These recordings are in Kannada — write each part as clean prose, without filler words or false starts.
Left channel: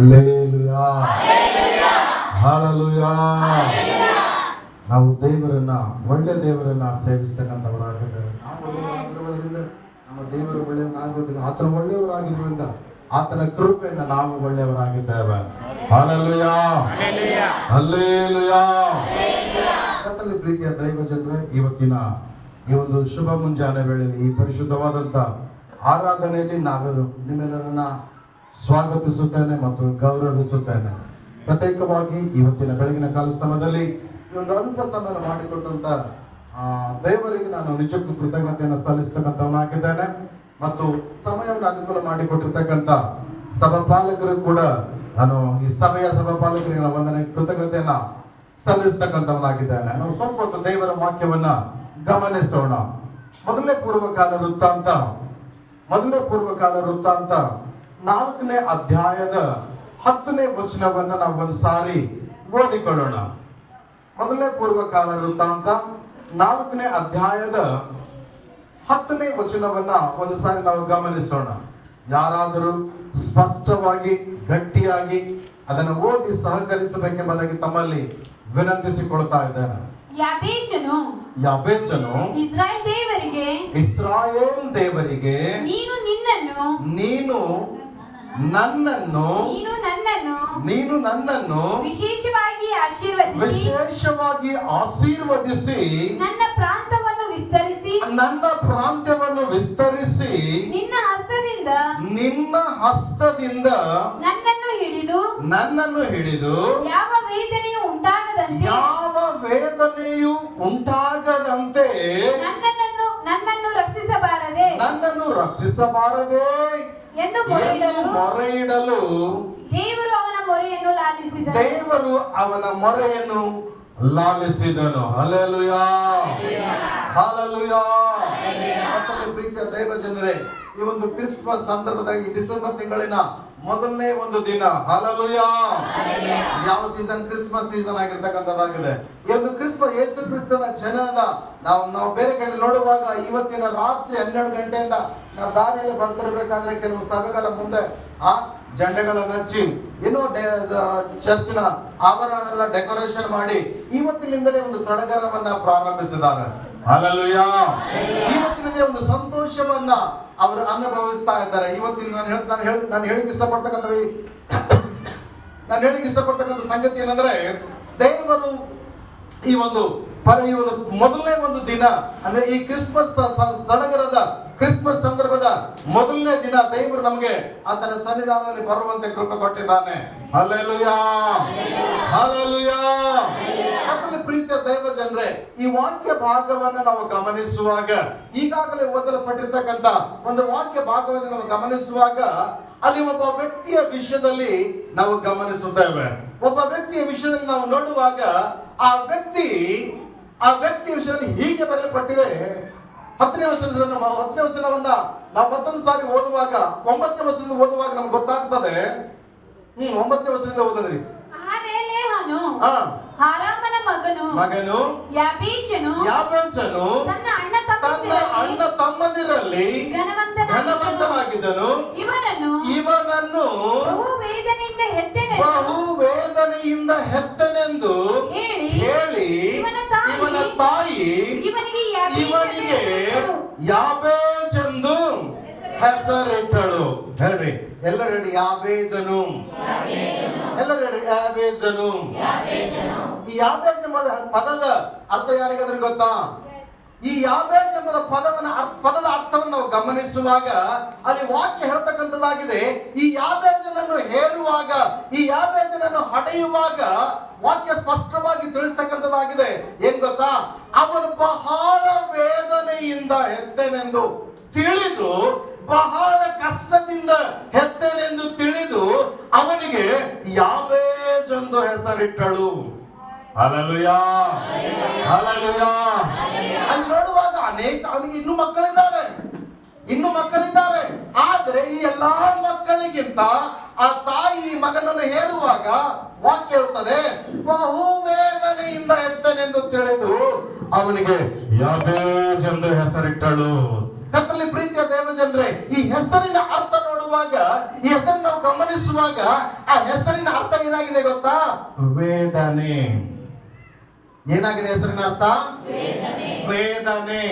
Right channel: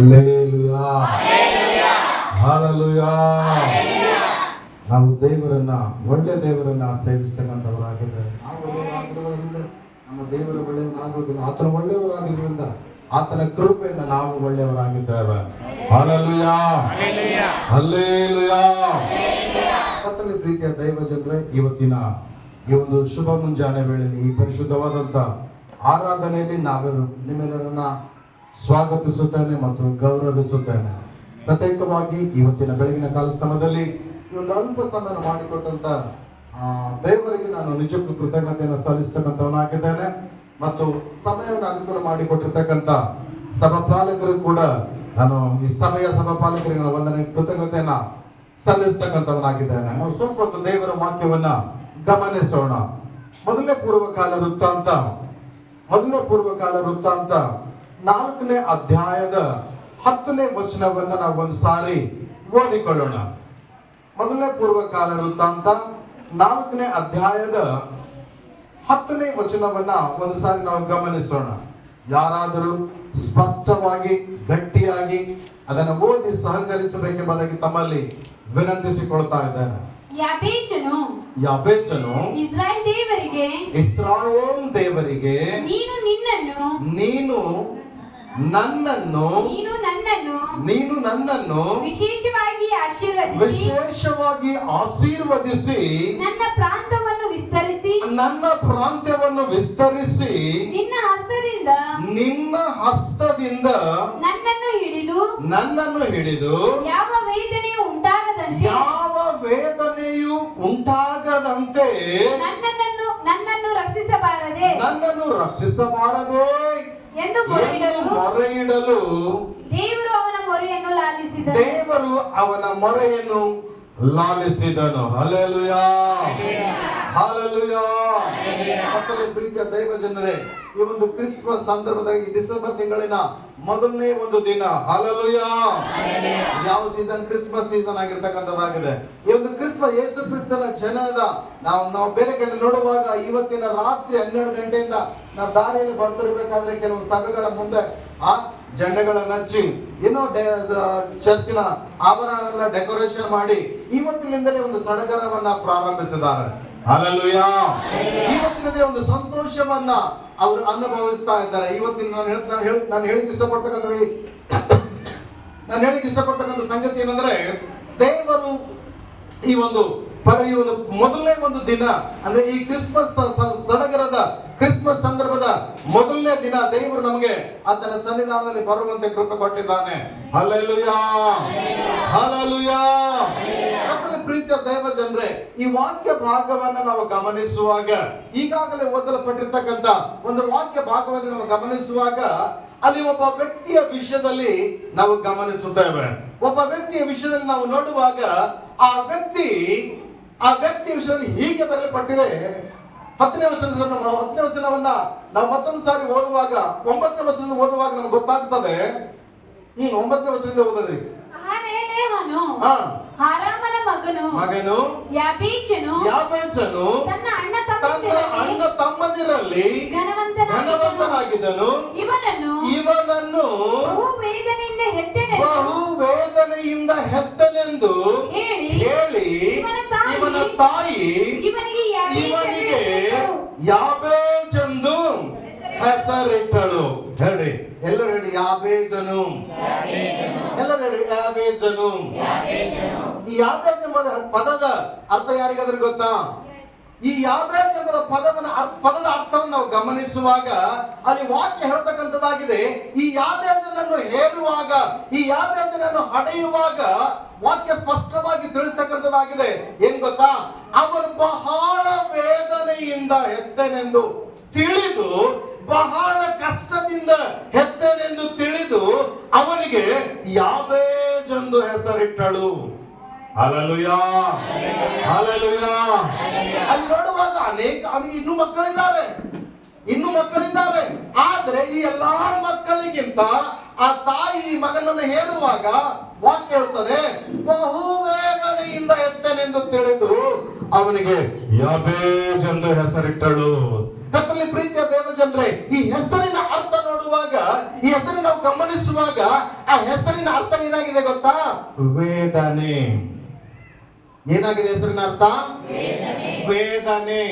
Hallelujah, hallelujah. ನಾವು ದೇವರನ್ನ, ಒಳ್ಳೆ ದೇವರನ್ನ ಸೇವಿಸ್ತಕ್ಕಂಥವರಾಗಿದ್ದೇವೆ. ನಾವು ಒಳ್ಳೆಯವರಾಗಿರುವುದರಿಂದ ನಮ್ಮ ದೇವರು ಒಳ್ಳೆಯವನಾಗುವುದಿಲ್ಲ. ಆತನ ಒಳ್ಳೆಯವರಾಗಿರುವುದರಿಂದ ಆತನ ಕೃಪೆಯಿಂದ ನಾವು ಒಳ್ಳೆಯವರಾಗಿದ್ದೇವೆ. Hallelujah, hallelujah. ಕರ್ತನ ಪ್ರೀತಿಯ ದೈವ ಜನರೇ, ಇವತ್ತಿನ ಈ ಒಂದು ಶುಭ ಮುಂಜಾನೆ ವೇಳೆಯಲ್ಲಿ ಈ ಪರಿಶುದ್ಧವಾದಂಥ ಆರಾಧನೆಯಲ್ಲಿ ನಾವೆಲ್ಲರೂ ನಿಮ್ಮೆಲ್ಲರನ್ನ ಸ್ವಾಗತಿಸುತ್ತೇನೆ ಮತ್ತು ಗೌರವಿಸುತ್ತೇನೆ. ಪ್ರತ್ಯೇಕವಾಗಿ ಇವತ್ತಿನ ಬೆಳಗಿನ ಕಾಲ ಸಮಯದಲ್ಲಿ ಈ ಒಂದು ಅಲ್ಪ ಸಮಯ ಮಾಡಿಕೊಟ್ಟಂತ ದೇವರಿಗೆ ನಾನು ನಿಜಕ್ಕೂ ಕೃತಜ್ಞತೆಯನ್ನು ಸಲ್ಲಿಸ್ತಕ್ಕಂಥವನಾಗಿದ್ದೇನೆ. ಮತ್ತು ಸಮಯವನ್ನು ಅನುಕೂಲ ಮಾಡಿಕೊಟ್ಟಿರ್ತಕ್ಕಂಥ ಸಭಾಪಾಲಕರು ಕೂಡ ನಾನು ಈ ಸಭೆಯ ಸಭಾಪಾಲಕರಿಗೆ ನಾನು ವಂದನೆ ಕೃತಜ್ಞತೆಯನ್ನ ಸಲ್ಲಿಸ್ತಕ್ಕಂಥವನಾಗಿದ್ದೇನೆ. ನಾವು ಸ್ವಲ್ಪ ಹೊತ್ತು ದೇವರ ವಾಕ್ಯವನ್ನ ಗಮನಿಸೋಣ. ಮೊದಲನೇ ಪೂರ್ವಕಾಲ ವೃತ್ತಾಂತ 4ನೇ ಅಧ್ಯಾಯದ 10ನೇ ವಚನವನ್ನ ನಾವು ಒಂದು ಸಾರಿ ಓದಿಕೊಳ್ಳೋಣ. ಮೊದಲನೇ ಪೂರ್ವಕಾಲ ವೃತ್ತಾಂತ 4ನೇ ಅಧ್ಯಾಯದ 10ನೇ ವಚನವನ್ನ ಒಂದು ಸಾರಿ ನಾವು ಗಮನಿಸೋಣ. ಯಾರಾದರೂ ಸ್ಪಷ್ಟವಾಗಿ ಗಟ್ಟಿಯಾಗಿ ಅದನ್ನು ಓದಿ ಸಹಕರಿಸಬೇಕೆಂಬುದಾಗಿ ತಮ್ಮಲ್ಲಿ ವಿನಂತಿಸಿಕೊಳ್ತಾ ಇದ್ದೇನೆ. ಯಾಬೇಚನು ಇಸ್ರಾಯೇಲ್ ದೇವರಿಗೆ ನೀನು ನನ್ನನ್ನು ವಿಶೇಷವಾಗಿ ಆಶೀರ್ವದಿಸಿ ನನ್ನ ಪ್ರಾಂತ್ಯವನ್ನು ವಿಸ್ತರಿಸಿ ನಿನ್ನ ಹಸ್ತದಿಂದ ನನ್ನನ್ನು ಹಿಡಿದು ಯಾವ ವೇದನೆಯು ಉಂಟಾಗದಂತೆ ನನ್ನನ್ನು ರಕ್ಷಿಸಬಾರದೆ ಎಂದು ಮೊರೆಯಿಡಲು ದೇವರು ಅವನ ಮೊರೆಯನ್ನು ಲಾಲಿಸಿದನು. Hallelujah, hallelujah. ಮತ್ತೊಮ್ಮೆ ಪ್ರೀತಿಯ ದೈವ ಜನರೇ, ಈ ಒಂದು ಕ್ರಿಸ್ಮಸ್ ಸಂದರ್ಭದಲ್ಲಿ ಡಿಸೆಂಬರ್ ತಿಂಗಳಿನ ಮೊದಲನೇ ಒಂದು ದಿನ, ಹಲ್ಲೆಲೂಯಾ. ಯಾವ ಸೀಸನ್? Christmas season ಆಗಿರ್ತಕ್ಕಂಥದ್ದಾಗಿದೆ. ಈ ಒಂದು ಕ್ರಿಸ್ಮಸ್ ಯೇಸು ಕ್ರಿಸ್ತನ ಜನನದ ನಾವು ಬೇರೆ ಕಡೆ ನೋಡುವಾಗ ಇವತ್ತಿನ ರಾತ್ರಿ 12 ಗಂಟೆಯಿಂದ ನಾವು ದಾರಿಯಲ್ಲಿ ಬರ್ತಿರ್ಬೇಕಾದ್ರೆ ಕೆಲವು ಸಭೆಗಳ ಮುಂದೆ ಜೆಂಡೆಗಳನ್ನು ಹಚ್ಚಿ ಏನೋ ಚರ್ಚಿನ ಆವರಣವೆಲ್ಲ ಡೆಕೋರೇಷನ್ ಮಾಡಿ ಇವತ್ತಿನಿಂದಲೇ ಒಂದು ಸಡಗರವನ್ನ ಪ್ರಾರಂಭಿಸಿದ್ದಾರೆ. ಹಲ್ಲೆಲೂಯಾ. ಇವತ್ತಿನದೇ ಒಂದು ಸಂತೋಷವನ್ನ ಅವರು ಅನುಭವಿಸ್ತಾ ಇದ್ದಾರೆ. ಇವತ್ತಿನ ನಾನು ಹೇಳಿಕ್ಕೆ ಇಷ್ಟಪಡ್ತಕ್ಕಂಥ ಸಂಗತಿ ಏನಂದ್ರೆ, ದೇವರು ಈ ಒಂದು ಮೊದಲನೇ ಒಂದು ದಿನ ಅಂದ್ರೆ ಈ ಕ್ರಿಸ್ಮಸ್ ಸಡಗರದ ಕ್ರಿಸ್ಮಸ್ ಸಂದರ್ಭದ ಮೊದಲನೇ ದಿನ ದೇವರು ನಮಗೆ ಆತನ ಸನ್ನಿಧಾನದಲ್ಲಿ ಬರುವಂತೆ ಕೃಪೆ ಕೊಟ್ಟಿದ್ದಾನೆ. Hallelujah, hallelujah. ಪ್ರೀತಿಯ ದೈವ ಜನರೇ, ಈ ವಾಕ್ಯ ಭಾಗವನ್ನ ನಾವು ಗಮನಿಸುವಾಗ, ಈಗಾಗಲೇ ಓದಲ್ಪಟ್ಟಿರ್ತಕ್ಕಂಥ ಒಂದು ವಾಕ್ಯ ಭಾಗವನ್ನು ನಾವು ಗಮನಿಸುವಾಗ ಅಲ್ಲಿ ಒಬ್ಬ ವ್ಯಕ್ತಿಯ ವಿಷಯದಲ್ಲಿ ನಾವು ಗಮನಿಸುತ್ತೇವೆ. ಒಬ್ಬ ವ್ಯಕ್ತಿಯ ವಿಷಯದಲ್ಲಿ ನಾವು ನೋಡುವಾಗ ಆ ವ್ಯಕ್ತಿಯ ವಿಷಯದಲ್ಲಿ ಹೀಗೆ ಬರೆಯಲ್ಪಟ್ಟಿದೆ. 10ನೇ ವಚನವನ್ನ ನಾವು ಮತ್ತೊಂದು ಸಾರಿ ಓದುವಾಗ 9ನೇ ವಚನದಿಂದ ಓದುವಾಗ ನಮ್ಗೆ ಗೊತ್ತಾಗ್ತದೆ. 9ನೇ ವಚನದಿಂದ ಓದಿದ್ರಿ. ಮಗನು ಯಾಬೇಚನು ತನ್ನ ಅಣ್ಣ ತಮ್ಮಂದಿರಲ್ಲಿ ಘನವಂತನಾಗಿದ್ದನು. ಇವನನ್ನು ಬಹು ವೇದನೆಯಿಂದ ಹೆತ್ತನೆಂದು ಹೇಳಿ ಇವನ ತಾಯಿ ಇವನಿಗೆ ಯಾಬೇಜೆಂದು ಹೆಸರಿಟ್ಟಳು. ಹೇಳಿ ಎಲ್ಲರೂ ಹೇಳಿ, ಯಾಬೇಜನು. ಎಲ್ಲರೂ ಹೇಳಿ, ಯಾಬೇಜನು. ಈ ಯಾಬೇಜ್ ಎಂಬ ಪದದ ಅರ್ಥ ಯಾರಿಗಾದ್ರೂ ಗೊತ್ತಾ? ಈ ಯಾಬೇಜ್ ಎಂಬ ಪದದ ಅರ್ಥವನ್ನು ನಾವು ಗಮನಿಸುವಾಗ ಅಲ್ಲಿ ವಾಕ್ಯ ಹೇಳ್ತಕ್ಕಂಥದ್ದಾಗಿದೆ. ಈ ಯಾಬೇಜನನ್ನು ಹೇರುವಾಗ, ಈ ಯಾಬೇಜನನ್ನು ಹಡೆಯುವಾಗ ವಾಕ್ಯ ಸ್ಪಷ್ಟವಾಗಿ ತಿಳಿಸ್ತಕ್ಕಂಥದ್ದಾಗಿದೆ. ಏನ್ ಗೊತ್ತಾ? ಅವನು ಬಹಳ ವೇದನೆಯಿಂದ ಹೆತ್ತನೆಂದು ತಿಳಿದು, ಬಹಳ ಕಷ್ಟದಿಂದ ಹೆತ್ತನೆಂದು ತಿಳಿದು ಅವನಿಗೆ ಯಾಬೇಜೆಂದು ಹೆಸರಿಟ್ಟಳು. Hallelujah, hallelujah. ಅಲ್ಲಿ ನೋಡುವಾಗ ಅವನಿಗೆ ಇನ್ನೂ ಮಕ್ಕಳಿದ್ದಾರೆ. ಆದ್ರೆ ಈ ಎಲ್ಲಾ ಮಕ್ಕಳಿಗಿಂತ ಆ ತಾಯಿ ಮಗನನ್ನು ಹೇರುವಾಗ ವಾಕ್ಯ ಹೇಳ್ತದೆ, ಬಹು ವೇದನೆಯಿಂದ ಹೆತ್ತನೆಂದು ತಿಳಿದು ಅವನಿಗೆ ಯಾಬೇಜ್ ಎಂದು ಹೆಸರಿಟ್ಟಳು. ಕರ್ತನಲ್ಲಿ ಪ್ರೀತಿಯ ದೇವ ಜನರೇ, ಈ ಹೆಸರಿನ ಅರ್ಥ ನೋಡುವಾಗ ನೋಡುವಾಗ, ಈ ಹೆಸರನ್ನು ನಾವು ಗಮನಿಸುವಾಗ ಆ ಹೆಸರಿನ ಅರ್ಥ ಏನಾಗಿದೆ ಗೊತ್ತಾ? ವೇದನೆ. ಏನಾಗಿದೆ ಹೆಸರಿನ ಅರ್ಥ? ವೇದನೆ.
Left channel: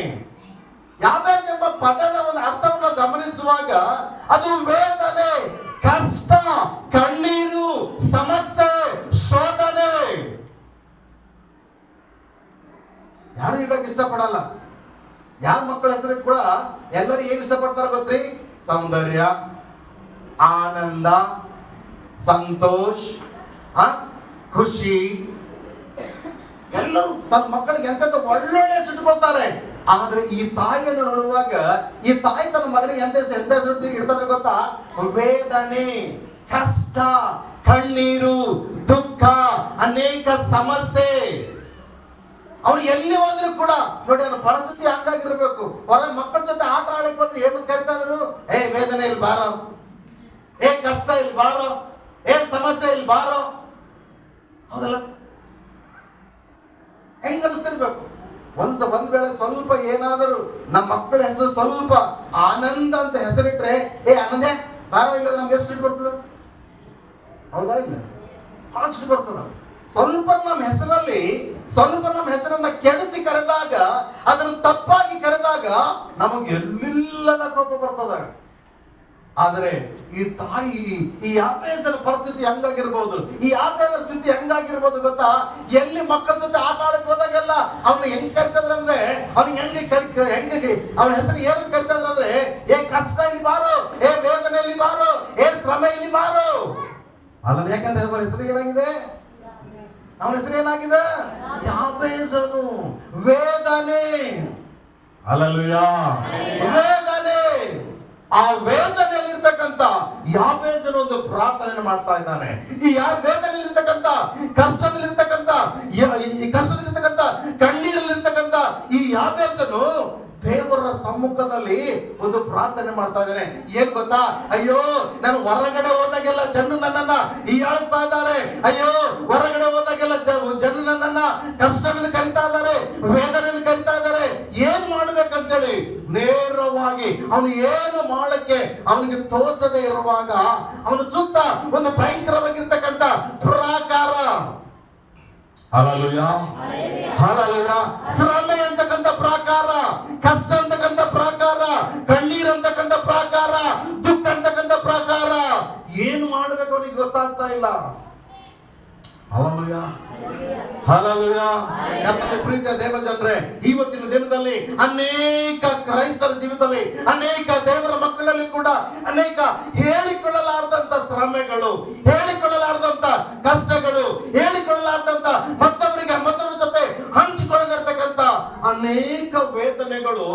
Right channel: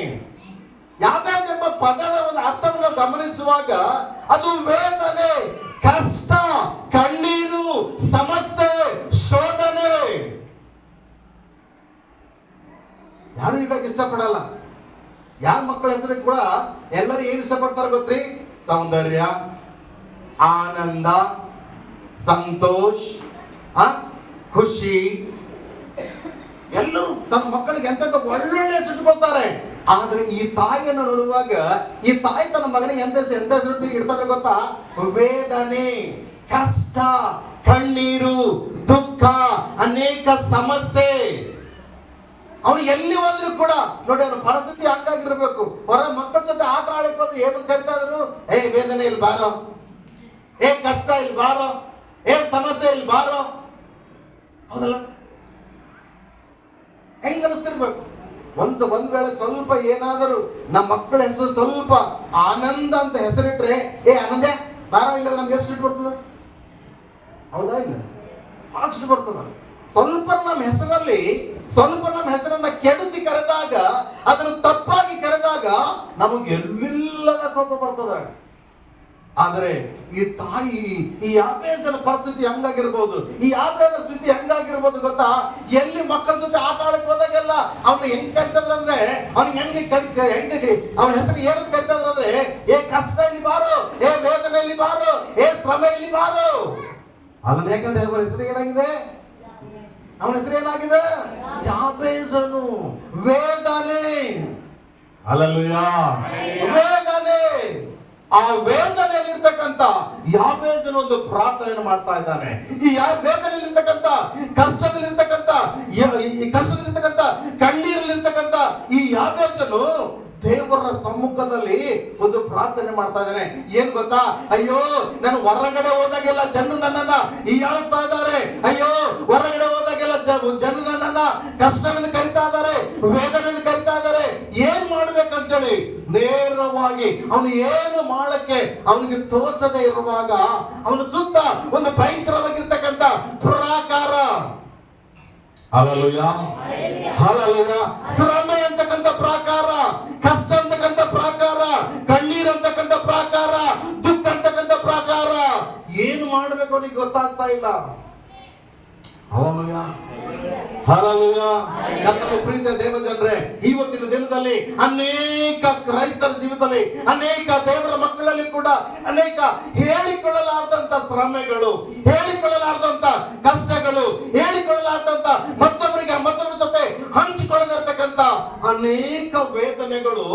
ಯಾಬೇಜ್ ಎಂಬ ಪದದ ಒಂದು ಅರ್ಥವನ್ನು ಗಮನಿಸುವಾಗ ಅದು ವೇದನೆ, ಕಷ್ಟ, ಕಣ್ಣೀರು, ಸಮಸ್ಯೆ, ಶೋಧನೆ. ಯಾರು ಇವಾಗ ಇಷ್ಟಪಡಲ್ಲ. ಯಾವ ಮಕ್ಕಳ ಹೆಸರು ಕೂಡ ಎಲ್ಲರೂ ಏನು ಇಷ್ಟಪಡ್ತಾರೆ ಗೊತ್ತ್ರಿ? ಸೌಂದರ್ಯ, ಆನಂದ, ಸಂತೋಷ, ಖುಷಿ. ಎಲ್ಲರೂ ತನ್ನ ಮಕ್ಕಳಿಗೆ ಎಂತೆಂತ ಒಳ್ಳೊಳ್ಳೆ ಹೆಸರಿಟ್ಕೊಳ್ತಾರೆ. ಆದ್ರೆ ಈ ತಾಯಿಯನ್ನು ನೋಡುವಾಗ ಈ ತಾಯಿ ತನ್ನ ಮಗನಿಗೆ ಎಂತ ಹೆಸರು ಇಡ್ತಾರೆ ಗೊತ್ತಾ? ವೇದನೆ, ಕಷ್ಟ, ಕಣ್ಣೀರು, ದುಃಖ, ಅನೇಕ ಸಮಸ್ಯೆ. ಅವ್ನು ಎಲ್ಲಿ ಹೋದ್ರು ಕೂಡ ನೋಡಿ, ಅವನ ಪರಿಸ್ಥಿತಿ ಹಂಗಾಗಿರ್ಬೇಕು. ಹೊರ ಮಕ್ಕಳ ಜೊತೆ ಆಟ ಆಡಕ್ಕೆ ಬಂದ್ರೆ ಏನು ಕರಿತಾ ಇದ್ರು? ಏ ವೇದನೆ ಇಲ್ಲಿ ಬಾರೋ, ಏ ಕಷ್ಟ ಇಲ್ಲಿ ಬಾರೋ, ಏ ಸಮಸ್ಯೆ ಇಲ್ಲಿ ಬಾರೋ. ಹೌದಲ್ಲ? ಹೆಂಗ ಅನಿಸ್ತಿರ್ಬೇಕು? ಒಂದ್ ವೇಳೆ ಸ್ವಲ್ಪ ಏನಾದರೂ ನಮ್ಮ ಮಕ್ಕಳ ಹೆಸರು ಸ್ವಲ್ಪ ಆನಂದ ಅಂತ ಹೆಸರಿಟ್ರೆ, ಏ ಆನಂದೇ ಬಾರೋ, ಇಲ್ಲ ನಮ್ಗೆ ಎಷ್ಟು ಸಿಟ್ಟು ಬರ್ತದ? ಹೌದಾ? ಇಲ್ಲ, ಬಹಳ ಸಿಟ್ಟು ಬರ್ತದ. ಸ್ವಲ್ಪ ನಮ್ಮ ಹೆಸರನ್ನ ಕೆಡಿಸಿ ಕರೆದಾಗ, ಅದನ್ನು ತಪ್ಪಾಗಿ ಕರೆದಾಗ ನಮಗೆ ಎಲ್ಲಿಲ್ಲದ ಕೋಪ ಬರ್ತದೆ. ಆದರೆ ಈ ತಾಯಿ, ಈ ಯಾಬೇಜನ ಪರಿಸ್ಥಿತಿ ಹೆಂಗಾಗಿರ್ಬೋದು, ಈ ಯಾಬೇಜ ಸ್ಥಿತಿ ಹೆಂಗಾಗಿರ್ಬೋದು ಗೊತ್ತಾ? ಎಲ್ಲಿ ಮಕ್ಕಳ ಜೊತೆ ಆಟ ಆಡಕ್ಕೆ ಹೋದಾಗೆಲ್ಲ ಅವನು ಹೆಂಗ್ ಕರಿತದ್ರ ಅಂದ್ರೆ, ಅವ್ನಿಗೆ ಹೆಂಗೆ ಅವನ ಹೆಸರು ಏನಂತ ಕರಿತದ್ರ ಅಂದ್ರೆ, ಏ ಕಷ್ಟ ಇಲ್ಲಿ ಬಾರೋ, ಏ ವೇದನೆ ಇಲ್ಲಿ ಬಾರೋ, ಏ ಶ್ರಮ ಇಲ್ಲಿ ಬಾರೋ. ಅಲ್ಲ, ಯಾಕಂದ್ರೆ ಅವರ ಹೆಸರು ಏನಾಗಿದೆ? ಅವನ ಹೆಸರು ಏನಾಗಿದೆ? ಯಾಬೇಜನು, ವೇದನೆ. ಹಲ್ಲೆಲೂಯಾ. ವೇದನೆ. ಆ ವೇದನೆಯಲ್ಲಿರ್ತಕ್ಕಂಥ ಯಾಬೇಜನು ಒಂದು ಪ್ರಾರ್ಥನೆ ಮಾಡ್ತಾ ಇದ್ದಾನೆ. ಈ ವೇದನೆಯಲ್ಲಿರ್ತಕ್ಕಂಥ, ಕಷ್ಟದಲ್ಲಿರ್ತಕ್ಕಂಥ, ಕಣ್ಣೀರಲ್ಲಿರ್ತಕ್ಕಂಥ ಈ ಯಾಬೇಜನು ದೇವರ ಸಮ್ಮುಖದಲ್ಲಿ ಒಂದು ಪ್ರಾರ್ಥನೆ ಮಾಡ್ತಾ ಇದ್ದಾನೆ. ಏನ್ ಗೊತ್ತಾ? ಅಯ್ಯೋ, ನಾನು ಹೊರಗಡೆ ಹೋದಾಗೆಲ್ಲ ಜನ ನನ್ನನ್ನ ಹೀಯಾಳಿಸ್ತಾ ಇದ್ದಾರೆ. ಅಯ್ಯೋ, ಹೊರಗಡೆ ಹೋದಾಗೆಲ್ಲ ಜನ ನನ್ನನ್ನ ಕಷ್ಟವನ್ನು ಕರಿತಾ ಇದ್ದಾರೆ, ವೇದನೆಯನ್ನು ಕರಿತಾ ಇದ್ದಾರೆ. ಏನ್ ಮಾಡ್ಬೇಕಂತೇಳಿ ನೇರವಾಗಿ ಅವನು ಏನು ಮಾಡಕ್ಕೆ ಅವನಿಗೆ ತೋಚದೆ ಇರುವಾಗ ಅವನ ಸುತ್ತ ಒಂದು ಭಯಂಕರವಾಗಿರ್ತಕ್ಕಂಥ ಪ್ರಾಕಾರ, ಹಲ್ಲೆಲೂಯಾ, ಹಲ್ಲೆಲೂಯಾ, ಶ್ರಮೆ ಅಂತಕ್ಕಂಥ ಪ್ರಾಕಾರ, ಕಷ್ಟ ಅಂತಕ್ಕಂಥ ಪ್ರಾಕಾರ, ಕಣ್ಣೀರ್ ಅಂತಕ್ಕಂಥ ಪ್ರಾಕಾರ, ದುಃಖ ಅಂತಕ್ಕಂಥ ಪ್ರಾಕಾರ. ಏನ್ ಮಾಡ್ಬೇಕು ಅವನಿಗೆ ಗೊತ್ತಾಗ್ತಾ ಇಲ್ಲ. Hallelujah, hallelujah. ಕರ್ತನ ಪ್ರೀತಿಯ ದೇವಜನರೇ, ಇವತ್ತಿನ ದಿನದಲ್ಲಿ ಅನೇಕ ಕ್ರೈಸ್ತರ ಜೀವಿತದಲ್ಲಿ, ಅನೇಕ ದೇವರ ಮಕ್ಕಳಲ್ಲಿ ಕೂಡ ಅನೇಕ ಹೇಳಿಕೊಳ್ಳಲಾರದಂತ ಶ್ರಮೆಗಳು, ಹೇಳಿಕೊಳ್ಳಲಾರದಂತ ಕಷ್ಟಗಳು, ಹೇಳಿಕೊಳ್ಳಲಾರದಂತ ಮತ್ತೊಬ್ಬರ ಜೊತೆ ಹಂಚಿಕೊಳ್ಳದಿರ್ತಕ್ಕಂಥ ಅನೇಕ ವೇದನೆಗಳು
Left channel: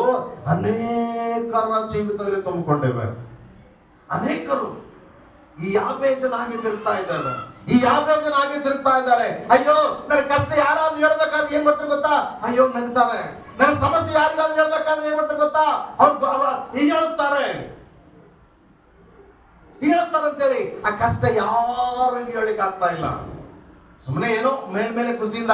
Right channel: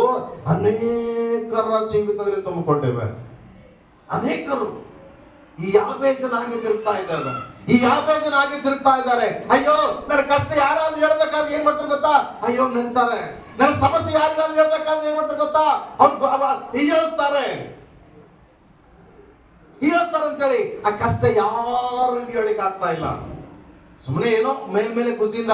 ಅನೇಕರ ಜೀವಿತದಲ್ಲಿ ತುಂಬಿಕೊಂಡಿವೆ. ಅನೇಕರು ಈ ಯಾಬೇಜನಾಗಿ ತಿರುಗ್ತಾ ಇದ್ದಾರೆ, ಈ ಯಾಬೇಜನಾಗಿ ತಿರುಗ್ತಾ ಇದ್ದಾರೆ. ಅಯ್ಯೋ, ನನ್ನ ಕಷ್ಟ ಯಾರಾದ್ರೂ ಹೇಳ್ಬೇಕಾದ್ರೆ ಏನ್ ಮಾಡ್ತಾರೆ ಗೊತ್ತಾ? ಅಯ್ಯೋ ನಗ್ತಾರೆ. ನನ್ನ ಸಮಸ್ಯೆ ಯಾರಿಗಾದ್ರೂ ಹೇಳ್ಬೇಕಾದ್ರೆ ಏನ್ ಮಾಡ್ತಾರೆ ಗೊತ್ತಾ? ಅವ್ರು ಹೀಯಾಳಿಸ್ತಾರೆ ಅಂತೇಳಿ ಆ ಕಷ್ಟ ಯಾರು ಹೇಳಿಕ್ ಆಗ್ತಾ ಇಲ್ಲ. ಸುಮ್ಮನೆ ಏನೋ ಮೇಲ್ಮೇಲೆ ಖುಷಿಯಿಂದ,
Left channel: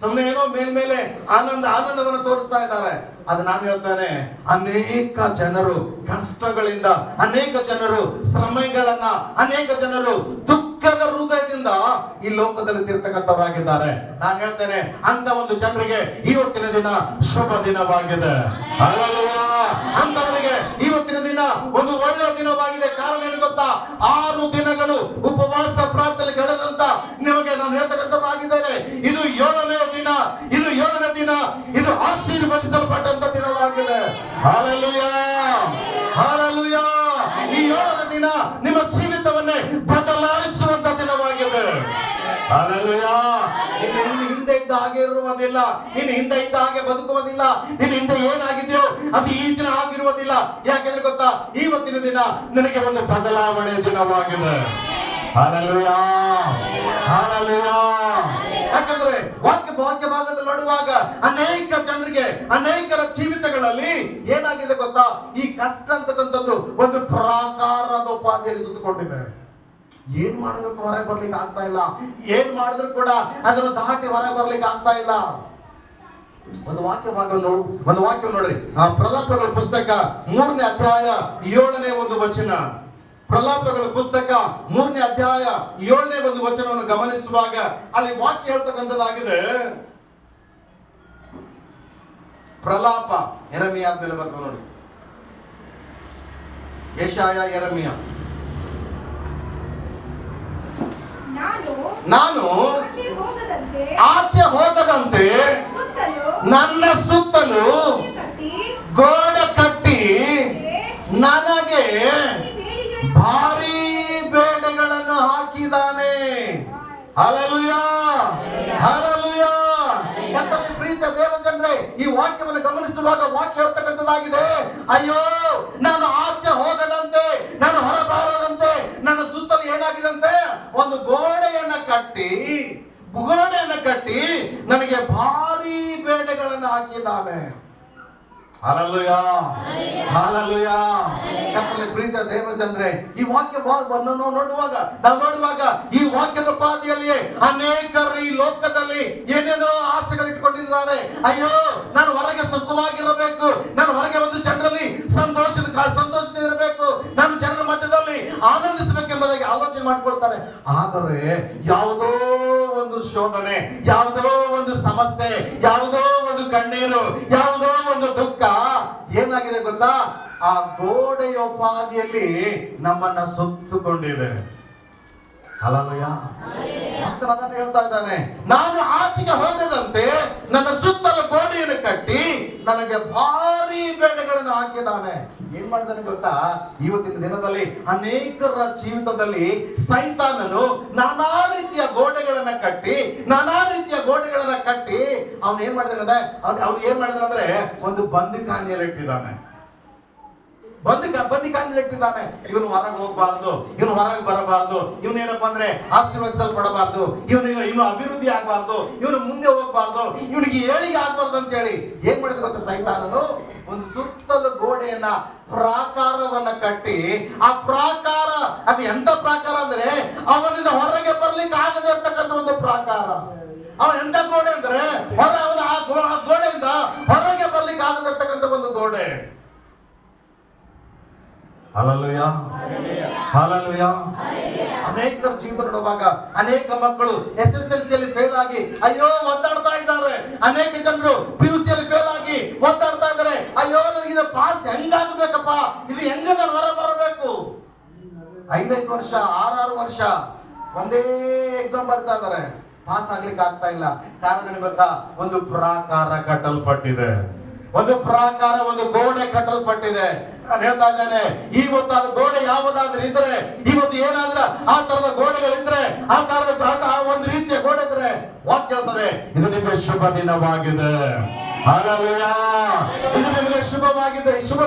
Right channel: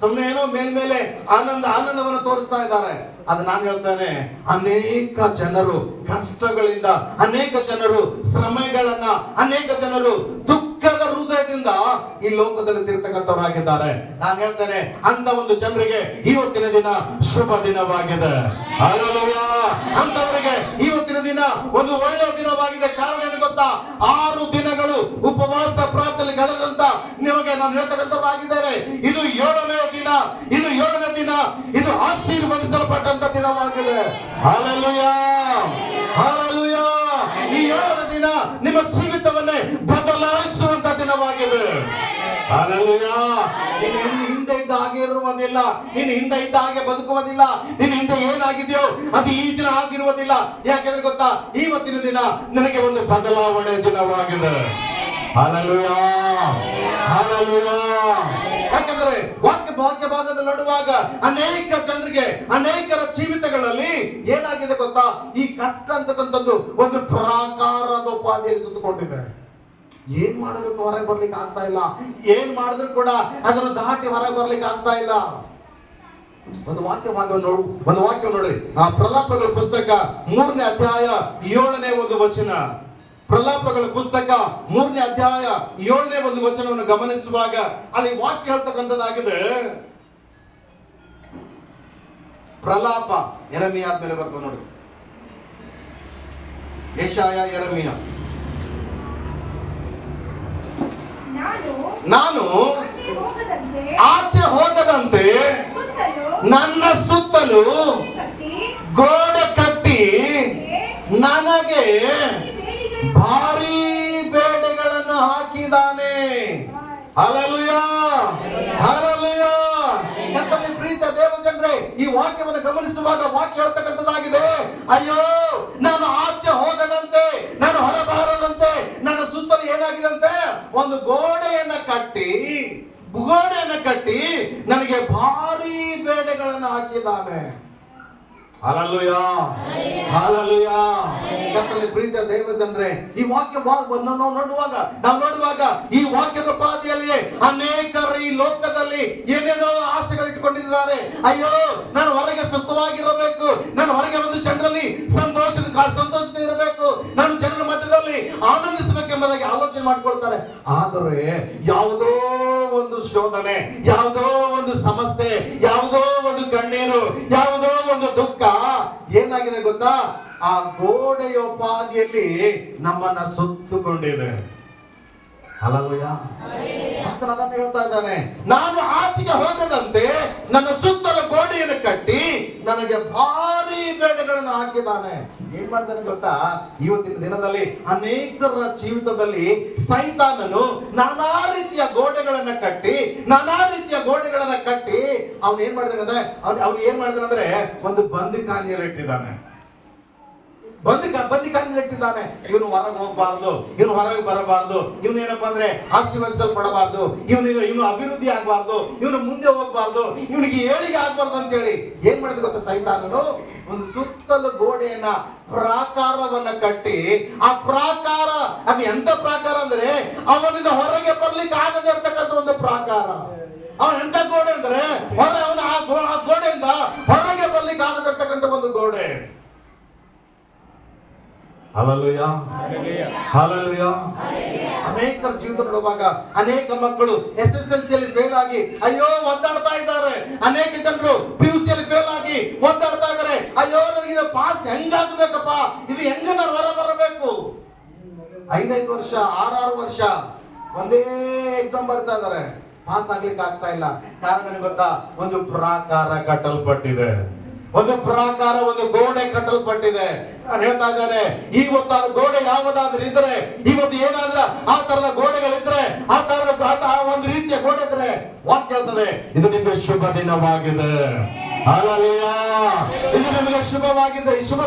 ಸುಮ್ಮನೆ ಏನೋ ಮೇಲ್ಮೇಲೆ ಆನಂದವನ್ನು ತೋರಿಸ್ತಾ ಇದ್ದಾರೆ. ಅದು ನಾನು ಹೇಳ್ತೇನೆ, ಅನೇಕ ಜನರು ಕಷ್ಟಗಳಿಂದ, ಅನೇಕ ಜನರು ಶ್ರಮೆಗಳನ್ನ, ಅನೇಕ ಜನರು ದುಃಖದ ಹೃದಯದಿಂದ ಈ ಲೋಕದಲ್ಲಿ ತಿರ್ತಕ್ಕಂಥವರಾಗಿದ್ದಾರೆ. ನಾನು ಹೇಳ್ತೇನೆ, ಅಂತ ಒಂದು ಜನರಿಗೆ ಇವತ್ತಿನ ದಿನ ಶುಭ ದಿನವಾಗಿದೆ. ಹಲ್ಲೆಲೂಯಾ. ಅಂತವರಿಗೆ ಇವತ್ತಿನ ದಿನ ಒಂದು ಒಳ್ಳೆಯ ದಿನವಾಗಿದೆ. ಕಾರಣ ಏನು ಗೊತ್ತಾ? 6 ದಿನಗಳು ಉಪವಾಸ ಪ್ರಾರ್ಥನೆ ಕಳೆದಂತ ನಿಮಗೆ ನಾನು ಹೇಳ್ತಕ್ಕಂಥವಾಗಿದ್ದೇನೆ. ಇದು 7ನೇ ದಿನ, ಇದು 7ನೇ ದಿನ, ಇದು ಆಶೀರ್ವದಿಸಲ್ಪಟ್ಟಂತ ದಿನವಾಗಿದೆ. Hallelujah, hallelujah. ಈ 7ನೇ ದಿನ ನಿಮ್ಮ ಜೀವಿತವನ್ನೇ ಬದಲಾಯಿಸುವಂತ ದಿನವಾಗಿದೆ. ಹಲ್ಲೆಲೂಯಾ. ನೀನು ಹಿಂದೆ ಇದ್ದ ಹಾಗೆ ಇರುವುದಿಲ್ಲ, ನೀನು ಹಿಂದೆ ಇದ್ದ ಹಾಗೆ ಬದುಕುವುದಿಲ್ಲ, ನೀನು ಹಿಂದೆ ಏನಾಗಿದೆಯೋ ಅದು ಈ ದಿನ ಆಗಿರುವುದಿಲ್ಲ. ಯಾಕೆಂದ್ರೆ ಗೊತ್ತಾ? ಇವತ್ತಿನ ದಿನ ನಿನಗೆ ಒಂದು ಬದಲಾವಣೆ ದಿನವಾಗಿದೆ. Hallelujah, hallelujah. ಯಾಕಂದ್ರೆ ವಾಕ್ಯ ಭಾಗದಲ್ಲಿ ನೋಡುವಾಗ ಅನೇಕ ಜನರಿಗೆ, ಅನೇಕರ ಜೀವಿತಗಳಲ್ಲಿ ಏನಾಗಿದೆ ಗೊತ್ತಾ? ಈ ಕಷ್ಟ ಅಂತಕ್ಕಂಥದ್ದು ಒಂದು ಪ್ರಾಕಾರದ ಉಪಾಧಿಯಲ್ಲಿ ಸುತ್ತಕೊಂಡಿದೆ. ಏನ್ ಮಾಡಬೇಕು ಹೊರಗೆ ಬರ್ಲಿಕ್ಕೆ ಆಗ್ತಾ ಇಲ್ಲ. ಏನ್ ಮಾಡಿದ್ರು ಕೂಡ ಅದನ್ನು ದಾಟಿ ಹೊರಗೆ ಬರ್ಲಿಕ್ಕೆ ಆಗ್ತಾ ಇಲ್ಲ. ಒಂದು ವಾಕ್ಯ ನೋಡ್ರಿ. ಆ ಪ್ರಲಾಪಗಳ ಪುಸ್ತಕ 3ನೇ ಅಧ್ಯಾಯ 7ನೇ ಒಂದು ವಚನ. ಪ್ರಲಾಪಗಳ ಪುಸ್ತಕ 3ನೇ ಅಧ್ಯಾಯ 7ನೇ ಒಂದು ವಚನವನ್ನು ಗಮನಿಸುವಾಗ ಅಲ್ಲಿ ವಾಕ್ಯ ಹೇಳ್ತಕ್ಕಂಥದ್ದಾಗಿದೆ. ಪ್ರಲಾಪ ಯೆರೆಮೀಯ ಆದ್ಮೇಲೆ ಬರ್ತದೆ ನೋಡಿ, ಯೆಶಾಯ, ಯೆರೆಮೀಯ. ನಾನು ಆಚೆ ಹೋಗದಂತೆ ನನ್ನ ಸುತ್ತಲೂ ಗೋಡೆ ಕಟ್ಟಿ ನನಗೆ ಭಾರಿ ಬೇಡೆಗಳನ್ನು ಹಾಕಿದ್ದಾನೆ. Hallelujah, hallelujah. ಕರ್ತನಲ್ಲಿ ಪ್ರೀತಿಯ ದೇವಜನರೇ, ಈ ವಾಕ್ಯವನ್ನು ಗಮನಿಸುವಾಗ ವಾಕ್ಯ ಹೇಳ್ತಕ್ಕಂಥದ್ದಾಗಿದೆ, ಅಯ್ಯೋ ನಾನು ಆಚೆ ಹೋಗದಂತೆ, ನಾನು ಹೊರಬಾರದಂತೆ ನನ್ನ ಸುತ್ತಲೂ ಏನಾಗಿದಂತೆ ಒಂದು ಗೋಡೆಯನ್ನ ಕಟ್ಟಿ ನನಗೆ ಭಾರಿ ಬೇಡೆಗಳನ್ನು ಹಾಕಿದ್ದಾನೆ. Hallelujah, hallelujah. ಕರ್ತನಲ್ಲಿ ಪ್ರೀತಿಯ ದೇವಜನರೇ, ಈ ವಾಕ್ಯವನ್ನು ನಾವು ನೋಡುವಾಗ ಈ ವಾಕ್ಯದ ಪಾದಿಯಲ್ಲಿಯೇ ಅನೇಕರು ಈ ಲೋಕದಲ್ಲಿ ಏನೇನೋ ಆಸೆಗಳು ಇಟ್ಕೊಂಡಿದ್ದಾರೆ. ಅಯ್ಯೋ ನಾನು ಹೊರಗೆ ಸುಖವಾಗಿರಬೇಕು, ನಾನು ಹೊರಗೆ ಒಂದು ಜನರಲ್ಲಿ ಸಂತೋಷದಿರಬೇಕು, ನಾನು ಜನರ ಮಧ್ಯದಲ್ಲಿ ಆನಂದಿಸಬೇಕೆಂಬುದಾಗಿ ಆಲೋಚನೆ ಮಾಡ್ಕೊಳ್ತಾರೆ. ಆದರೆ ಯಾವುದೋ ಒಂದು ಶೋಧನೆ, ಯಾವುದೋ ಒಂದು ಸಮಸ್ಯೆ, ಯಾವುದೋ ಒಂದು ಕಣ್ಣೀರು, ಯಾವುದೋ ಒಂದು ದುಃಖ ಏನಾಗಿದೆ ಗೊತ್ತಾ, ಆ ಗೋಡೆಯೋಪಾದಿಯಲ್ಲಿ ನಮ್ಮನ್ನ ಸುತ್ತುಕೊಂಡಿದೆ. ಹಲ್ಲೆಲೂಯಾ. ಅದನ್ನು ಹೇಳ್ತಾ ಇದ್ದಾನೆ, ನಾನು ಆಚೆಗೆ ಹೋಗದಂತೆ ನನ್ನ ಸುತ್ತಲೂ ಗೋಡೆಯನ್ನು ಕಟ್ಟಿ ನನಗೆ ಭಾರಿ ಬೇಡೆಗಳನ್ನು ಹಾಕಿದ್ದಾನೆ. ಏನ್ ಮಾಡ್ತಾನೆ ಗೊತ್ತಾ, ಇವತ್ತಿನ ದಿನದಲ್ಲಿ ಅನೇಕರ ಜೀವಿತದಲ್ಲಿ ಸೈತಾನನು ನಾನಾ ರೀತಿಯ ಗೋಡೆಗಳನ್ನ ಕಟ್ಟಿ ಅವನು ಏನ್ ಮಾಡಿದಾನೆ ಅಂದ್ರೆ ಒಂದು ಬಂದಿಖಾನೆಯಲ್ಲಿ ಇಟ್ಟಿದ್ದಾನೆ. ಇಟ್ಟಿದ್ದಾನೆ. ಇವನು ಹೊರಗೆ ಹೋಗ್ಬಾರ್ದು, ಇವನು ಹೊರಗೆ ಬರಬಾರ್ದು, ಇವನು ಏನಪ್ಪಾ ಅಂದ್ರೆ ಆಶೀರ್ವದಿಸಲ್ಪಡಬಾರ್ದು, ಇವನು ಅಭಿವೃದ್ಧಿ ಆಗ್ಬಾರ್ದು, ಇವನು ಮುಂದೆ ಹೋಗ್ಬಾರ್ದು, ಇವನಿಗೆ ಏಳಿಗೆ ಆಗ್ಬಾರ್ದು ಅಂತ ಹೇಳಿ ಏನ್ ಮಾಡಿದ ಗೊತ್ತಾ, ಸೈತಾನನು ಒಂದು ಸುತ್ತಲೂ ಗೋಡೆಯನ್ನ ಪ್ರಾಕಾರವನ್ನ ಕಟ್ಟಿ, ಆ ಪ್ರಾಕಾರ ಅದು ಎಂತ ಪ್ರಾಕಾರ ಅಂದ್ರೆ ಅವನಿಂದ ಹೊರಗೆ ಬರ್ಲಿಕ್ಕೆ ಆಗದೆ ಇರ್ತಕ್ಕಂಥ ಒಂದು ಪ್ರಾಕಾರ. ಅವನ ಎಂತ ಗೋಡೆ ಅಂದ್ರೆ ಆ ಗೋಡೆಯಿಂದ ಹೊರಗೆ ಬರ್ಲಿಕ್ಕೆ ಆಗದೆ ಇರ್ತಕ್ಕಂಥ ಒಂದು ಗೋಡೆ. Hallelujah, hallelujah. ಅನೇಕರ ಜೀವಿತ ನೋಡುವಾಗ ಅನೇಕ ಮಕ್ಕಳು SSLC ಫೇಲ್ ಆಗಿ ಅಯ್ಯೋ ಒದ್ದಾಡ್ತಾ ಇದ್ದಾರೆ. ಅನೇಕ ಜನರು PUC ಫೇಲ್ ಆಗಿ ಒದ್ದಾಡ್ತಾ ಇದ್ದಾರೆ. ಅಯ್ಯೋ ನನಗೆ ಪಾಸ್ ಹೆಂಗಾಗಬೇಕಪ್ಪ, ಇದು ಹೆಂಗ ನಾನು ಹೊರ ಬರಬೇಕು. 5 ವರ್ಷ 6 ವರ್ಷ ಒಂದೇ ಎಕ್ಸಾಮ್ ಬರ್ತಾ ಇದ್ದಾರೆ, ಪಾಸ್ ಆಗ್ಲಿಕ್ಕೆ ಆಗ್ತಾ ಇಲ್ಲ. ಕಾರಣ ಗೊತ್ತಾ, ಒಂದು ಪ್ರಾಕಾರ ಕಟ್ಟಲ್ಪಟ್ಟಿದೆ, ಒಂದು ಪ್ರಾಕಾರ, ಒಂದು ಗೋಡೆ ಕಟ್ಟಲ್ಪಟ್ಟಿದೆ. ನಾನು ಹೇಳ್ತಾ ಇದ್ದೇನೆ, ಇವತ್ತು ಅದು ಗೋಡೆ ಯಾವುದಾದ್ರೂ ಇದ್ರೆ, ಇವತ್ತು ಏನಾದ್ರೆ ಆ ತರದ ಗೋಡೆಗಳಿದ್ರೆ, ಆ ಒಂದು ರೀತಿಯ ಗೋಡೆ ಇದ್ರೆ ವಾಕ್ಯ ಹೇಳ್ತದೆ, ಇದು ನಿಮಗೆ ಶುಭ ದಿನವಾಗಿದೆ. ಹಲ್ಲೆಲೂಯಾ. ಇದು ನಿಮಗೆ ಶುಭ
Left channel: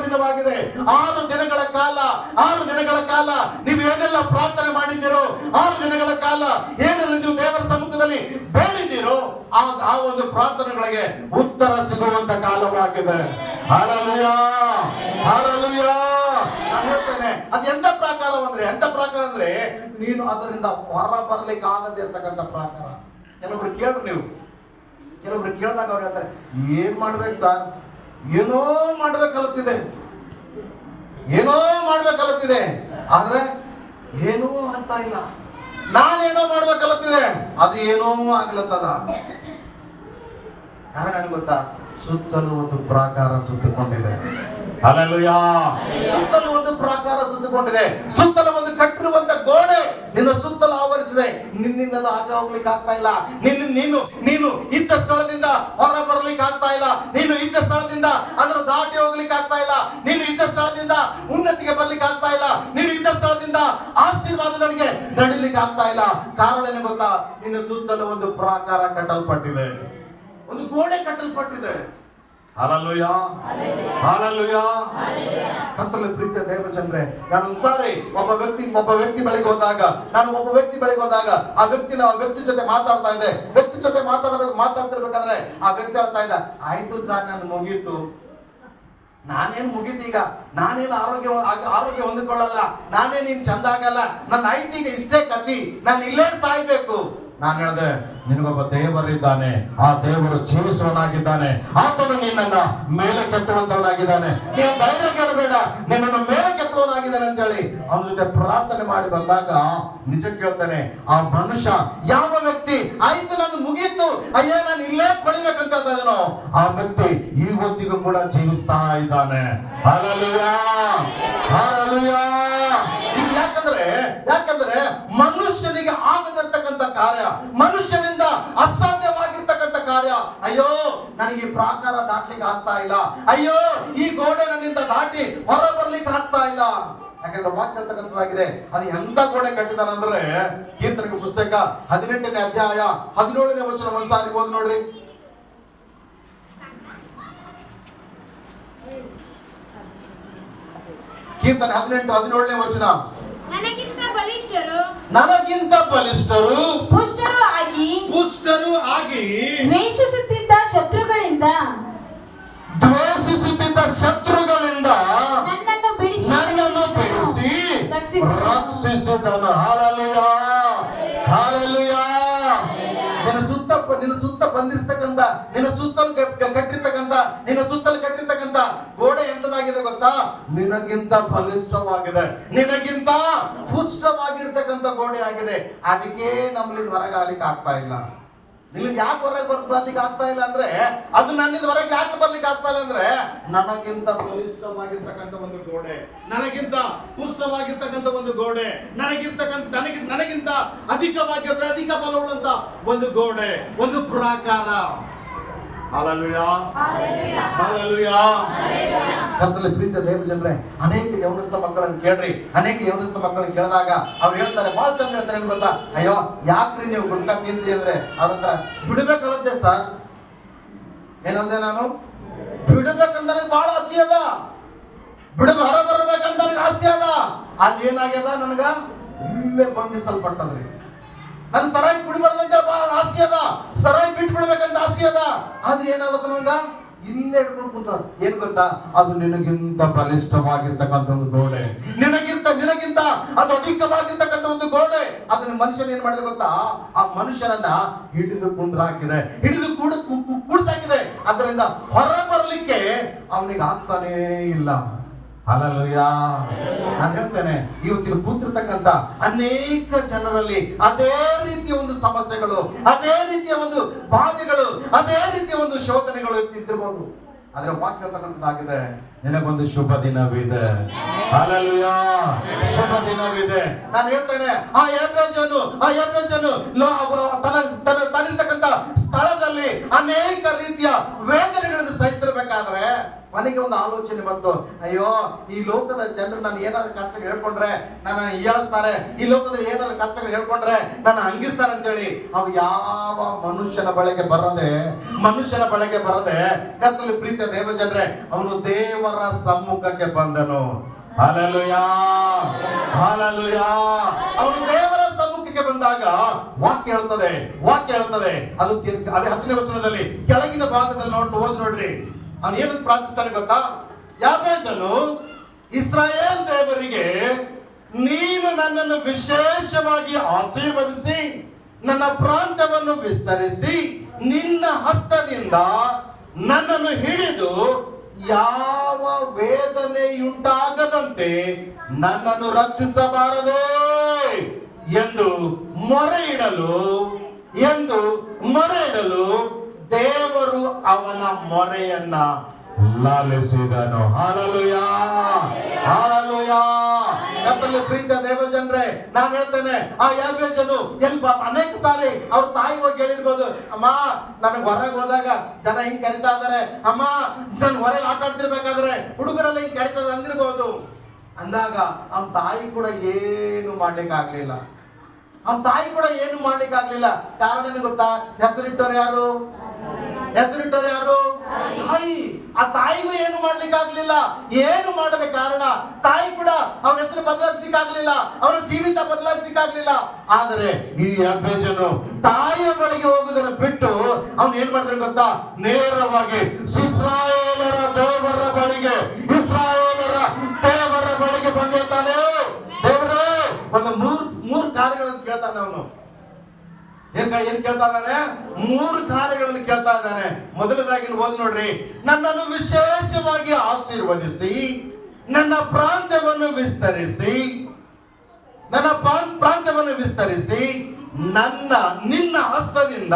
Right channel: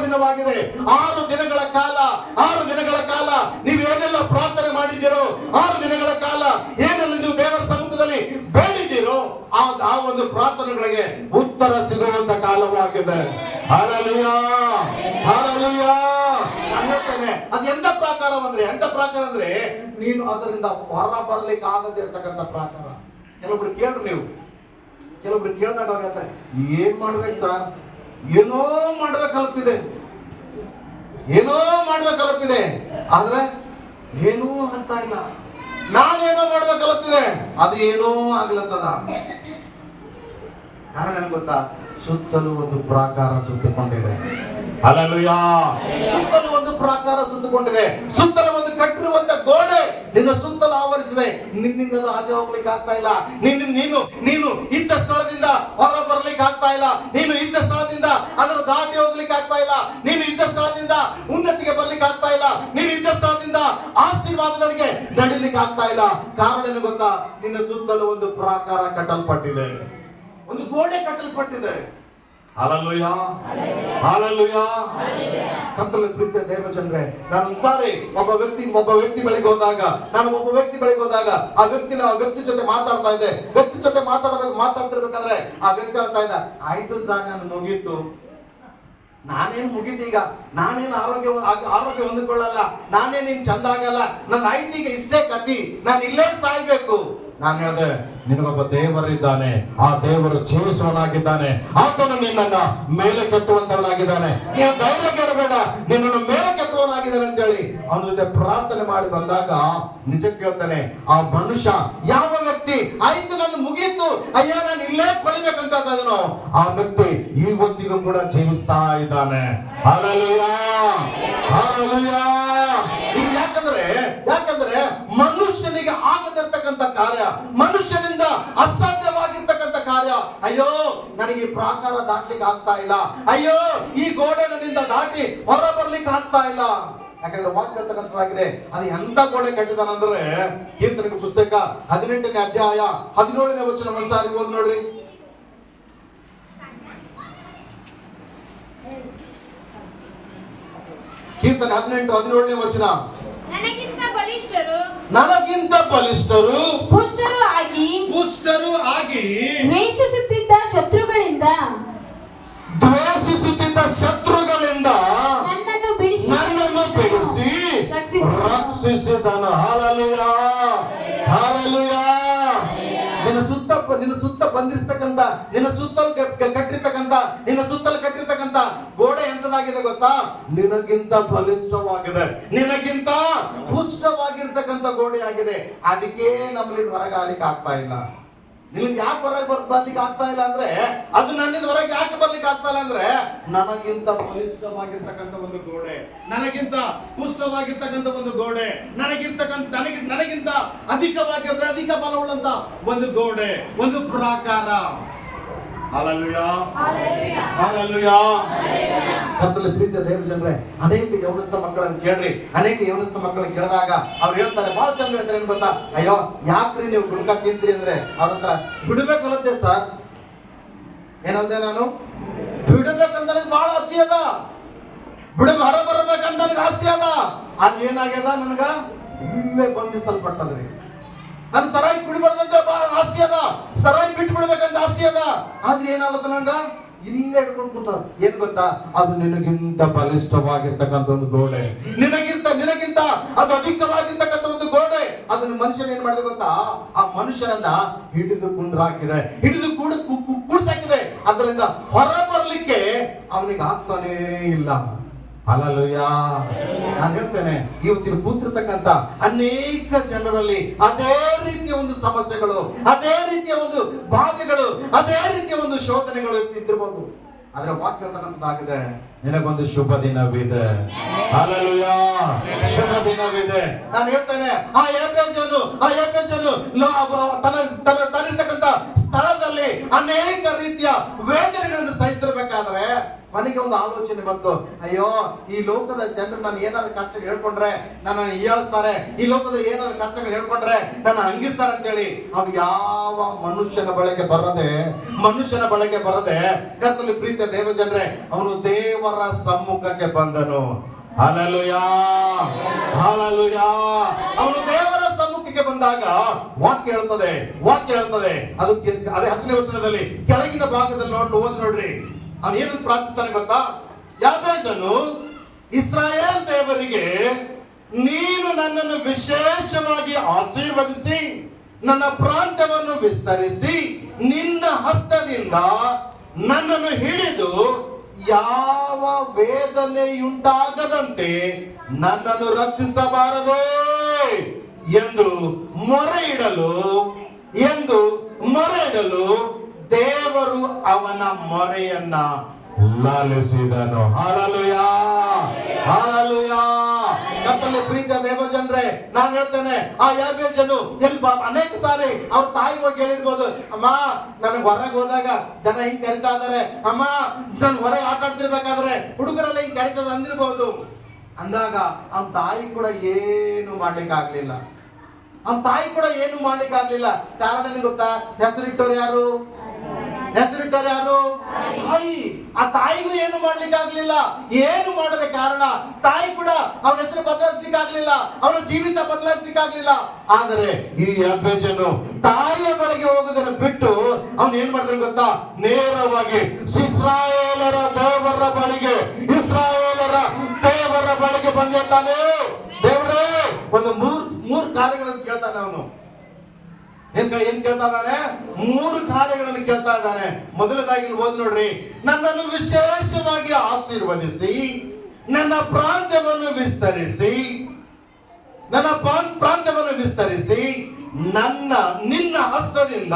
ದಿನವಾಗಿದೆ. 6 ದಿನಗಳ ಕಾಲ ನೀವು ಏನೆಲ್ಲ ಪ್ರಾರ್ಥನೆ ಮಾಡಿದ್ದೀರೋ, 6 ದಿನಗಳ ಕಾಲ ಏನೆಲ್ಲ ನೀವು ದೇವರ ಸಮ್ಮುಖದಲ್ಲಿ ಬೇಡಿದ್ದೀರೋ, ಆ ಒಂದು ಪ್ರಾರ್ಥನೆಗಳಿಗೆ ಉತ್ತರ ಸಿಗುವಂತ ಕಾಲವಾಗಿದೆ. Hallelujah, hallelujah. ನಾನು ಹೇಳ್ತೇನೆ, ಅದು ಎಂತ ಪ್ರಾಕಾರ ಅಂದ್ರೆ ನೀನು ಅದರಿಂದ ಹೊರ ಬರ್ಲಿಕ್ಕೆ ಆಗದೆ ಇರ್ತಕ್ಕಂಥ ಪ್ರಾಕಾರ. ಕೆಲವೊಬ್ರು ಕೇಳ್ರಿ, ಕೆಲವೊಬ್ರು ಕೇಳಿದಾಗ ಅವ್ರು ಹೇಳ್ತಾರೆ, ಏನ್ ಮಾಡ್ಬೇಕು ಸರ್, ಏನೋ ಮಾಡ್ಬೇಕಲ್ಲತ್ತಿದೆ, ಆದ್ರೆ ಏನೂ ಅಂತ ಇಲ್ಲ. ನಾನೇನೋ ಮಾಡ್ಬೇಕಲ್ಲತ್ತಿದೆ, ಅದು ಏನೋ ಆಗ್ಲತ್ತದ. ಕಾರಣ ಏನ್ ಗೊತ್ತಾ, ಸುತ್ತಲೂ ಒಂದು ಪ್ರಾಕಾರ ಸುತ್ತಿಕೊಂಡಿದೆ. ಹಲ್ಲೆಲೂಯಾ. ಸುತ್ತಲೂ ಒಂದು ಪ್ರಾಕಾರ ಸುತ್ತಿಕೊಂಡಿದೆ, ಸುತ್ತಲೂ ಒಂದು ಕಟ್ಟಿರುವಂತ ಗೋಡೆ ನಿನ್ನ ಸುತ್ತಲೂ ಆವರಿಸಿದೆ. ನಿನ್ನಿಂದ ಆಚೆ ಹೋಗ್ಲಿಕ್ಕೆ ಆಗ್ತಾ ಇಲ್ಲ. ನೀನು ಇದ್ದ ಸ್ಥಳದಿಂದ ಹೊರ ಬರ್ಲಿಕ್ಕೆ ಆಗ್ತಾ ಇಲ್ಲ. ನೀನು ಇದ್ದ ಸ್ಥಳದಿಂದ ಅದನ್ನು ದಾಟಿ ಹೋಗ್ಲಿಕ್ಕೆ ಆಗ್ತಾ ಇಲ್ಲ. ನೀನು ಇದ್ದ ಸ್ಥಳದಿಂದ ಉನ್ನತಿಗೆ ಬರ್ಲಿಕ್ಕೆ ಆಗ್ತಾ ಇಲ್ಲ. ನೀನು ಇದ್ದ ಸ್ಥಳದಿಂದ ಆಶೀರ್ವಾದದೊಂದಿಗೆ ನಡಿಲಿಕ್ಕೆ ಆಗ್ತಾ ಇಲ್ಲ. ಕಾರಣ ಏನು ಗೊತ್ತಾ, ನಿನ್ನ ಸುತ್ತಲೂ ಒಂದು ಪ್ರಾಕಾರ ಕಟ್ಟಲ್ಪಟ್ಟಿದೆ, ಒಂದು ಗೋಡೆ ಕಟ್ಟಲ್ಪಟ್ಟಿದೆ. Hallelujah, hallelujah. ಕರ್ತನಲ್ಲಿ ಪ್ರೀತಿಯ ದೇವಜನರೇ, ನಾನು ಒಂದ್ಸಾರಿ ಒಬ್ಬ ವ್ಯಕ್ತಿ ಬಳಿಗೆ ಹೋದಾಗ ಆ ವ್ಯಕ್ತಿ ಜೊತೆ ಮಾತಾಡ್ತಾ ಇದ್ದೆ. ವ್ಯಕ್ತಿ ಜೊತೆ ಮಾತಾಡ್ತಿರ್ಬೇಕಾದ್ರೆ ಆ ವ್ಯಕ್ತಿ ಹೇಳ್ತಾ ಇದ್ದ, ಆಯ್ತು ಸರ್, ನಾನು ಮುಗೀತು, ನಾನೇನ್ ಮುಗೀತು, ಈಗ ನಾನೇನು ಆರೋಗ್ಯ ಹೊಂದಿಕೊಳ್ಳಲ್ಲ, ನಾನೇನು ಚಂದ ಆಗಲ್ಲ, ನನ್ನ ಆಯ್ತು, ಈಗ ಇಷ್ಟೇ ಕತ್ತಿ, ನಾನು ಇಲ್ಲೇ ಸಾಯ್ಬೇಕು. ನಾನು ಹೇಳಿದೆ, ನಿನಗೊಬ್ಬ ದೇವರಿದ್ದಾನೆ, ಆ ದೇವರು ಜೀವಿಸುವನಾಗಿದ್ದಾನೆ, ಆತನು ನಿನ್ನನ್ನ ಮೇಲೆ ಕೆತ್ತುವಂತವನಾಗಿದ್ದಾನೆ, ನೀವು ಧೈರ್ಯ ಕೇಳಬೇಡ, ನಿನ್ನನ್ನು ಮೇಲೆ ಕೆತ್ತುವನಾಗಿದ್ದಾನೆ ಅಂತ ಹೇಳಿ ಅವನ ಜೊತೆ ಪ್ರಾರ್ಥನೆ ಮಾಡಿ ಬಂದಾಗ ನಿಜ ಕೇಳ್ತಾನೆ, ಆ ಮನುಷ್ಯ ಯಾವ ವ್ಯಕ್ತಿ ಆಯ್ತು ನನ್ನ ಮುಗೀತು ಅಯ್ಯ ನಾನು ಇಲ್ಲೇ ಕೊಳಿಬೇಕಂತ ಅದನ್ನು ಆ ವ್ಯಕ್ತಿ ಇವತ್ತಿಗೂ ಕೂಡ ಜೀವಿಸ್ತಾ ಇದ್ದಾನೆ. Hallelujah, hallelujah. ಇದು ಯಾಕಂದ್ರೆ ಮನುಷ್ಯನಿಗೆ ಆಗದಿರ್ತಕ್ಕಂಥ ಕಾರ್ಯ, ಮನುಷ್ಯನಿಂದ ಅಸಾಧ್ಯವಾಗಿರ್ತಕ್ಕಂಥ ಕಾರ್ಯ, ಅಯ್ಯೋ ನನಗೆ ಈ ಪ್ರಾಕಾರ ದಾಟ್ಲಿಕ್ಕೆ ಆಗ್ತಾ ಇಲ್ಲ, ಅಯ್ಯೋ ಈ ಗೋಡೆ ನನ್ನಿಂದ ದಾಟಿ ಹೊರ ಬರ್ಲಿಕ್ಕೆ ಆಗ್ತಾ ಇಲ್ಲ. ಯಾಕಂದ್ರೆ ವಾಕ್ಯ ಹೇಳ್ತಕ್ಕಂಥದ್ದಾಗಿದೆ, ಅದು ಎಂತ ಗೋಡೆ ಕಟ್ಟಿದಾನಂದ್ರೆ ಕೀರ್ತನೆ ಪುಸ್ತಕ 18ನೇ ಅಧ್ಯಾಯ 17ನೇ ವಚನ ಒಂದ್ಸಾರಿ ಓದಿ ನೋಡ್ರಿ. ಕೀರ್ತನೆ 18:17ನೇ ವಚನ. ನನಗಿಂತ ಬಲಿಷ್ಠರು ಪುಷ್ಟರು ಆಗಿ ದ್ವೇಷಿಸುತ್ತಿದ್ದ ಶತ್ರುಗಳಿಂದ ನನ್ನನ್ನು ಬಿಡಿಸಿ ರಕ್ಷಿಸಿದನು. Hallelujah, hallelujah. ನಿನ್ನ ಸುತ್ತ ಬಂದಿರ್ತಕ್ಕಂಥ, ನಿನ್ನ ಸುತ್ತಲೂ ಕಟ್ಟಿರ್ತಕ್ಕಂಥ ಗೋಡೆ ಎಂತದಾಗಿದೆ ಗೊತ್ತಾ? ನಿನಗಿಂತ ಬಲಿಷ್ಠವಾಗಿದೆ, ನಿನಗಿಂತ ಪುಷ್ಟವಾಗಿರ್ತಕ್ಕಂಥ ಗೋಡೆ ಆಗಿದೆ. ಅದಕ್ಕೆ ನಮ್ಮಲ್ಲಿ ಹೊರಗಾಲಿಕ್ಕೆ ಆಗ್ತಾ ಇಲ್ಲ. ನಿನಗೆ ಯಾಕೆ ಹೊರಗೆ ಬರ್ಲಿಕ್ಕೆ ಆಗ್ತಾ ಇಲ್ಲ ಅಂದ್ರೆ, ಅದು ನನ್ನಿಂದ ಹೊರಗೆ ಯಾಕೆ ಬರ್ಲಿಕ್ಕೆ ಆಗ್ತಾ ಇಲ್ಲ ಅಂದ್ರೆ, ನನಗಿಂತ ಬಲಿಷ್ಠವಾಗಿರ್ತಕ್ಕಂಥ ಒಂದು ಗೋಡೆ, ನನಗಿಂತ ಪುಷ್ಟವಾಗಿರ್ತಕ್ಕಂಥ ಒಂದು ಗೋಡೆ, ನನಗಿಂತ ಅಧಿಕ ಬಲವುಳ್ಳಂತ ಒಂದು ಗೋಡೆ, ಒಂದು ಪ್ರಾಕಾರ. Hallelujah, hallelujah. ಕರ್ತನಲ್ಲಿ ಪ್ರೀತಿಯ ದೇವಜನರೇ, ಅನೇಕ ಯೌವನಸ್ಥ ಮಕ್ಕಳನ್ನು ಕೇಳ್ರಿ, ಅನೇಕ ಯೌವನಸ್ಥ ಮಕ್ಕಳನ್ನು ಕೇಳಿದಾಗ ಅವ್ರು ಹೇಳ್ತಾರೆ, ಬಹಳ ಚಂದ ಹೇಳ್ತಾರೆ, ಏನ್ ಗೊತ್ತಾ? ಅಯ್ಯೋ ಯಾಕ್ರಿ ನೀವು ಗುಟ್ಕಾ ತಿಂತ್ರಿ ಅಂದ್ರೆ ಅವ್ರ ಹತ್ರ ಬಿಡ್ಬೇಕಲ್ಲಂತೆ ಸರ್. ಏನಂದೆ ನಾನು? ಬಿಡ್ಬೇಕಂತ ನನಗೆ ಬಹಳ ಆಸೆ ಅದ, ಹೊರ ಬರ್ಬೇಕಂತ ನನಗೆ ಆಸೆ ಅದ. ಅಲ್ಲಿ ಏನಾಗ್ಯದ, ನನ್ಗ ಇಲ್ಲೇ ಬಂಧಿಸಲ್ಪಟ್ಟದ್ರಿ. ನನ್ ಸರಾಯಿ ಕುಡಿಬಾರ್ದಂತ ಆಸೆ ಅದ, ಸರಾಯಿ ಬಿಟ್ಟು ಬಿಡ್ಬೇಕಂತ ಆಸೆ ಅದ. ಆದ್ರೆ ಏನಾಗುತ್ತೆ ನಂಗ ಇಲ್ಲೇ ಹಿಡ್ಕೊಂಡು ಕೂತ. ಏನ್ ಗೊತ್ತಾ? ಅದು ನಿನಗಿಂತ ಬಲಿಷ್ಠವಾಗಿರ್ತಕ್ಕಂಥ ಒಂದು ಗೋಡೆ, ನಿನಗಿಂತ ಅದು ಅಧಿಕವಾಗಿರ್ತಕ್ಕಂಥ ಒಂದು ಗೋಡೆ. ಅದನ್ನ ಮನುಷ್ಯನ ಏನ್ ಮಾಡಿದೆ ಗೊತ್ತಾ? ಆ ಮನುಷ್ಯನನ್ನ ಹಿಡಿದು ಕುಂಡ್ರಾಕಿದೆ, ಹಿಡಿದು ಕೂಡ್ಸಾಕಿದೆ. ಅದರಿಂದ ಹೊರ ಬರ್ಲಿಕ್ಕೆ ಅವನಿಗೆ ಆಗ್ತಾನೇ ಇಲ್ಲ. ಹಲ್ಲೆಲೂಯಾ. ನಾನು ಹೇಳ್ತೇನೆ, ಇವತ್ತಿನ ಕೂತಿರ್ತಕ್ಕಂಥ ಅನೇಕ ಜನರಲ್ಲಿ ಅದೇ ರೀತಿಯ ಒಂದು ಸಮಸ್ಯೆಗಳು, ಅದೇ ರೀತಿಯ ಒಂದು ಬಾಧೆಗಳು, ಅದೇ ರೀತಿಯ ಒಂದು ಶೋಧನೆಗಳು ಇದ್ದಿರಬಹುದು. ಆದ್ರೆ ವಾಕ್ಯ ಹೇಳ್ತಕ್ಕಂಥದ್ದಾಗಿದೆ, ನಿನಗೊಂದು ಶುಭ ದಿನವಿದೆ. ಹಲ್ಲೆಲೂಯಾ, ಶುಭ ದಿನವಿದೆ. ನಾನು ಹೇಳ್ತೇನೆ, ಆ ಎಫೆಸನು ತನ್ನಿರ್ತಕ್ಕಂಥ ಸ್ಥಳದಲ್ಲಿ ಅನೇಕ ರೀತಿಯ ವೇದನೆಗಳನ್ನು ಸಹಿಸಿರ್ಬೇಕಾದ್ರೆ ಮನೆಗೆ ಒಂದು ಆಲೋಚನೆ ಬಂತು, ಅಯ್ಯೋ ಈ ಲೋಕದ ಜನರು ನಾನು ಏನಾದ್ರು ಕಷ್ಟಗಳು ಹೇಳ್ಕೊಂಡ್ರೆ ನನ್ನ ಹೀಯಾಳಿಸ್ತಾರೆ, ಈ ಲೋಕದಲ್ಲಿ ಏನಾದ್ರು ಕಷ್ಟಗಳು ಹೇಳ್ಕೊಂಡ್ರೆ ನನ್ನ ಹಂಗಿಸ್ತಾರೆ ಅಂತೇಳಿ ಅವು ಯಾವ ಮನುಷ್ಯನ ಬಳಿಗೆ ಬರದೆ ಕರ್ತನಲ್ಲಿ ಪ್ರೀತಿಯ ದೇವಜನರೇ, ಅವನು ದೇವರ ಸಮ್ಮುಖಕ್ಕೆ ಬಂದನು. Hallelujah, hallelujah. ಅವನು ದೇವರ ಸಮ್ಮುಖಕ್ಕೆ ಬಂದಾಗ ವಾಕ್ಯ ಹೇಳ್ತದೆ, ಅದು ಅದೇ 10ನೇ ವಚನದಲ್ಲಿ ಕೆಳಗಿನ ಭಾಗದಲ್ಲಿ ಓದಿ ನೋಡ್ರಿ. ಅವನು ಏನಂತ ಪ್ರಾರ್ಥಿಸ್ತಾನೆ ಗೊತ್ತಾ? ಯಾಬೇಜನು ಇಸ್ರಾಯೇಲ್ ದೇವರಿಗೆ, ನೀನು ನನ್ನನ್ನು ವಿಶೇಷವಾಗಿ ಆಶೀರ್ವದಿಸಿ ನನ್ನ ಪ್ರಾಂತ್ಯವನ್ನು ವಿಸ್ತರಿಸಿ ನಿನ್ನ ಹಸ್ತದಿಂದ ನನ್ನನ್ನು ಹಿಡಿದು ಯಾವ ವೇದನೆಯುಂಟಾಗದಂತೆ ನನ್ನನ್ನು ರಕ್ಷಿಸಬಾರದು ಎಂದು ಮೊರೆ ಇಡಲು ದೇವರು ಅವನ ಮೊರೆಯನ್ನ ಲಾಲಿಸಿದನು. Hallelujah, hallelujah. ಕರ್ತನಲ್ಲಿ ಪ್ರೀತಿಯ ದೇವಜನರೇ, ನಾನು ಹೇಳ್ತೇನೆ, ಆ ಯಾಬೇಜನು ಅನೇಕ ಸಾರಿ ಅವ್ರ ತಾಯಿ ಹೋಗಿ ಹೇಳಿರ್ಬೋದು, ಅಮ್ಮ ನನಗೆ ಹೊರಗೆ ಹೋದಾಗ ಜನ ಹಿಂಗ್ ಕರಿತಾ ಇದಾರೆ, ಅಮ್ಮ ನನ್ ಹೊರಗೆ ಆಟ ಆಡ್ತಿರ್ಬೇಕಾದ್ರೆ ಹುಡುಗರೆಲ್ಲ ಹಿಂಗ್ ಕರಿತದ ಅಂದಿರ್ಬೋದು. ಅಂದಾಗ ಅವನ ತಾಯಿ ಕೂಡ ಏನು ಮಾಡ್ಲಿಕ್ಕೆ ಆಗ್ಲಿಲ್ಲ. ಕಾರಣ ಗೊತ್ತಾ? ಹೆಸರಿಟ್ಟವ್ರು ಯಾರು? ತಾಯಿ. ಆ ತಾಯಿಗೂ ಏನು ಮಾಡ್ಲಿಕ್ಕೆ ಆಗ್ಲಿಲ್ಲ. ಏನು ಮಾಡಬೇಕು? ಕಾರಣ ತಾಯಿ ಕೂಡ ಅವನ ಹೆಸರು ಬದಲಾಯಿಸ್ಲಿಕ್ಕಾಗ್ಲಿಲ್ಲ, ಅವನ ಜೀವಿತ ಬದಲಾಯಿಸ್ಲಿಕ್ಕಾಗ್ಲಿಲ್ಲ. ಆದರೆ ಈ ಯಾಬೇಜನು ತಾಯಿಯ ಬಳಿಗೆ ಹೋಗುವುದನ್ನು ಬಿಟ್ಟು ಅವನು ಏನ್ ಮಾಡಿದ್ರೆ ಗೊತ್ತಾ? ನೇರವಾಗಿ ಇಸ್ರಾಯೇಲರ ದೇವರ ಬಳಿಗೆ ಬಂದಿರ್ತಾನೆ. ದೇವರೇ, ಒಂದು ಮೂರು ಕಾರ್ಯಗಳನ್ನು ಕೇಳ್ತಾನೆ ಅವನು. ಏನ್ ಕೇಳ್ತಾ ಇದ್ದಾನೆ? 3 ಕಾರ್ಯಗಳನ್ನು ಕೇಳ್ತಾ ಇದ್ದಾನೆ. ಮೊದಲದಾಗಿ ಓದಿ ನೋಡ್ರಿ. ನನ್ನನ್ನು ವಿಶೇಷವಾಗಿ ಆಶೀರ್ವದಿಸಿ, ನನ್ನ ಪ್ರಾಂತ್ಯವನ್ನು ವಿಸ್ತರಿಸಿ, ನನ್ನ ಪ್ರಾಂತ್ಯವನ್ನು ವಿಸ್ತರಿಸಿ, ನಿನ್ನ ಹಸ್ತದಿಂದ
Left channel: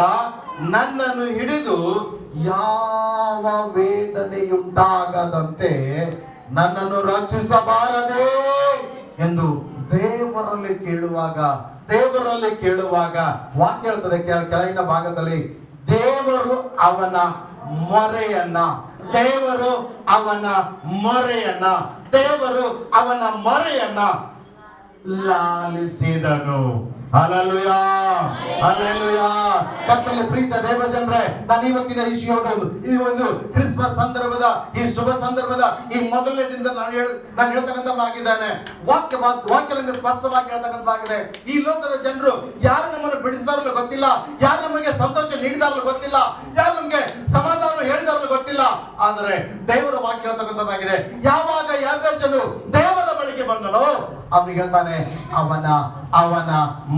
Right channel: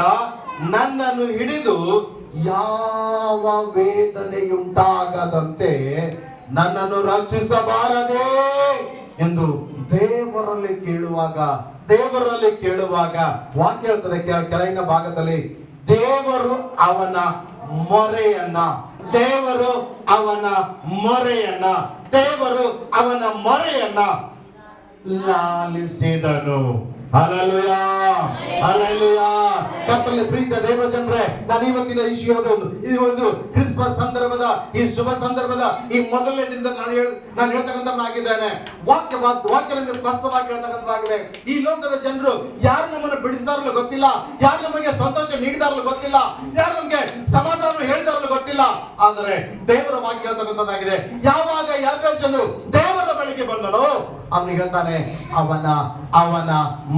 ನನ್ನನ್ನು ಹಿಡಿದು ಯಾವ ವೇದನೆಯುಂಟಾಗದಂತೆ ನನ್ನನ್ನು ರಕ್ಷಿಸಬಾರದೆ ಎಂದು ದೇವರಲ್ಲಿ ಕೇಳುವಾಗ ವಾಕ್ಯ ಹೇಳ್ತದೆ ಕೆಳಗಿನ ಭಾಗದಲ್ಲಿ, ದೇವರು ಅವನ ಮೊರೆಯನ್ನ ಲಾಲಿಸಿದನು. Hallelujah, hallelujah. ಕರ್ತನಲ್ಲಿ ಪ್ರೀತಿಯ ದೇವಜನರೇ, ನಾನು ಇವತ್ತಿನ ಈ ಒಂದು ಕ್ರಿಸ್ಮಸ್ ಸಂದರ್ಭದ, ಈ ಶುಭ ಸಂದರ್ಭದ ಈ ಮೊದಲನೇ ದಿನದ ನಾನು ಹೇಳ್ತಕ್ಕಂಥದ್ದಾಗಿದ್ದೇನೆ. ವಾಕ್ಯ ನಮಗೆ ಸ್ಪಷ್ಟವಾಗಿ ಹೇಳ್ತಕ್ಕಂಥದ್ದಾಗಿದೆ. ಈ ಲೋಕದ ಜನರು ಯಾರು ನಮ್ಮನ್ನು ಬಿಡಿಸಿದಾರಲ್ಲೂ ಗೊತ್ತಿಲ್ಲ, ಯಾರು ನಮಗೆ ಸಂತೋಷ ನೀಡಿದಾರಲ್ಲೂ ಗೊತ್ತಿಲ್ಲ, ಯಾರು ನಮಗೆ ಸಮಾಧಾನ ಹೇಳಿದಾರಲ್ಲೂ ಗೊತ್ತಿಲ್ಲ. ಆದರೆ ದೇವರ ವಾಕ್ಯ ಹೇಳ್ತಕ್ಕಂಥದ್ದಾಗಿದೆ. ಯಾವಾಗ ಯಾಬೇಚನು ದೇವರ ಬಳಿಗೆ ಬಂದನೋ ಅವನಿಗೆ ಹೇಳ್ತಾನೆ, ಅವನ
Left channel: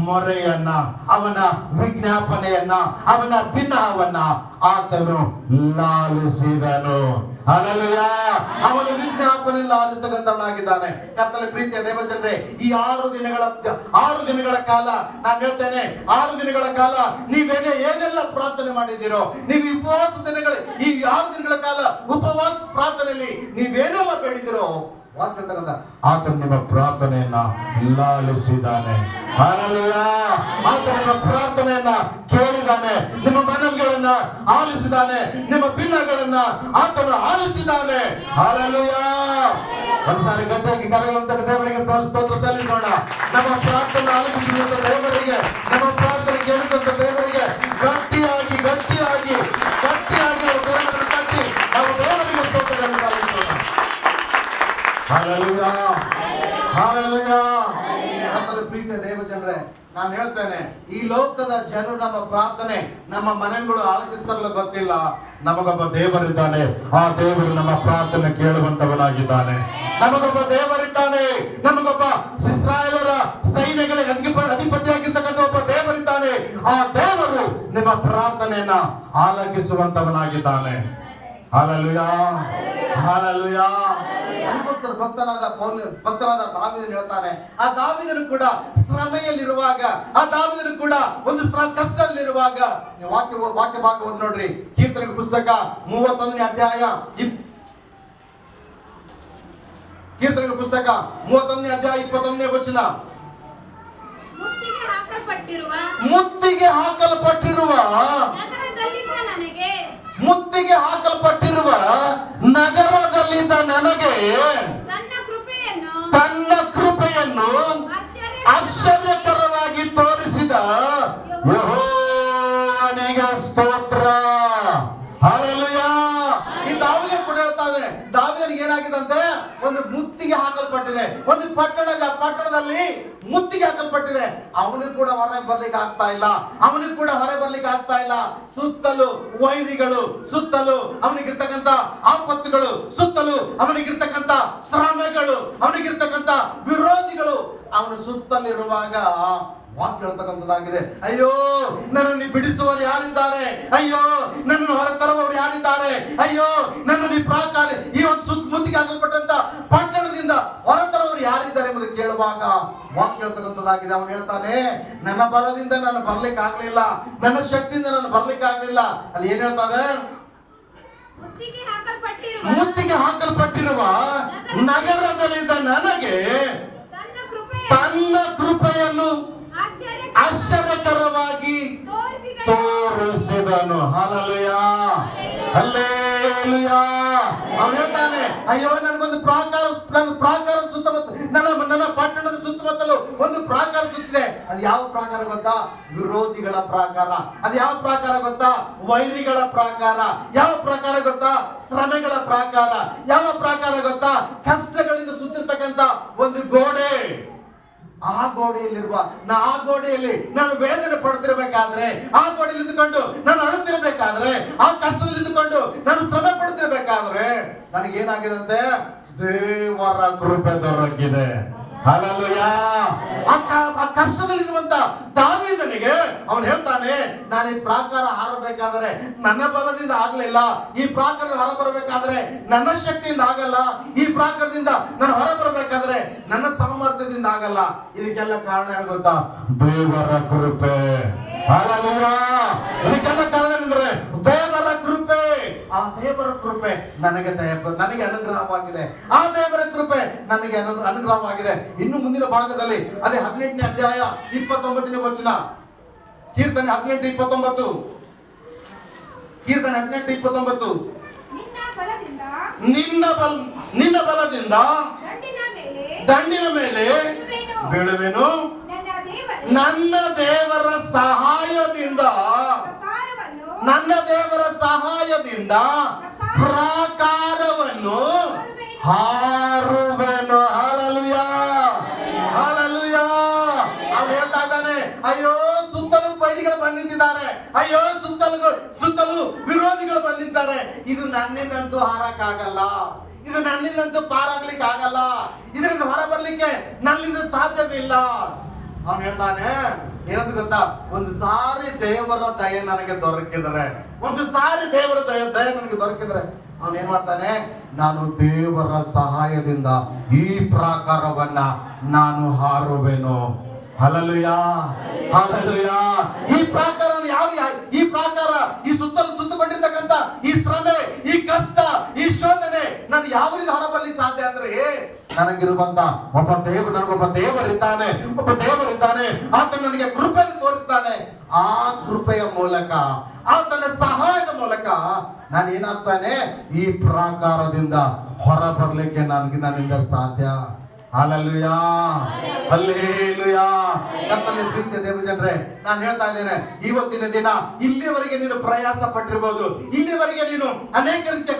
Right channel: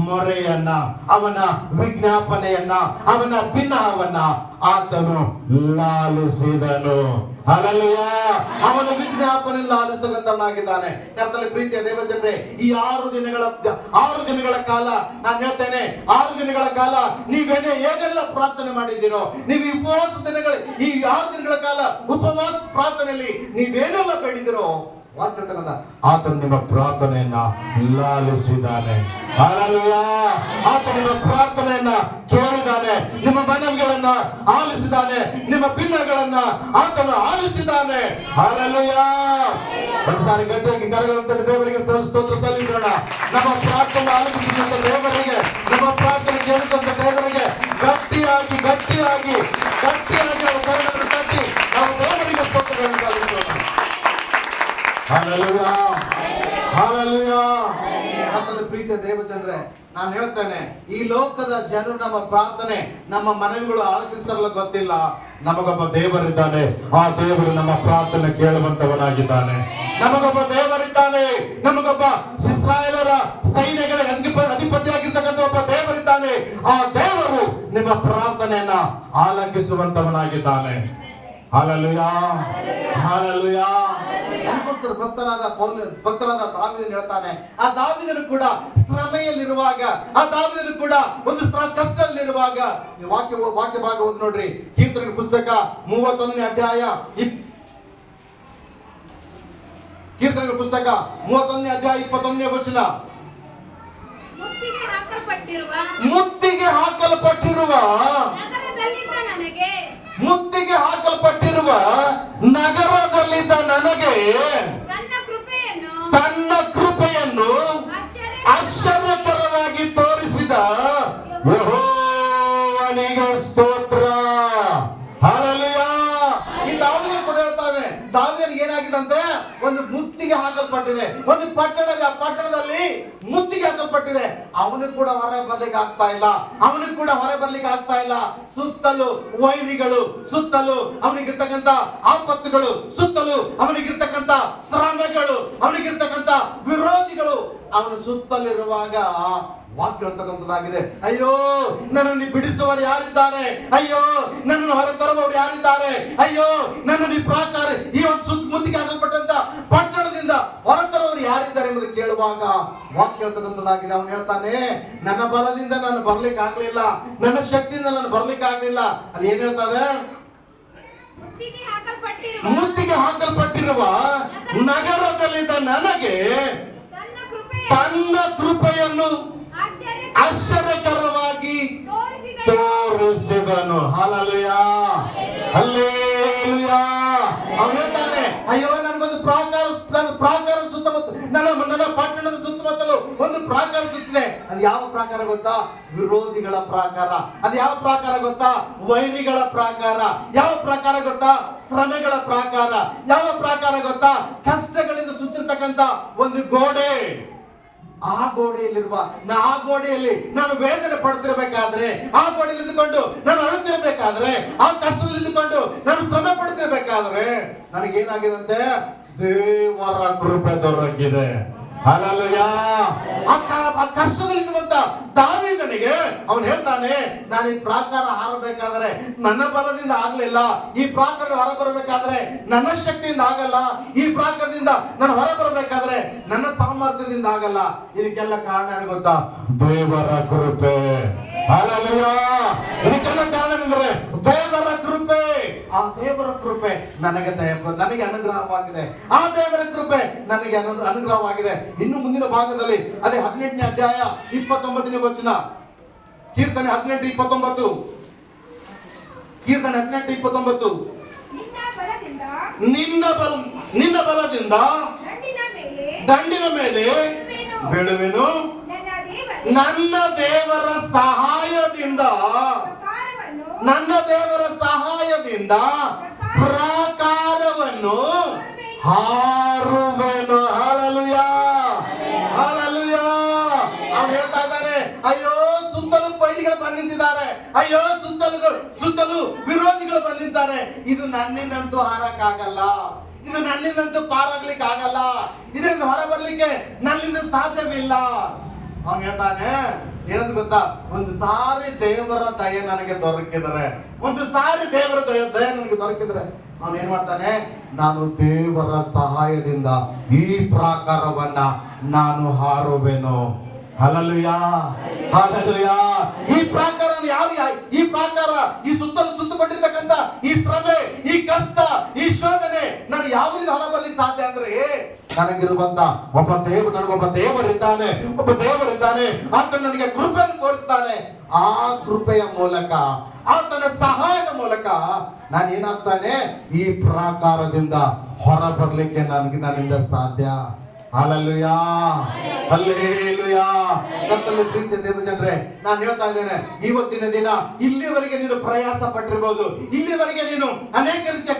ಮೊರೆಯನ್ನ, ಅವನ ವಿಜ್ಞಾಪನೆಯನ್ನ, ಅವನ ಭಿನ್ನವನ್ನ ಆತನು ಲಾಲಿಸಿದನು. ಹಲ್ಲೆಲೂಯಾ. ಅವನ ವಿಜ್ಞಾಪನೆ ಲಾಲಿಸತಕ್ಕಂಥವನಾಗಿದ್ದಾನೆ. ಕರ್ತನ ಪ್ರೀತಿಯ ದೇವಜನರೇ, ಈ 6 ದಿನಗಳ ಕಾಲ ನಾನು ಹೇಳ್ತೇನೆ, 6 ದಿನಗಳ ಕಾಲ ಏನೆಲ್ಲ ಪ್ರಾರ್ಥನೆ ಮಾಡಿದ್ದೀರೋ, ನೀವು ಈ 6 ದಿನಗಳ ಕಾಲ ಉಪವಾಸ ಪ್ರಾರ್ಥನೆಯಲ್ಲಿ ನೀವೇನೆಲ್ಲ ಬೇಡಿದಿರೋ ಆತನು ನಿಮ್ಮ ಪ್ರಾರ್ಥನೆಯನ್ನ ಲಾಲಿಸಿದ್ದಾನೆ. ಹಲ್ಲೆಲೂಯಾ. ಆತನು ನಿಮ್ಮ ಪ್ರಾರ್ಥನೆಯನ್ನ ಕೇಳಿದ್ದಾನೆ, ನಿಮ್ಮ ಮನವಿಗಳನ್ನ ಆಲಿಸಿದ್ದಾನೆ, ನಿಮ್ಮ ಭಿನ್ನಗಳನ್ನ ಆತನು ಆಲಿಸಿದ್ದಾನೆ. ಹಲ್ಲೆಲೂಯಾ. ಒಂದ್ಸಾರಿ ಗಟ್ಟಿಯಾಗಿ ಕರಗಳನ್ನು ದೇವರಿಗೆ ಸ್ತೋತ್ರ ಸಲ್ಲಿಸೋಣ. ನಮ್ಮ ಪ್ರಾರ್ಥನೆ ಆಲಿಸಿದಂತ ದೇವರಿಗೆ, ನಮ್ಮ ಪ್ರಾರ್ಥನೆ ಕೇಳಿದಂತ ದೇವರಿಗೆ ಗಟ್ಟಿಯಾಗಿ ನಾವು ಕರಗಳನ್ನು ತಟ್ಟಿ ನಾವು ದೇವರಿಗೆ ಸ್ತೋತ್ರಗಳನ್ನು ಸಲ್ಲಿಸೋಣ. Hallelujah, hallelujah. ಕರ್ತನ ಪ್ರೀತಿಯ ದೇವಜನರೇ, ನಾನು ಹೇಳ್ತೇನೆ, ಈ ಲೋಕದ ಜನರು ನಮ್ಮ ಪ್ರಾರ್ಥನೆ, ನಮ್ಮ ಮನೆಗಳು ಆಲೋಚಿಸ್ತಾರಲ್ಲ ಗೊತ್ತಿಲ್ಲ, ನಮಗೊಬ್ಬ ದೇವರಿದ್ದಾನೆ. ಆ ದೇವರು ನಮ್ಮ ಪ್ರಾರ್ಥನೆ ಕೇಳುವಂತವನಾಗಿದ್ದಾನೆ. ನಮಗೊಬ್ಬ ದೇವರಿದ್ದಾನೆ. ನಮಗೊಬ್ಬ ಇಸ್ರಾಯೇಲರ ಸೈನ್ಯಗಳಿಗೆ ಅಧಿಪತಿಯಾಗಿರ್ತಕ್ಕಂಥ ಒಬ್ಬ ದೇವರಿದ್ದಾನೆ. ಆ ದೇವರು ನಿಮ್ಮ ಪ್ರಾರ್ಥನೆಯನ್ನ ಆಲಕಿಸುವಂತವನಾಗಿದ್ದಾನೆ. Hallelujah, hallelujah. ಅದಕ್ಕೋಸ್ಕರ ಭಕ್ತನಾದ ದಾವೀದನು ಹೇಳ್ತಾನೆ, ಆ ದಾವೀದನು ಕೂಡ ಶ್ರಮೆಯಲ್ಲಿರುವಾಗ, ಆ ದಾವೀದನು ಕೂಡ ಒಂದು ಕಷ್ಟದಲ್ಲಿರುವಾಗ, ವಾಕ್ಯ ಭಾಗ ಓದಿ ನೋಡ್ರಿ. ಕೀರ್ತನೆಗಳ ಪುಸ್ತಕ 31ನೇ ಅಧ್ಯಾಯ 21ನೇ ವಚನ. ಮುತ್ತಿಗೆ ಹಾಕಲ್ಪಟ್ಟಿರುವ ನಗರದಲ್ಲಿದ್ದ ನನಗೆ ತನ್ನ ಕೃಪೆಯನ್ನು ಆಶ್ಚರ್ಯಕರವಾಗಿ ತೋರಿಸಿದ ಯೆಹೋವನಿಗೆ ಸ್ತೋತ್ರ. ಹಲ್ಲೆಲೂಯಾ. ಈ ದಾವೀದನು ಕೂಡ ಹೇಳ್ತಾನೆ, ದಾವೀದನಿಗೆ ಏನಾಗಿದಂತೆ, ಒಂದು ಮುತ್ತಿಗೆ ಹಾಕಲ್ಪಟ್ಟಿದೆ, ಒಂದು ಪಟ್ಟಣದಲ್ಲಿ ಮುತ್ತಿಗೆ ಹಾಕಲ್ಪಟ್ಟಿದೆ. ಅವನಿಗೆ ಕೂಡ ಹೊರಗೆ ಬರ್ಲಿಕ್ಕೆ ಆಗ್ತಾ ಇಲ್ಲ. ಸುತ್ತಲೂ ವೈರಿಗಳು, ಸುತ್ತಲೂ ಅವನಿಗಿರ್ತಕ್ಕಂಥ ಆಪತ್ತುಗಳು, ಸುತ್ತಲೂ ಅವನಿಗಿರ್ತಕ್ಕಂಥ ಶ್ರಮೆಗಳು, ಅವನಿಗಿರ್ತಕ್ಕಂಥ ವಿರೋಧಿಗಳು ಅವನ ಸುತ್ತಲಿರುವಾಗ ವಾಕ್ಯ ಹೇಳ್ತಕ್ಕಂಥದ್ದಾಗಿದೆ, ಅಯ್ಯೋ ನನ್ನನ್ನು ಬಿಡಿಸುವವರು ಯಾರಿದ್ದಾರೆ, ಅಯ್ಯೋ ನನ್ನನ್ನು ಹೊರ ತರುವವರು ಯಾರಿದ್ದಾರೆ, ಅಯ್ಯೋ ನನ್ನನ್ನು ಈ ಒಂದು ಮುತ್ತಿಗೆ ಹಾಕಲ್ಪಟ್ಟಂತ ಪಟ್ಟಣದಿಂದ ಹೊರತರುವವರು ಯಾರಿದ್ದಾರೆ ಎಂಬುದು ಕೇಳುವಾಗ ವಾಕ್ಯ ಹೇಳ್ತಕ್ಕಂಥದ್ದಾಗಿದೆ. ಅವನು ಹೇಳ್ತಾನೆ, ನನ್ನ ಬಲದಿಂದ ನಾನು ಬರ್ಲಿಕ್ಕೆ ಆಗ್ಲಿಲ್ಲ, ನನ್ನ ಶಕ್ತಿಯಿಂದ ನಾನು ಬರ್ಲಿಕ್ಕೆ ಆಗ್ಲಿಲ್ಲ. ಅಲ್ಲಿ ಏನ್ ಹೇಳ್ತದೆ? ಮುತ್ತಿಗೆ ಹಾಕಲ್ಪಟ್ಟಿರುವ ನಗರದಲ್ಲಿದ್ದ ನನಗೆ ತನ್ನ ಕೃಪೆಯನ್ನು ಆಶ್ಚರ್ಯಕರವಾಗಿ ತೋರಿಸಿದನು. Hallelujah, hallelujah. ಅವನು ಹೇಳ್ತಾನೆ, ಅಯ್ಯೋ ನನಗೊಂದು ಪ್ರಾಕಾರ ಸುತ್ತಮುತ್ತ, ನನ್ನ ಪಟ್ಟಣದ ಸುತ್ತಮುತ್ತಲು ಒಂದು ಪ್ರಾಕಾರ ಸುತ್ತಿದೆ. ಅದು ಯಾವ ಪ್ರಾಕಾರ ಗೊತ್ತಾ? ವಿರೋಧಿಗಳ ಪ್ರಾಕಾರ. ಅದು ಯಾವ ಪ್ರಾಕಾರ ಗೊತ್ತಾ? ವೈರಿಗಳ ಪ್ರಾಕಾರ. ಯಾವ ಪ್ರಾಕಾರ ಗೊತ್ತಾ? ಶ್ರಮೆಗಳ ಪ್ರಾಕಾರ. ಯಾವ ಪ್ರಾಕಾರ ಗೊತ್ತಾ? ಕಷ್ಟಗಳಿಂದ ಸುತ್ತಿರ್ತಕ್ಕಂಥ ಒಂದು ಗೋಡೆ. ಆ ಗೋಡೆಯಲ್ಲಿ ನಾನು ವೇದನೆ ಪಡ್ತಿರ್ಬೇಕಾದ್ರೆ, ಆ ಗೋಡೆಯಲ್ಲಿ ಇದ್ದುಕೊಂಡು ನಾನು ಅಳುತ್ತಿರ್ಬೇಕಾದ್ರೆ, ಆ ಕಷ್ಟದಲ್ಲಿ ಇದ್ದುಕೊಂಡು ನಾನು ಶ್ರಮೆ ಪಡ್ತಿರ್ಬೇಕಾದ್ರೆ ನನಗೇನಾಗಿದಂತೆ? ದೇವರ ಕೃಪೆ ದೊರಕಿದೆ. ಹಲ್ಲೆಲೂಯಾ. ಆ ಕಷ್ಟದಲ್ಲಿರುವಂತ ದಾವೀದನಿಗೆ ಅವನು ಹೇಳ್ತಾನೆ, ನಾನು ಈ ಪ್ರಾಕಾರ ಹಾರಬೇಕಾದ್ರೆ ನನ್ನ ಬಲದಿಂದ ಆಗ್ಲಿಲ್ಲ, ಈ ಪ್ರಾಕಾರ ಹೊರಬರಬೇಕಾದ್ರೆ ನನ್ನ ಶಕ್ತಿಯಿಂದ ಆಗಲ್ಲ, ಈ ಪ್ರಾಕಾರದಿಂದ ನಾನು ಹೊರಬರಬೇಕಾದ್ರೆ ನನ್ನ ಸಾಮರ್ಥ್ಯದಿಂದ ಆಗಲ್ಲ. ಇದಕ್ಕೆಲ್ಲ ಕಾರಣ ಏನು ಗೊತ್ತಾ? ದೇವರ ಕೃಪೆ. ಹಲ್ಲೆಲೂಯಾ. ಇದಕ್ಕೆಲ್ಲ ಕಾರಣ ಅಂದ್ರೆ ದೇವರ ಕೃಪೆ. ಆ ದೇವರ ಕೃಪೆ ನನಗೆ ಅನುಗ್ರಹವಾಗಿದೆ. ಆ ದೇವರ ಕೃಪೆ ನನಗೆ ಅನುಗ್ರಹವಾಗಿದೆ. ಇನ್ನು ಮುಂದಿನ ಭಾಗದಲ್ಲಿ ಅದೇ 18ನೇ ಅಧ್ಯಾಯ 29ನೇ ವಚನ, ಕೀರ್ತನೆ 18:29. ಕೀರ್ತನೆ 18:29. ನಿನ್ನ ಬಲದಿಂದ ದಂಡಿನ ಮೇಲೆ ಬೀಳುವೆನು, ನನ್ನ ದೇವರ ಸಹಾಯದಿಂದ ಪ್ರಾಕಾರವನ್ನು ಹಾರುವೆನು. Hallelujah, hallelujah. ಅವ್ನು ಹೇಳ್ತಾ ಇದ್ದಾನೆ, ಅಯ್ಯೋ ಸುತ್ತಲೂ ಪೈರಿಗಳು ಬಂದಿದ್ದಾರೆ, ಅಯ್ಯೋ ಸುತ್ತಲೂ ವಿರೋಧಿಗಳು ಬಂದಿದ್ದಾರೆ. ಇದು ನನ್ನಿಂದಂತೂ ಹಾರಕ್ಕಾಗಲ್ಲ, ಇದು ನನ್ನಿಂದಂತೂ ಪಾರಾಗ್ಲಿಕ್ಕೆ ಆಗಲ್ಲ, ಇದರಿಂದ ಹೊರ ಬರ್ಲಿಕ್ಕೆ ನನ್ನಿಂದ ಸಾಧ್ಯವಿಲ್ಲ. ಅವನು ಹೇಳ್ತಾನೆ ಏನಂತ ಗೊತ್ತಾ? ಒಂದು ಸಾರಿ ದೇವರ ದಯೆ ನನಗೆ ದೊರಕಿದರೆ, ಒಂದು ಸಾರಿ ದೇವರ ದಯೆ ನನಗೆ ದೊರಕಿದ್ರೆ ಅವನು ಏನ್ ಮಾಡ್ತಾನೆ? ನಾನು ದೇವರ ಸಹಾಯದಿಂದ ಈ ಪ್ರಾಕಾರವನ್ನ ನಾನು ಹಾರುವೆನು. Hallelujah, hallelujah. ಈ ಪ್ರಾಕಾರ ಈ ಪ್ರಾಕಾರ, ಈ ಸುತ್ತಕೊಂಡಿರ್ತಕ್ಕಂಥ ಈ ಶ್ರಮೆ, ಈ ಕಷ್ಟ, ಈ ಶೋಧನೆ ನಾನು ಯಾವ ರೀತಿ ಹೊರಬರ್ಲಿಕ್ಕೆ ಸಾಧ್ಯ ಅಂದ್ರೆ ನನಗಿರುವಂತ ನನಗೊಬ್ಬ ದೇವರಿದ್ದಾನೆ, ಆತ ನನಗೆ ಕೃಪೆಯನ್ನು ತೋರಿಸ್ತಾನೆ. ಆ ಕೃಪೆಯ ಮೂಲಕ, ಆತನ ಸಹಾಯದ ಮೂಲಕ ನಾನು ಏನಾಗ್ತಾನೆ? ಈ ಪ್ರಾಕಾರದಿಂದ ಹೊರ ಬರ್ಲಿಕ್ಕೆ ನನ್ನಿಂದ ಸಾಧ್ಯ. Hallelujah, hallelujah. ಕರ್ತನಲ್ಲಿ ಪ್ರೀತಿಯ ದೇವಜನರೇ, ನಾನು ಹೇಳ್ತಾ ಇದ್ದೇನೆ, ಇವತ್ತಿನ ದಿನ ಇಲ್ಲಿವರೆಗೆ ನೀನು ಪ್ರಯಾಸ ಪಟ್ಟಿರಬಹುದು, ಇಲ್ಲಿವರೆಗೆ ನೀನು ಅನೇಕ ರೀತಿಯ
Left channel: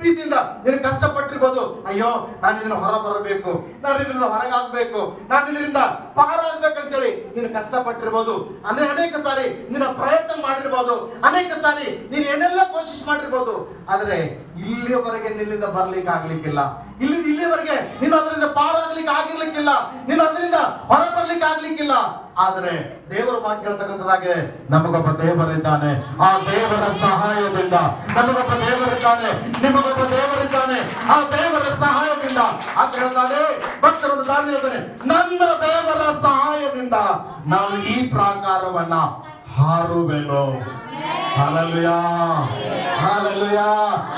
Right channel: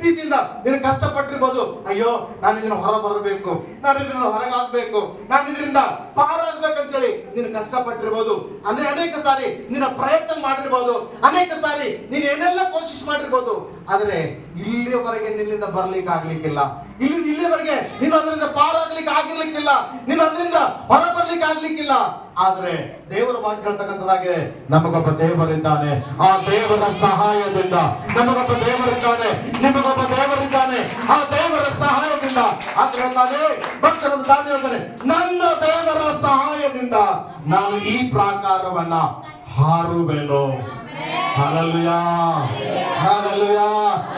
ಪ್ರೀತಿಯಿಂದ ನೀನು ಕಷ್ಟಪಟ್ಟಿರ್ಬೋದು. ಅಯ್ಯೋ, ನಾನು ಇದನ್ನ ಹೊರ ಬರಬೇಕು, ನಾನು ಇದರಿಂದ ಹೊರಗಾಗ್ಬೇಕು, ನಾನು ಇದರಿಂದ ಪಾರಾಗ್ಬೇಕಂತೇಳಿ ನೀನು ಕಷ್ಟಪಟ್ಟಿರ್ಬೋದು. ಅನೇಕ ಸಾರಿ ನಿನ್ನ ಪ್ರಯತ್ನ ಮಾಡಿರ್ಬೋದು, ಅನೇಕ ಸಾರಿ ನೀನು ಏನೆಲ್ಲ ಕೋಶಿಶ್ ಮಾಡಿರ್ಬೋದು. ಆದ್ರೆ ಇಲ್ಲಿವರೆಗೆ ನಿನ್ನಿಂದ ಬರ್ಲಿಕ್ಕೆ ಆಗ್ಲಿಕ್ಕಿಲ್ಲ, ಇಲ್ಲಿವರೆಗೆ ನೀನು ಅದರಿಂದ ಪಾರಾಗ್ಲಿಕ್ಕೆ ಆಗಿರ್ಲಿಕ್ಕಿಲ್ಲ, ನೀನು ಅದರಿಂದ ಹೊರ ಬರ್ಲಿಕ್ಕೆ ಆಗ್ಲಿಕ್ಕಿಲ್ಲ. ಆದ್ರೆ ದೇವರ ವಾಕ್ಯ ಹೇಳ್ತಕ್ಕಂಥದ್ದಾಗಿದೆ, ನಮಗೊಬ್ಬ ದೇವರಿದ್ದಾನೆ, ಆ ದೇವರ ಸಹಾಯದಿಂದ ನಮಗೊಬ್ಬ ದೇವರಿದ್ದಾನೆ, ನಿಮಗೊಬ್ಬ ದೇವರಿದ್ದಾನೆ, ಆ ದೇವರ ಸಹಾಯದಿಂದ ಅಂತ ಹೇಳ್ತಾನೆ. ಭಕ್ತರನ್ನು ದಾರಿ ಹೇಳ್ತಾನೆ, ನನ್ನ ದೇವರ ಸಹಾಯದಿಂದ ನಾನು ಈ ಪ್ರಾಕಾರವನ್ನ ಹಾರುವೆನು. Hallelujah, hallelujah.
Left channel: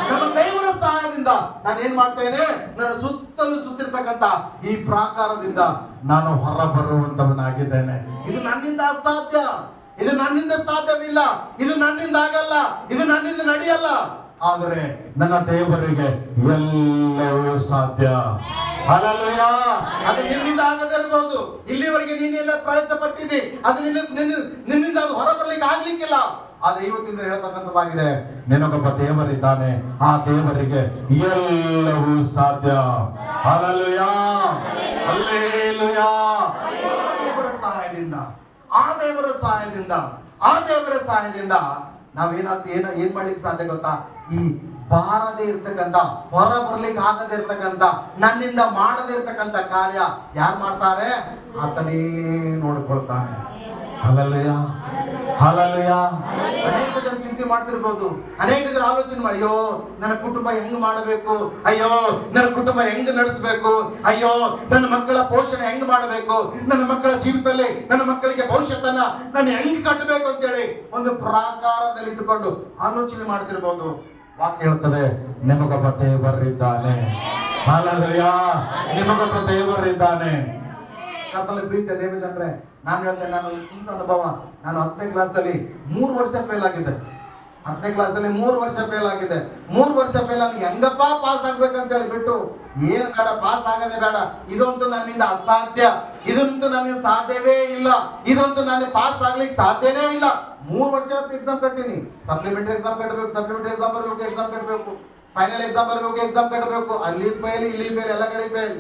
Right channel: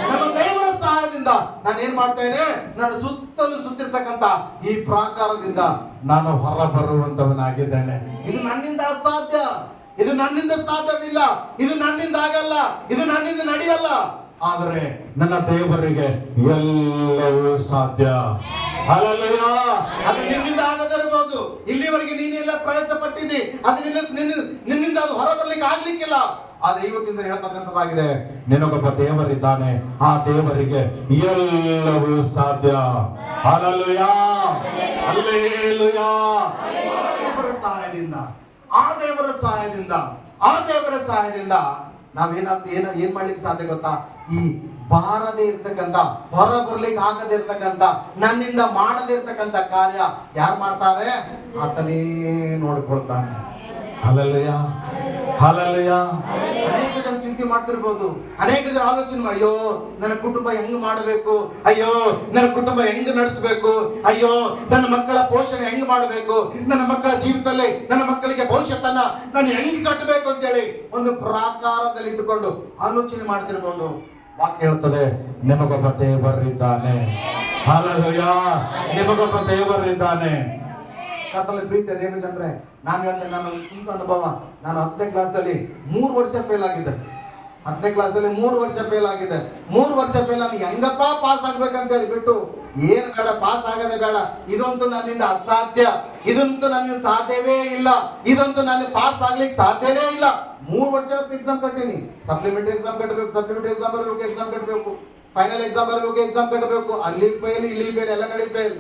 ನಮ್ಮ ದೇವರ ಸಹಾಯದಿಂದ ನಾನು ಏನ್ ಮಾಡ್ತೇನೆ? ನಾನು ಸುತ್ತಿರ್ತಕ್ಕಂಥ ಈ ಪ್ರಾಕಾರದಿಂದ ನಾನು ಹೊರ ಬರುವಂತವನಾಗಿದ್ದೇನೆ. ಇದು ನನ್ನಿಂದ ಅಸಾಧ್ಯ, ಇದು ನನ್ನಿಂದ ಸಾಧ್ಯವಿಲ್ಲ, ಇದು ನನ್ನಿಂದ ಆಗಲ್ಲ, ಇದು ನನ್ನಿಂದ ನಡೆಯಲ್ಲ. ಆದರೆ ನನ್ನ ದೇವರಿಗೆ ಎಲ್ಲವೂ ಸಾಧ್ಯ. ಹಲ್ಲೆಲೂಯಾ. ಅದು ನಿನ್ನಿಂದ ಆಗದೇ ಇರಬಹುದು, ಇಲ್ಲಿವರೆಗೆ ನೀನೆಲ್ಲ ಪ್ರಯತ್ನ ಪಟ್ಟಿದ್ದಿ, ಅದು ನಿನ್ನಿಂದ ಅದು ಹೊರ ಬರ್ಲಿಕ್ಕೆ ಆಗ್ಲಿಕ್ಕಿಲ್ಲ. ಆದ್ರೆ ಇವತ್ತಿಂದ ಹೇಳ್ತಕ್ಕಂಥದ್ದಾಗಿದೆ, ನಿನಗೊಬ್ಬ ದೇವರಿದ್ದಾನೆ, ಆ ದೇವರಿಗೆ ಎಲ್ಲವೂ ಸಾಧ್ಯ. Hallelujah, hallelujah. ಆ ದೇವರ ಸಹಾಯದಿಂದ ಏನ್ ಮಾಡ್ಲಿಕ್ಕೆ ಸಾಧ್ಯ ಗೊತ್ತಾ? ಈ ಬಾರದೇ ಇರ್ತಕ್ಕಂಥ, ಹೊರ ಬರ್ಲಿಕ್ಕೆ ಆಗದೇ ಇರ್ತಕ್ಕಂಥ, ನನ್ನಿಂದ ಮಾಡದೇ ಇರ್ತಕ್ಕಂಥ ಕಾರ್ಯ ಯಾರು ಮಾಡ್ತಾರೆ? ಆತನೇ ನೋಡಿಕೊಳ್ತಾನೆ. Hallelujah, hallelujah. ಅನೇಕ ಜನ ಚಿಂತೆ ಮಾಡ್ತಿರ್ಬೋದು, ಅನೇಕ ಜನ ಆಲೋಚನೆ, ಅಯ್ಯೋ ನನ್ನ ಕುಟುಂಬ ಹೆಂಗ್ ಮಾಡಬೇಕು, ಅಯ್ಯೋ ನನ್ನ ಕುಟುಂಬ ಹೆಂಗ್ ನಡೆಸಬೇಕು, ಅಯ್ಯೋ ನನ್ನ ಮಕ್ಕಳ ಪೋಷಣೆ ಹೆಂಗ್ ಮಾಡಬೇಕು, ನನ್ನ ಮಕ್ಕಳ ಜೀವಿತದಲ್ಲಿ ನನ್ನ ಮಕ್ಕಳಿಗೆ ಭವಿಷ್ಯತನ್ನ ನಾನು ಹೆಂಗ್ ಕಟ್ಟಬೇಕು ಅಂತೇಳಿ ಒಂದು ಪ್ರಾಕಾರದಲ್ಲಿ ಇದ್ದುಕೊಂಡು ಆಲೋಚನೆ ಮಾಡ್ತಿರ್ಬೋದು. ವಾಕ್ಯ ಹೇಳ್ತದೆ, ನಿಮಗೊಬ್ಬ ದೇವರಿದ್ದಾನೆ. ಹಲ್ಲೆಲೂಯಾ, ನಿಮಗೊಬ್ಬ ದೇವರಿದ್ದಾನೆ. ಕರ್ತನಲ್ಲಿ ಪ್ರೀತಿಯ ದೇವಜನರೇ, ನಾನು ಹೇಳ್ತೇನೆ, ನಾನು ಸ್ವಂತ ಅನುಭವ. ನಾನು 10ನೇ ಕ್ಲಾಸಲ್ಲಿ 3 ವರ್ಷ ಫೇಲ್ ಆಗಿದ್ದೆ. 10ನೇ ಕ್ಲಾಸಲ್ಲಿ 3 ವರ್ಷ ಫೇಲ್ ಆಗಿದೆ. 3 ವರ್ಷ ಫೇಲ್ ನನಗೆ ಹೆಂಗಪ್ಪ ಪಾಸ್ ಆಗ್ಬೇಕಂತ ಹೇಳಿ ಬಿಟ್ಟು, ಏನ್ ಬೇಡ, ಪಾಸ್ ಆಗದೆ ಬೇಡ, ಇದಂತೂ ನನ್ನಿಂದ ಅಸಾಧ್ಯ, ಇದಂತೂ ನನ್ನಿಂದ ಸಾಧ್ಯವೇ ಇಲ್ಲ, ಇದಂತೂ ನಾನು ಪಾಸ್ ಆಗ್ಲಿಕ್ಕೆ ಸಾಧ್ಯವೇ ಇಲ್ಲ. 3 ವರ್ಷ ಎಕ್ಸಾಮ್ ಕಟ್ಟಿನಿ. ಸಪ್ಲಿಮೆಂಟರಿ ಎಕ್ಸಾಮ್ ಕಟ್ಟಬೇಕು, ಸಪ್ಲಿಮೆಂಟರಿ ಎಕ್ಸಾಮ್ ಬರಬೇಕು, ಎಕ್ಸಾಮ್ ಕಟ್ಟಬೇಕು, ಫೈನಲ್ ಎಕ್ಸಾಮ್ ಬರಬೇಕು, ಎಕ್ಸಾಮ್ ಕಟ್ಟಬೇಕು. ಅಲ್ಲಿ ಫೇಲ್, ಇಲ್ಲಿ ಫೇಲ್, ಎಲ್ಲ ಕಡೆ ಫೇಲ್.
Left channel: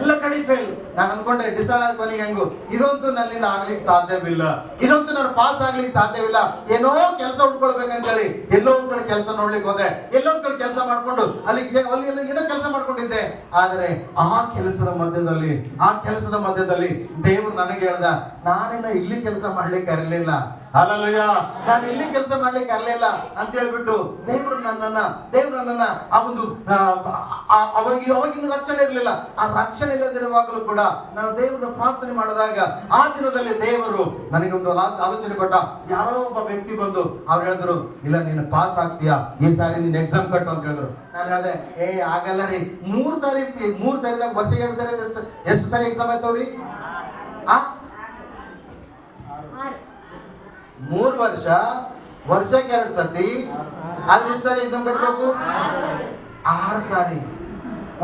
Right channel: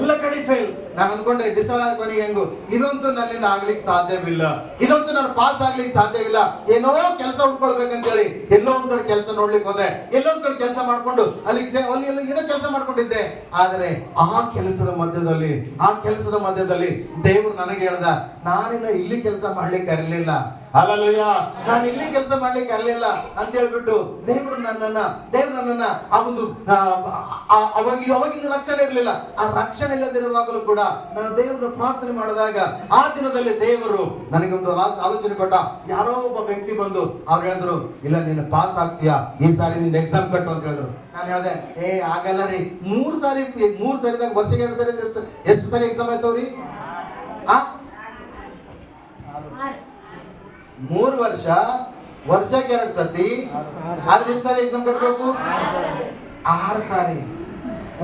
ಎಲ್ಲ ಕಡೆ ಫೇಲ್. ನಾನು ಅನ್ಕೊಂಡೆ ಡಿಸೈಡ್ ಕೊನೆಗೆ ಹೆಂಗು ಇದಂತೂ ನನ್ನಿಂದ ಆಗ್ಲಿಕ್ಕೆ ಸಾಧ್ಯವಿಲ್ಲ, ಇದಂತೂ ನಾನು ಪಾಸ್ ಆಗ್ಲಿಕ್ಕೆ ಸಾಧ್ಯವಿಲ್ಲ, ಏನೋ ಕೆಲಸ ಹುಡ್ಕೊಳ್ಬೇಕಂತೇಳಿ ಎಲ್ಲೋ ಒಂದ್ ಕಡೆ ಕೆಲಸ ನೋಡ್ಲಿಕ್ಕೆ ಹೋದೆ, ಎಲ್ಲೋ ಒಂದ್ ಕಡೆ ಕೆಲಸ ಮಾಡ್ಕೊಂಡು ಅಲ್ಲಿ ಏನೋ ಕೆಲಸ ಮಾಡ್ಕೊಂಡಿದ್ದೆ. ಆದ್ರೆ ಆ ಕೆಲಸದ ಮಧ್ಯದಲ್ಲಿ ದೇವರು ನನಗೆ ಹೇಳ್ದ, ನಾನಿನ್ನ ಇಲ್ಲಿ ಕೆಲಸ ಮಾಡ್ಲಿಕ್ಕೆ ಇರಲಿಲ್ಲ, ಹಲ್ಲೆಲೂಯಾ, ನಾನು ಇಲ್ಲಿ ಕೆಲಸ ಮಾಡ್ಲಿಕ್ಕೆ ಅರ್ಲಿಲ್ಲ ಅಂತ ಹೇಳ್ಬಿಟ್ಟು ದೇವರು ನನ್ನನ್ನ ಆ ಒಂದು ಅವಾಗಿನ ರಕ್ಷಣೆ ಇರಲಿಲ್ಲ. ಆ ರಕ್ಷಣೆ ಇಲ್ಲದಿರುವಾಗಲೂ ಕೂಡ ನಾನು ದೇವರನ್ನ ಪ್ರಾರ್ಥನೆ ಮಾಡಿದಾಗ ಆ ದಿನದಲ್ಲಿ ದೇವರು ನನಗೆ ಒಂದು ಆಲೋಚನೆ ಕೊಟ್ಟ. ಯಾರೋ ಒಬ್ಬ ವ್ಯಕ್ತಿ ಬಂದು ಅವ್ರು ಹೇಳಿದ್ರು, ಇಲ್ಲ ನೀನು ಪಾಸ್ ಆಗ್ತೀಯಾ, ಈ ಸಾರಿ ನೀನು ಎಕ್ಸಾಮ್ ಕಟ್ಟು ಅಂತ ಹೇಳಿದ್ರು. ನಾನು ಹೇಳಿದೆ, ಆಗಲ್ಲ ರೀ, ಮೂರು ಸಾರಿದಾಗ ವರ್ಷಕ್ಕೆ 2 ಸಾರಿ ಎಷ್ಟು ಸಾರಿ ಎಕ್ಸಾಮ್ ಆಯ್ತವ್ರಿ? 3 ವರ್ಷಕ್ಕೆ 2 ಸತಿ, ಆದ್ರೆ ಎಷ್ಟು ಸಾರಿ ಎಕ್ಸಾಮ್ ಕಟ್ಟಬೇಕು? 6 ಸಾರಿ.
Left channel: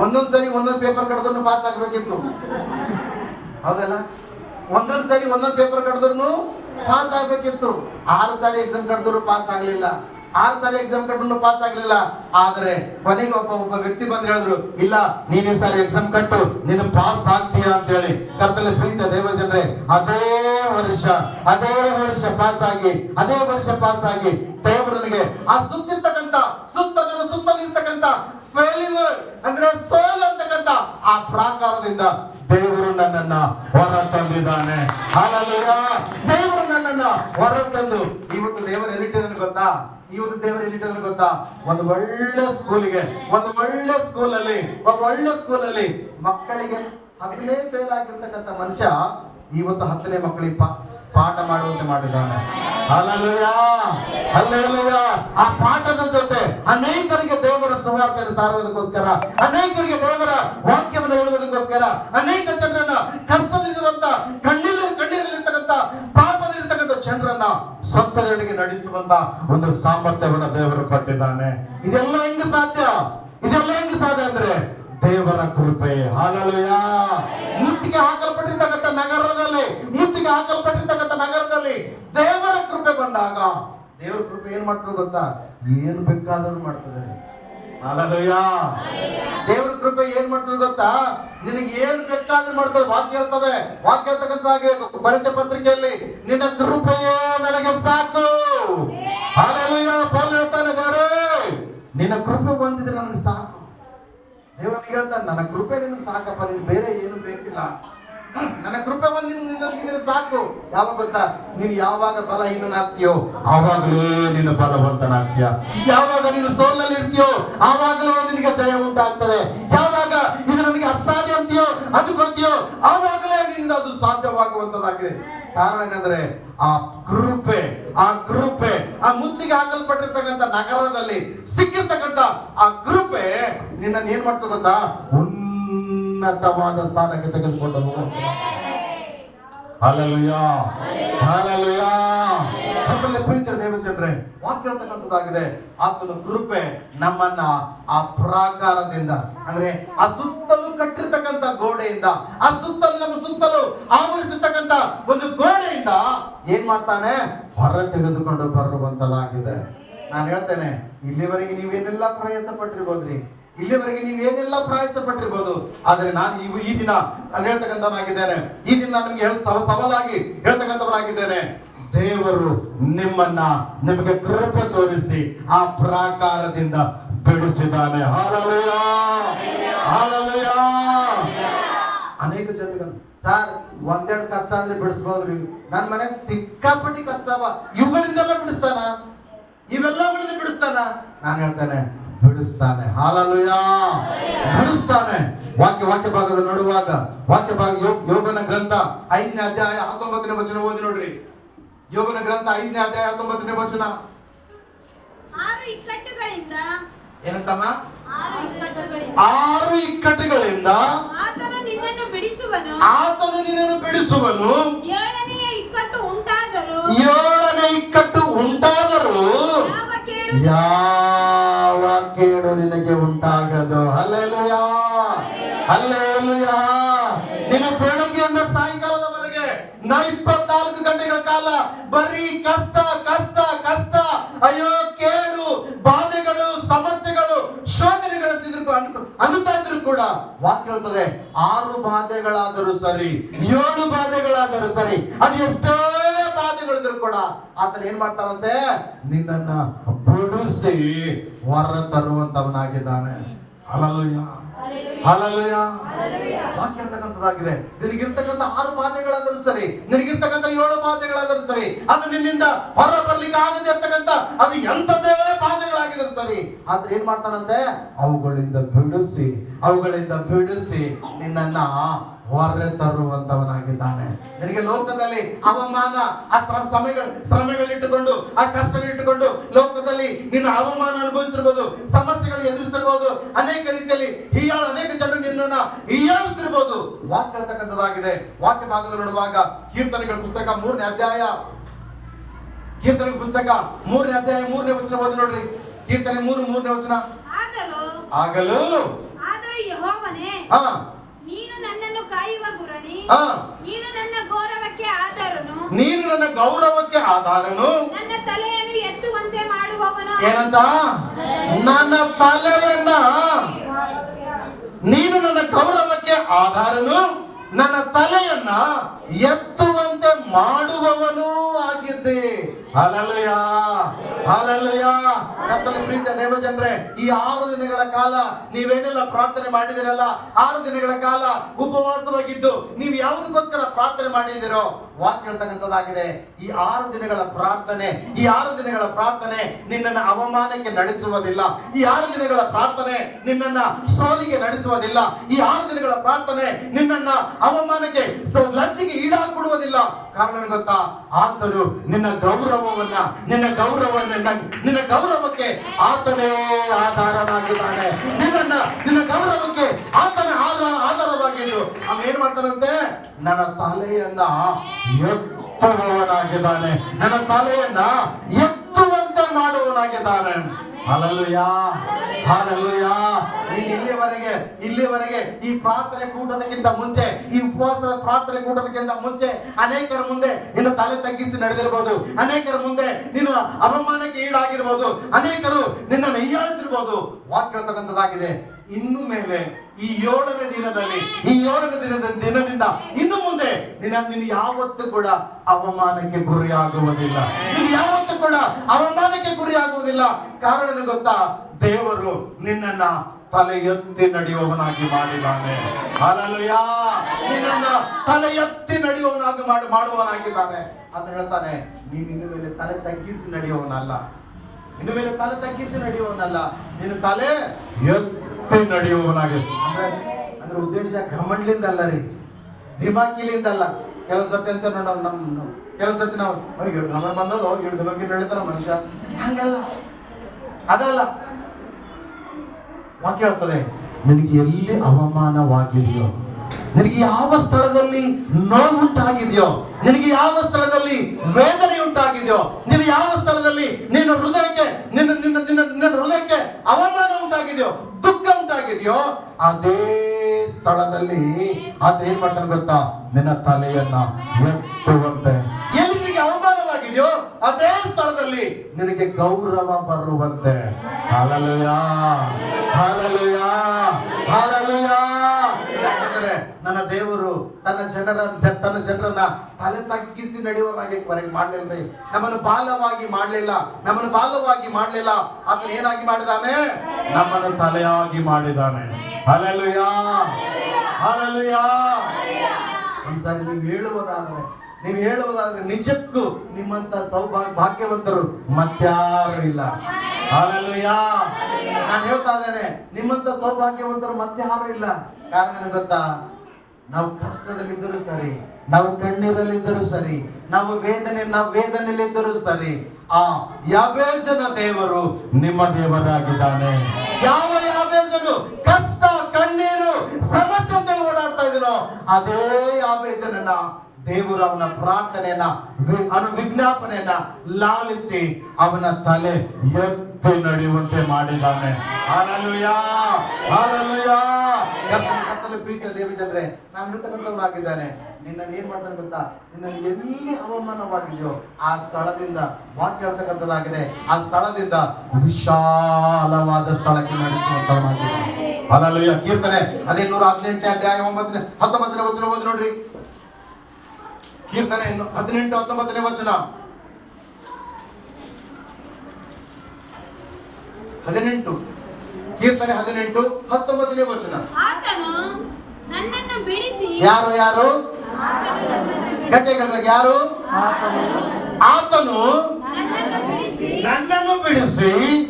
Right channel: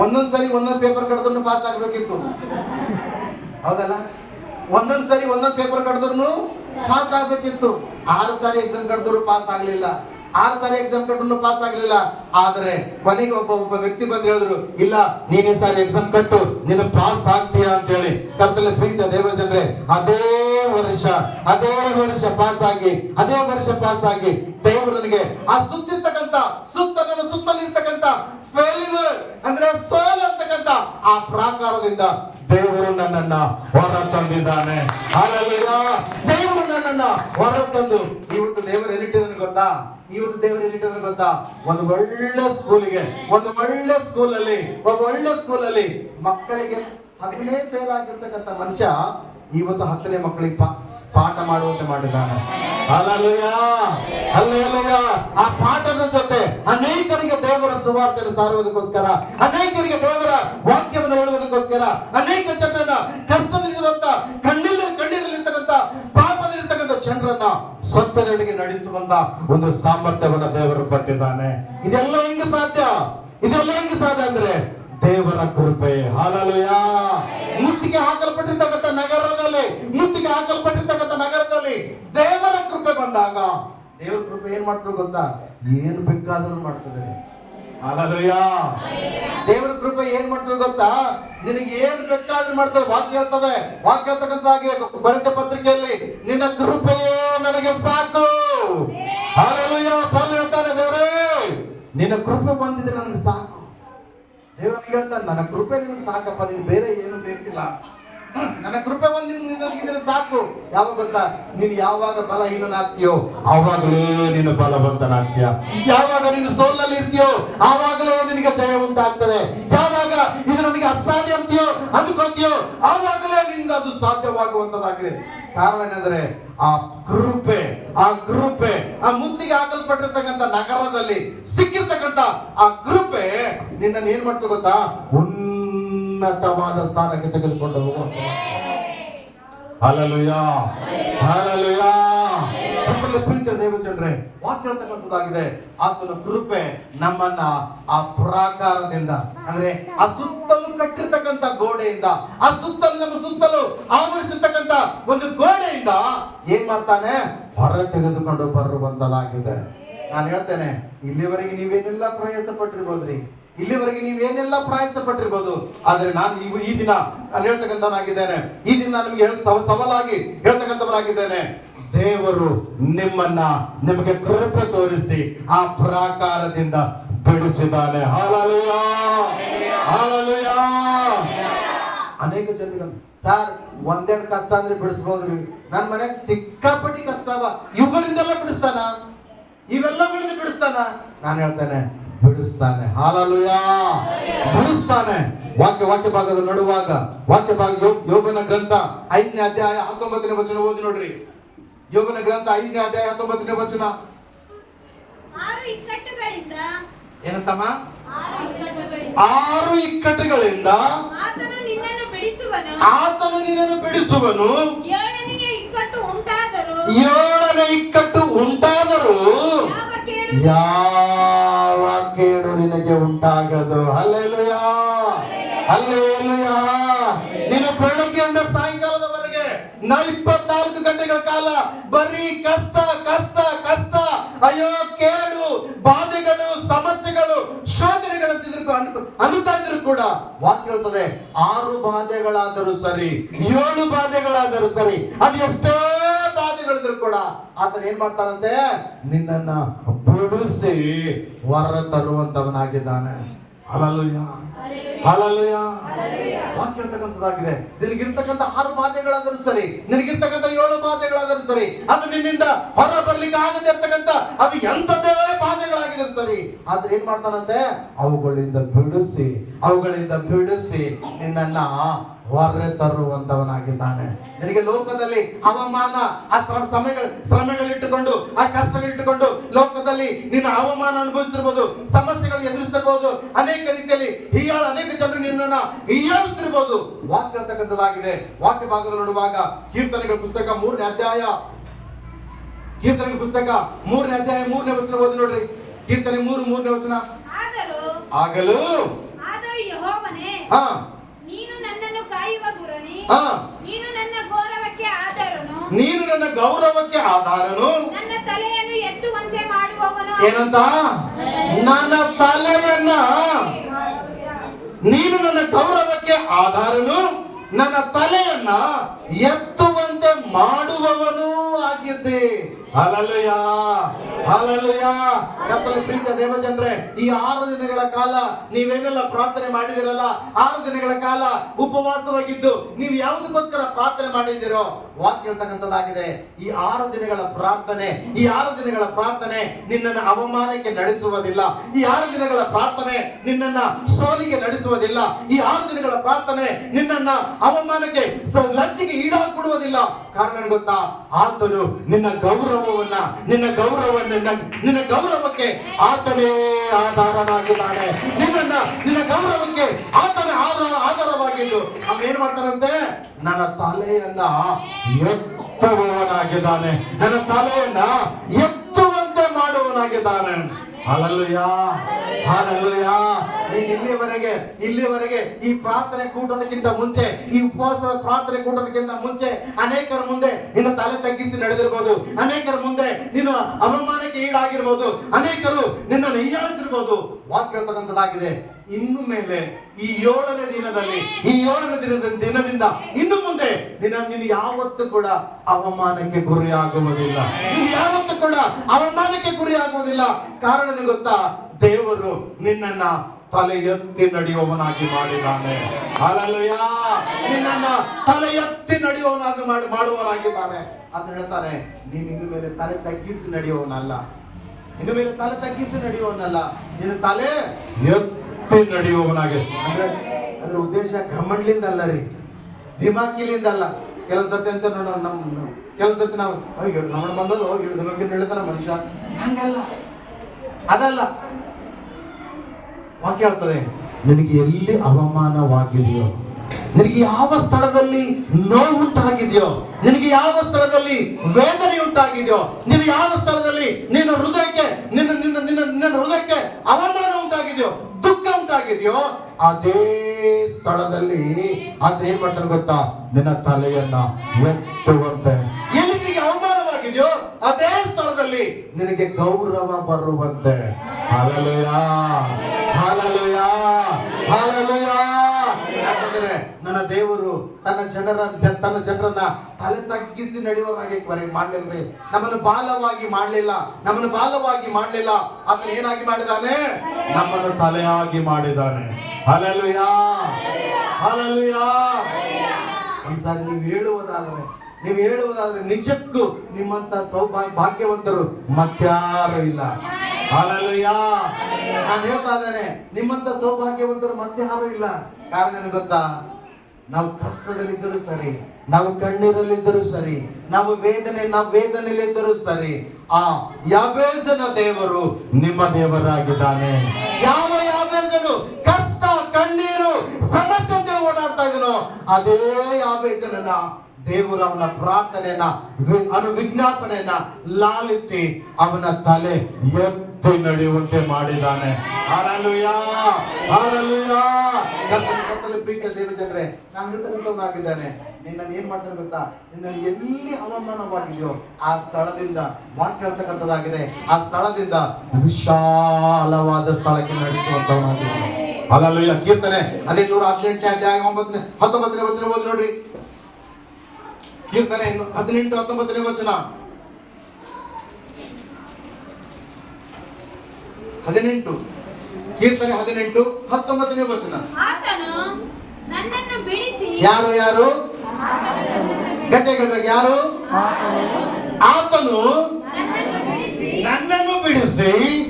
ಒಂದೊಂದ್ ಸರಿ ಒಂದೊಂದು ಪೇಪರ್ ಕಟ್ಟಿದ್ರು ಪಾಸ್ ಆಗ್ಬೇಕಿತ್ತು, ಹೌದಲ್ಲ? ಒಂದೊಂದ್ ಸರಿ ಒಂದೊಂದು ಪೇಪರ್ ಕಟ್ಟಿದ್ರು ಪಾಸ್ ಆಗ್ಬೇಕಿತ್ತು. 6 ಸಾರಿ ಎಕ್ಸಾಮ್ ಕಟ್ಟಿದ್ರು ಪಾಸ್ ಆಗ್ಲಿಲ್ಲ, 6 ಸಾರಿ ಎಕ್ಸಾಮ್ ಕಟ್ಟಿದ್ರು ಪಾಸ್ ಆಗ್ಲಿಲ್ಲ. ಆದ್ರೆ ಕೊನೆಗೆ ಒಬ್ಬ ವ್ಯಕ್ತಿ ಬಂದು ಹೇಳಿದ್ರು, ಇಲ್ಲ ನೀನು ಸಾರಿ ಎಕ್ಸಾಮ್ ಕಟ್ಟು, ನೀನು ಪಾಸ್ ಆಗ್ತೀಯಾ ಅಂತ ಹೇಳಿ. ಕರ್ತನಲ್ಲಿ ಪ್ರೀತಿಯ ದೈವ ಜನರೇ, ಅದೇ ವರ್ಷ ಪಾಸ್ ಆಗಿ ದೇವರು ನನಗೆ ಆ ಸುತ್ತಲಿರ್ತಕ್ಕಂಥ ಫೇಲ್ಯೂರ್ ಅಂದ್ರೆ ಸೋಲ್ ಅಂತಕ್ಕಂಥ ಆ ಪ್ರಾಕಾರದಿಂದ ದೇವರು ನನ್ನನ್ನ ಹೊರ ತಂದಿದ್ದಾನೆ. ಹಲ್ಲೆಲೂಯಾ, ದೇವರು ನನ್ನನ್ನ ಹೊರ ತಂದು ಇವತ್ತು ದೇವರು ಎಲ್ಲಿಟ್ಟಿದ್ದಾನೆ ಗೊತ್ತಾ? ಒಂದು ಒಳ್ಳೆ ಸ್ಕೂಲಲ್ಲಿ ಮಕ್ಕಳಿಗೆ 10ನೇ ಫೇಲ್ ಆಗಿರ್ತಕ್ಕಂಥ ಮನುಷ್ಯ ಇವತ್ತು 10ನೇ ಮಕ್ಕಳಿಗೆ ಪಾಠ ಮಾಡುವಂತೆ ಮಾಡಿದ್ದಾನೆ. ಹಲ್ಲೆಲೂಯಾ. ಆ ಪಾಠದ ಜೊತೆ ಅನೇಕರಿಗೆ ದೇವರ ಸುವಾರ್ತೆಯನ್ನು ಸಾರುವುದಕ್ಕೋಸ್ಕರ, ಅನೇಕರಿಗೆ ದೇವರ ವಾಕ್ಯವನ್ನು ಹೇಳುವುದಕ್ಕೋಸ್ಕರ, ಅನೇಕ ಜನರನ್ನ ಕಷ್ಟದಲ್ಲಿರುವಂತ ಕಣ್ಣೀರಲ್ಲಿರ್ತಕ್ಕಂಥ ಪಾಪದಲ್ಲಿರ್ತಕ್ಕಂಥ ಜನರನ್ನ ಸತ್ಯದೆಡೆಗೆ ನಡೆಸುವಂತ ಒಂದು ಸಾಮರ್ಥ್ಯವನ್ನು ದೇವರು ಕೊಟ್ಟಿದ್ದಾನೆ. ಇದೆಲ್ಲ ಹೆಂಗ ಸಾಧ್ಯ ಅಂದ್ರೆ ದೇವರ ಕೃಪೆ. ಹಲ್ಲೆಲೂಯಾ. ಮುತ್ತಿಗೆ ಹಾಕಲ್ಪಟ್ಟಿರ್ತಕ್ಕಂಥ ನಗರದಲ್ಲಿ ದೇವರ ಕೃಪೆ ಬಂದಾಗ, ದೇವರ ಕೃಪೆ ಏನ್ ಮಾಡ್ತದೆ ಗೊತ್ತಾ? ಏನ್ ಬೇಕಾದ್ರೂ ಮಾಡ್ತದೆ. ಹಲ್ಲೆಲೂಯಾ. ದೇವರ ಕೃಪೆ ಏನ್ ಮಾಡ್ತದೆ ಗೊತ್ತಾ? ನಿನಗೆ ಏನ್ ಬೇಕಾದ್ರೂ ಮಾಡ್ತದೆ. ವಾಕ್ಯ ಹೇಳ್ತಕ್ಕಂಥ ಹಾಗೆ ಕೊರಿಂಥ ಪತ್ರಿಕೆಯಲ್ಲಿ, ನಿನ್ನ ಕೃಪೆಯೇ ನನಗೆ ಸಾಕು. ಹಲ್ಲೆಲೂಯಾ. ಪೌಲ ಹೇಳ್ತಾನೆ, ದೇವರೇ ನಿನ್ನ ಕೃಪೆ ಬಂದಿದ್ರೆ ನನಗೆ ಸಾಕು. ದೇವರ ಹೇಳ್ತಾನೆ, ನನ್ನ ಕೃಪೆ ನಿನಗೆ ಸಾಕಪ್ಪ, ನೀನು ಬೇರೆ ಏನು ಬೇಕಿಲ್ಲ, ನನ್ನ ಕೃಪೆ ಬಂದು ನಿನಗಿದ್ರೆ ಸಾಕು. ಯಾವಾಗ ಗೊತ್ತಾ? ನೀನು ಯಾವಾಗ ಬಲಹೀನನಾಗ್ತೀಯೋ ಆವಾಗಲೇ ನೀನು ಬಲವಂತನಾಗ್ತೀಯ. ಯಾವಾಗ ನೀನು ಸೋಲಲ್ಲಿ ಇರ್ತೀಯೋ ಆವಾಗಲೇ ನಿನಗೆ ಜಯ ಉಂಟಾಗ್ತದೆ. ಯಾವಾಗ ಇದು ನನಗೆ ಅಸಾಧ್ಯ ಅಂತೀಯೋ ಅಂದುಕೊಳ್ತೀಯೋ ಆವಾಗಲೇ ನಿನ್ನಿಂದ ಅದು ಸಾಧ್ಯವಾಗುವಂತದ್ದಾಗಿದೆ. ಕಾರಣ ಏನಂದ್ರೆ ಆ ಕೃಪೆ ಆ ಮುತ್ತಿಗೆ ಹಾಕಲ್ಪಟ್ಟಿರ್ತಕ್ಕಂಥ ನಗರದಲ್ಲಿ ಸಿಕ್ಕಿರ್ತಕ್ಕಂಥ ಆ ಕೃಪೆ ನಿನ್ನನ್ನು ಏನ್ ಮಾಡ್ತದೆ ಗೊತ್ತಾ? ಉನ್ನತವಾದ ಸ್ಥಾನಕ್ಕೆ ತೆಗೆದುಕೊಂಡು ಹೋಗುವಂತ. ಹಲ್ಲೆಲೂಯಾ. ಪ್ರೀತಿಯ ದೇವ ಜನರೇ, ವಾಕ್ಯ ಹೇಳ್ತಕ್ಕಂಥದ್ದಾಗಿದೆ, ಆತನ ಕೃಪೆ ನಮ್ಮನ್ನ ಆ ಪ್ರಾಕಾರದಿಂದ ಅಂದ್ರೆ ಆ ಸುತ್ತಲೂ ಕಟ್ಟಿರ್ತಕ್ಕಂಥ ಗೋಡೆಯಿಂದ, ಆ ನಮ್ಮ ಸುತ್ತಲೂ ಆವರಿಸಿರ್ತಕ್ಕಂಥ ಒಂದು ಗೋಡೆಯಿಂದ ಏನ್ ಮಾಡ್ತಾನೆ? ಹೊರ ತೆಗೆದುಕೊಂಡು ಬರುವಂತದಾಗಿದೆ. ನಾನು ಹೇಳ್ತೇನೆ, ಇಲ್ಲಿವರೆಗೆ ನೀವೇನೆಲ್ಲ ಪ್ರಯಾಸ ಪಟ್ಟಿರ್ಬೋದ್ರಿ, ಆದ್ರೆ ನಾನು ಈ ದಿನ ನಾನು ಹೇಳ್ತಕ್ಕಂಥವನಾಗಿದ್ದೇನೆ. ಈ ದಿನ ನಿಮ್ಗೆ ಸವಾಲಾಗಿ ಹೇಳ್ತಕ್ಕಂಥವನಾಗಿದ್ದೇನೆ. ದೇವರು ನಿಮಗೆ ಕೃಪೆ ತೋರಿಸಿ ಆ ಪ್ರಾಕಾರದಿಂದ ಬಿಡಿಸಿದ್ದಾನೆ. ಹಲ್ಲೆಲೂಯಾ. ಅನೇಕ ಜನರಿಗೆ ಸರ್ 1-2 ಕಷ್ಟ ಅಂದ್ರೆ ಬಿಡಿಸ್ಬೋದ್ರಿ, ನನ್ನ ಮನೆಗೆ ಸಿಕ್ಕಾಪಟ್ಟಿ ಕಷ್ಟ ಅವ, ಇವುಗಳಿಂದೆಲ್ಲ ಬಿಡಿಸ್ತಾನ, ಇವೆಲ್ಲಗಳಿಂದ ಬಿಡಿಸ್ತಾನ. ನಾನು ಹೇಳ್ತೇನೆ, ಬಿಡಿಸ್ತಾನೆ. ಹಲ್ಲೆಲೂಯಾ. ಬಿಡಿಸ್ತಾನೆ. ವಾಕ್ಯ ಭಾಗದ ನಡುವಾಗ ವಾಕ್ಯ ಭಾಗ ಯೋಗನ ಗ್ರಂಥ 5ನೇ ಅಧ್ಯಾಯ 19ನೇ ವಚನ ಓದಿ ನೋಡ್ರಿ. ಯೋಗನ ಗ್ರಂಥ 5ನೇ ಅಧ್ಯಾಯ 19ನೇ ವಚನ. 6 ಇಕ್ಕಟ್ಟುಗಳಿಂದ ಏನಂತಮ್ಮ? 6 ಇಕ್ಕಟ್ಟುಗಳಿಂದ ಆತನು ನಿನ್ನನ್ನು ಬಿಡಿಸುವನು. 7ನೇ ಇಕ್ಕಟ್ಟು ಉಂಟಾದರೂ ಯಾವ ಕೇಡು ನಿನಗೆ ಉಂಟಾಗದು. ಹಲ್ಲೆಲೂಯಾ. ನಿನ್ನ ಬೆಳಗ್ಗೆಯಿಂದ ಸಾಯಂಕಾಲದವರೆಗೆ ನಾ 24 ಗಂಟೆಗಳ ಕಾಲ ಬರೀ ಕಷ್ಟ ಕಷ್ಟ ಕಷ್ಟ, ಅಯ್ಯೋ ಕೇಡು, ಬಾಧೆಗಳು, ಸಮಸ್ಯೆಗಳು, ಶೋಧನೆಗಳು ಅನ್ನುತ್ತಾ ಇದ್ರು ಕೂಡ ವಾಕ್ಯ ಹೇಳ್ತದೆ 6 ಬಾಧೆಗಳಾದರೂ ಸರಿ, 7 ಬಾಧೆಗಳಾದರೂ ಸರಿ, ಅದು ಎಷ್ಟೋ ಬಾಧೆಗಳಿದ್ರು ಕೂಡ ಆತನ ಏನ್ ಮಾಡ್ತಾನಂತೆ, ನಿನ್ನನ್ನ ಬಿಡಿಸಿ ಹೊರ ತರುವಂತವನಾಗಿದ್ದಾನೆ. Hallelujah, hallelujah. ವಾಕ್ಯ ಹೇಳ್ತಕ್ಕಂಥದ್ದಾಗಿದೆ. ನಿನಗಿರ್ತಕ್ಕಂಥ 6 ಬಾಧೆಗಳಾದರೂ ಸರಿ, ನಿನಗಿರ್ತಕ್ಕಂಥ 7 ಬಾಧೆಗಳಾದರೂ ಸರಿ, ಅದು ನಿನ್ನಿಂದ ಹೊರ ಬರ್ಲಿಕ್ಕೆ ಆಗದೆ ಇರ್ತಕ್ಕಂಥ ಅದು ಎಂಥದೇ ಬಾಧೆಗಳಾಗಿದ್ರು ಸರಿ, ಆದ್ರೆ ಏನ್ ಮಾಡ್ತಾನಂತೆ, ಅವುಗಳಿಂದ ಬಿಡಿಸಿ ನಿನ್ನನ್ನ ಹೊರ ತರುವಂತವನಾಗಿದ್ದಾನೆ. ನಿನಗೆ ಲೋಕದಲ್ಲಿ ಅವಮಾನ, ಆ ಶ್ರಮೆಗಳಿಟ್ಟುಕೊಂಡು, ಆ ಕಷ್ಟಗಳಿಟ್ಟುಕೊಂಡು ಲೋಕದಲ್ಲಿ ನಿನ್ನ ಅವಮಾನ ಅನುಭವಿಸ್ತಿರ್ಬೋದು, ಸಮಸ್ಯೆಗಳು ಎದುರಿಸ್ತಿರ್ಬೋದು, ಅನೇಕ ರೀತಿಯಲ್ಲಿ ಅನೇಕ ಜನರು ನಿನ್ನನ್ನ ಹೀಯಾಳಿಸ್ತಿರ್ಬೋದು. ವಾಕ್ಯ ಹೇಳ್ತಕ್ಕಂಥದ್ದಾಗಿದೆ. ವಾಕ್ಯ ಭಾಗದಲ್ಲಿ ನೋಡುವಾಗ ಕೀರ್ತನೆಗಳ ಪುಸ್ತಕ 3ನೇ ಅಧ್ಯಾಯ 3ನೇ ವಚನ ಓದಿ ನೋಡ್ರಿ. ಕೀರ್ತನೆ 3ನೇ ವಚನ. ಆಗಲೂ ಯೆಹೋವನೇ, ನೀನು ನನ್ನನ್ನು ಕಾಯುವ ಗುರಣಿ, ನೀನು ನನ್ನ ಗೌರವಕ್ಕೆ ಆಧಾರನು, ನನ್ನ ತಲೆಯನ್ನು ಎತ್ತುವಂತೆ ಮಾಡುವವನು. ಏನಂತ? ನನ್ನ ತಲೆಯನ್ನ ನೀನು ನನ್ನ ಗೌರವಕ್ಕೆ ಆಧಾರನು, ನನ್ನ ತಲೆಯನ್ನ ಎತ್ತುವಂತೆ ಮಾಡುವವನು ಆಗಿದ್ದೆ. Hallelujah, hallelujah. ಕರ್ತನ ಪ್ರೀತಿಯ ದೇವಜನರೇ, ಈ 6 ದಿನಗಳ ಕಾಲ ನೀವೇನೆಲ್ಲ ಪ್ರಾರ್ಥನೆ ಮಾಡಿದಿರಲ್ಲ, 6 ದಿನಗಳ ಕಾಲ ಉಪವಾಸವಾಗಿದ್ದು ನೀವು ಯಾವುದಕ್ಕೋಸ್ಕರ ಪ್ರಾರ್ಥನೆ ಮಾಡಿದಿರೋ ವಾಕ್ಯ ಹೇಳ್ತಕ್ಕಂಥದ್ದಾಗಿದೆ. ಈ 6 ದಿನಗಳ ಪ್ರಾರ್ಥನೆ ನಿನ್ನನ್ನು ಅವಮಾನಕ್ಕೆ ನಡೆಸುವುದಿಲ್ಲ. ಈ 6 ದಿನಗಳ ಪ್ರಾರ್ಥನೆ ನಿನ್ನನ್ನ ಸೋಲಿಗೆ ನಡೆಸುವುದಿಲ್ಲ. ಈ 6 ದಿನಗಳ ಪ್ರಾರ್ಥನೆ ನಿನ್ನನ್ನ ಅವಮಾನಕ್ಕೆ, ಲಜ್ಜೆಗೆ ಈಡಾಗಿಬಿಡುವುದಿಲ್ಲ. ಕಾರಣ ಗೊತ್ತಾ? ಆತನು ನಿನ್ನ ಗೌರವಕ್ಕೆ ಆತನೇ ಆಧಾರನಾಗಿದ್ದಾನೆ. ನಿನ್ನ ಗೌರವಕ್ಕೆ ಆತನ ಆಧಾರವಾಗಿದ್ದು ಅವನು ಏನ್ ಮಾಡ್ತಾನಂತೆ, ನನ್ನ ತಲೆಯನ್ನ ಎತ್ತುವವನಾಗಿದ್ದಾನೆ, ನನ್ನ ತಲೆಯನ್ನ ಎತ್ತುವಂತೆ ಮಾಡುವವನಾಗಿದ್ದಾನೆ. Hallelujah, hallelujah. ನೀನು ಇಲ್ಲಿಯವರೆಗೆ ಈ ಪ್ರಾರ್ಥನೆ ಕೂಟದಕ್ಕಿಂತ ಮುಂಚೆ, ಈ ಉಪವಾಸದ ಪ್ರಾರ್ಥನೆ ಕೂಟದಕ್ಕಿಂತ ಮುಂಚೆ ಅನೇಕರ ಮುಂದೆ ನಿನ್ನ ತಲೆ ತಗ್ಗಿಸಿ ನಡೆದಿರ್ಬೋದು, ಅನೇಕರ ಮುಂದೆ ನೀನು ಅವಮಾನಕ್ಕೆ ಈಡಾಗಿರ್ಬೋದು, ಅನೇಕರು ನಿನ್ನನ್ನು ಹೀಯಾಳಿಸಿರ್ಬೋದು. ವಾಕ್ಯ ಹೇಳ್ತಕ್ಕಂಥದ್ದಾಗಿದೆ, ಇನ್ನು ಮೇಲೆ ಈ 7ನೇ ದಿನದಿಂದ ಇನ್ನು ಮುಂದೆ ನೀನು ಯಾವತ್ತೂ ಕೂಡ ಅವಮಾನಕ್ಕೆ ಗುರಿಯಾಗುವುದಿಲ್ಲ. ನೀನು ಯಾವತ್ತೂ ಕೂಡ ಅವಮಾನಕ್ಕೆ ಗುರಿಯಾಗುವುದಿಲ್ಲ. ಕಾರಣ ಗೊತ್ತಾ? ದೇವರು ನಿನ್ನನ್ನ ತಲೆ ಎತ್ತಿ ನಡೆಯುವವನಾಗಿ ಮಾಡಿದ್ದಾನೆ. ಹಲ್ಲೆಲೂಯಾ. ನಿನ್ನನ್ನ ತಲೆ ಎತ್ತಿ ನಡೆಯುವವನಾಗಿ ಮಾಡುವವನಾಗಿದ್ದಾನೆ ಅಂತ ಹೇಳ್ತಾನೆ. ನೀನು ಇನ್ನು ಮೇಲೆ ತಲೆ ತಗ್ಗಿಸಿ ನಡೆಯುವವನಲ್ಲ, ನಿನ್ನ ತಲೆ ಎತ್ತಿ ನಡೆಯುವವನಾಗಿ. ಅದ್ರ ಉದ್ದೇಶ ಘಮಂಡ್ಲಿಂದ ಅಲ್ಲ ರೀ, ದಿಮಾಕಿಲಿಂದ ಅಲ್ಲ. ಕೆಲವು ಸರ್ತಿ ಅಂತ ಕೆಲವು ಸರ್ತಿ ನಾವು ಘಮಂಡ್ ಬಂದದು ದಿಮಾಕಿ ನಡೀತಾನೆ ಮನುಷ್ಯ, ಹಂಗಲ್ಲ, ಅದಲ್ಲ. ವಾಕ್ಯ ಹೇಳ್ತದೆ, ನಿನಗೆ ಎಲ್ಲಿ ಅವಮಾನವಾಗಿದೆಯೋ, ನಿನಗೆ ಯಾವ ಸ್ಥಳದಲ್ಲಿ ನೋವುಂಟಾಗಿದೆಯೋ, ನಿನಗೆ ಯಾವ ಸ್ಥಳದಲ್ಲಿ ವೇದನೆ ಉಂಟಾಗಿದೆಯೋ, ನೀನು ಯಾವ ಸ್ಥಳದಲ್ಲಿ ನಿನ್ನ ಹೃದಯಕ್ಕೆ ಅವಮಾನ ಉಂಟಾಗಿದೆಯೋ, ದುಃಖ ಉಂಟಾಗಿದೆಯೋ, ಅದೇ ಸ್ಥಳದಲ್ಲಿ ಆದ್ರೆ ಏನ್ ಮಾಡ್ತಾನೆ ಗೊತ್ತಾ? ನಿನ್ನ ತಲೆಯನ್ನ ಎತ್ತುವಂತೆ. ಎಲ್ಲಿ ನಿನಗೆ ಅವಮಾನವಾಗಿದೆಯೋ ಅದೇ ಸ್ಥಳದಲ್ಲಿ ನಿನಗೆ ಗೌರವ ಬರುವಂತೆ. Hallelujah, hallelujah, hallelujah. ಯಾಕಂದ್ರೆ ನನ್ನ ದೇವರು ತನ್ನ ಜನರನ್ನ ತಲೆ ತಗ್ಗಿಸಿ ನಡೆಯುವವರಾಗಿ ಮಾಡ್ಲಿಲ್ರಿ. ನಮ್ಮನ್ನು ಬಾಲವಾಗಿ ಮಾಡ್ಲಿಲ್ಲ. ಆತನ ಏನಾಗಿ ಮಾಡಿದಾನೆ? ನಮ್ಮನ್ನು ತಲೆಯಾಗಿ ಮಾಡಿದಾನೆ. Hallelujah, hallelujah. ಒಂದ್ಸಾರಿ ನೀವು ಹೇಳುವುದಾದ್ರೆ ನಿಜಕ್ಕೂ ನಿಮ್ಮಂತ ಭಾಗ್ಯವಂತರು ಮತ್ಯಾರು ಇಲ್ಲ. ಹಲ್ಲೆಲೂಯಾ. ನಾನು ಹೇಳ್ತಾ ಇದ್ದೇನೆ, ನಿಮ್ಮಂತ ಸೌಭಾಗ್ಯವಂತರು ಮತ್ಯಾರು ಇಲ್ಲ. ಕಾರಣ ಏನು ಗೊತ್ತಾ? ನಾವು ಕಷ್ಟದಲ್ಲಿದ್ದರೂ ಸರಿ, ನಾವು ಕಣ್ಣೀರಲ್ಲಿದ್ದರೂ ಸರಿ, ನಾವು ವೇದನೆಯಲ್ಲಿದ್ದರೂ ಸರಿ, ಆ ಯಾಬೇಜನ ದೇವರು ನಿಮ್ಮ ದೇವರಾಗಿದ್ದಾನೆ. ಯಾವ ಯಾಬೇಜನು ಕಷ್ಟ, ಕಣ್ಣೀರು, ಸಮಸ್ಯೆ ಅಂತ ಓಡಾಡ್ತಾ ಇದ್ರು, ಅದೇ ಯಾಬೇಜನನ್ನ ದೇವರು ಅವನ ಪ್ರಾರ್ಥನೆಯನ್ನ, ವಿಜ್ಞಾಪನೆಯನ್ನ ಲಾಲಿಸಿ ಅವನ ತಲೆ ಎತ್ತಿ ನಡೆಯುವಂತೆ ಮಾಡಿದ್ದಾನೆ. Hallelujah, hallelujah. ಕರ್ತನಲ್ಲಿ ಪ್ರೀತಿಯ ದೇವಜನರೇ, ನಾನು ಹೇಳ್ತಕ್ಕಂಥವನಾಗಿದ್ದಾನೆ. ನಿನ್ನನ್ನು ಏನ್ ಮಾಡ್ತಾನೆ ಗೊತ್ತಾ? ನಿನ್ನನ್ನು ಎಲ್ಲಿ ಅವಮಾನವಾಗಿದೆಯೋ ಆ ಸ್ಥಳದಿಂದ, ವಾಕ್ಯ ಹೇಳ್ತಕ್ಕಂಥದ್ದಾಗಿದೆ, ಆ ಸ್ಥಳದಿಂದ ವಿಶಾಲವಾದ ಸ್ಥಳಕ್ಕೆ ನಡೆಸುವಂತವನಾಗಿದ್ದಾನೆ. ಹಲ್ಲೆಲೂಯಾ. ಕೀರ್ತನೆ ಅದೇ 118ನೇ ಅಧ್ಯಾಯ 19ನೇ ವಚನ ಓದಿ ನೋಡ್ರಿ. ಕೀರ್ತನೆ 18-19ನೇ ವಚನ. 18 ಕೀರ್ತನೆ 18-19ನೇ ವಚನ. ಆತನು ನನ್ನನ್ನು ಬಿಡಿಸಿ, ಯಾರು ಗಟ್ಟಿ ಹೇಳ್ಬೇಕು, ಯಾರು? ಆತನು ನನ್ನನ್ನು ಬಿಡಿಸಿ,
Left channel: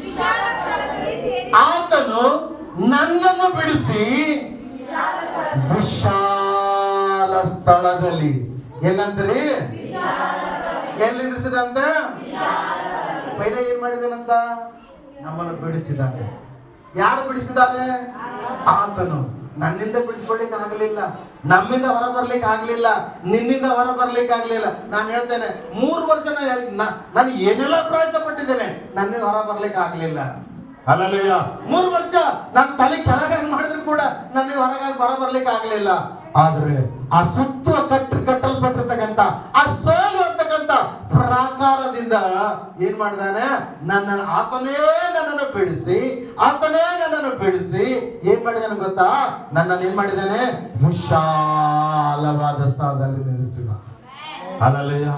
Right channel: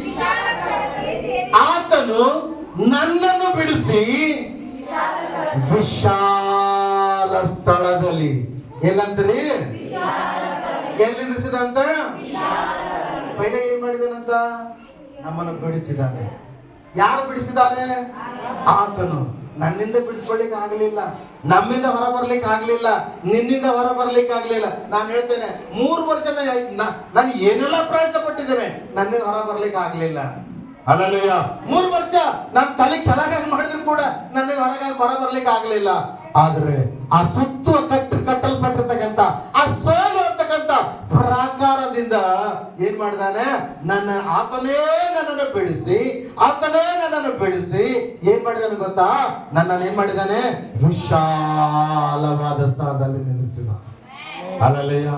ವಿಶಾಲ ಸ್ಥಳದಲ್ಲಿ ಸೇರಿಸಿ, ಆತನು ನನ್ನನ್ನು ಬಿಡಿಸಿ ವಿಶಾಲ ಸ್ಥಳದಲ್ಲಿ, ಎಲ್ಲಂತ್ರಿ? ಎಲ್ಲಿ ನಿಲ್ಲಿಸಿದಂತ? ಪೈಲೆ ಏನ್ ಮಾಡಿದಾನಂತ? ನಮ್ಮನ್ನು ಬಿಡಿಸಿದ್ದಾನೆ. ಯಾರು ಬಿಡಿಸಿದ್ದಾನೆ? ಆತನು. ನನ್ನಿಂದ ಬಿಡಿಸ್ಕೊಳ್ಳಿಕ್ಕೆ ಆಗಲಿಲ್ಲ, ನಮ್ಮಿಂದ ಹೊರ ಬರ್ಲಿಕ್ಕೆ ಆಗ್ಲಿಲ್ಲ, ನಿನ್ನಿಂದ ಹೊರ ಬರ್ಲಿಕ್ಕೆ ಆಗ್ಲಿಲ್ಲ. ನಾನು ಹೇಳ್ತೇನೆ, 3 ವರ್ಷ ನಾನು ಏನೆಲ್ಲ ಪ್ರಯಾಸ ಪಟ್ಟಿದ್ದೇನೆ, ನನ್ನಿಂದ ಹೊರ ಬರ್ಲಿಕ್ಕೆ ಆಗ್ಲಿಲ್ಲ. ಹಲ್ಲೆಲೂಯಾ. 3 ವರ್ಷ ನಾನು ತಲೆ ಕೆಳಗಾಗಿ ಮಾಡಿದ್ರು ಕೂಡ ನನ್ನಿಂದ ಹೊರ ಬರ್ಲಿಕ್ಕೆ ಆಗ್ಲಿಲ್ಲ. ಆದ್ರೆ ಆ ಸುತ್ತ ಕಟ್ಟಲ್ಪಟ್ಟಿರ್ತಕ್ಕಂಥ ಆ ಸೋಲು ಅಂತಕ್ಕಂಥ ಪ್ರಾಕಾರದಿಂದ ಏನ್ ಮಾಡಿದಾನೆ? ಆತನೇ ನನ್ನನ್ನು ಬಿಡಿಸಿ, ಆತನೇ ನನ್ನನ್ನು ಬಿಡಿಸಿ ಏನ್ ಮಾಡಿದಾನೆ ಗೊತ್ತಾ? ನನ್ನನ್ನು ಏನ್ ಮಾಡಿದಾನೆ? ವಿಶಾಲವಾದ ಸ್ಥಳದಲ್ಲಿ ನಿಲ್ಲಿಸಿದ. Hallelujah,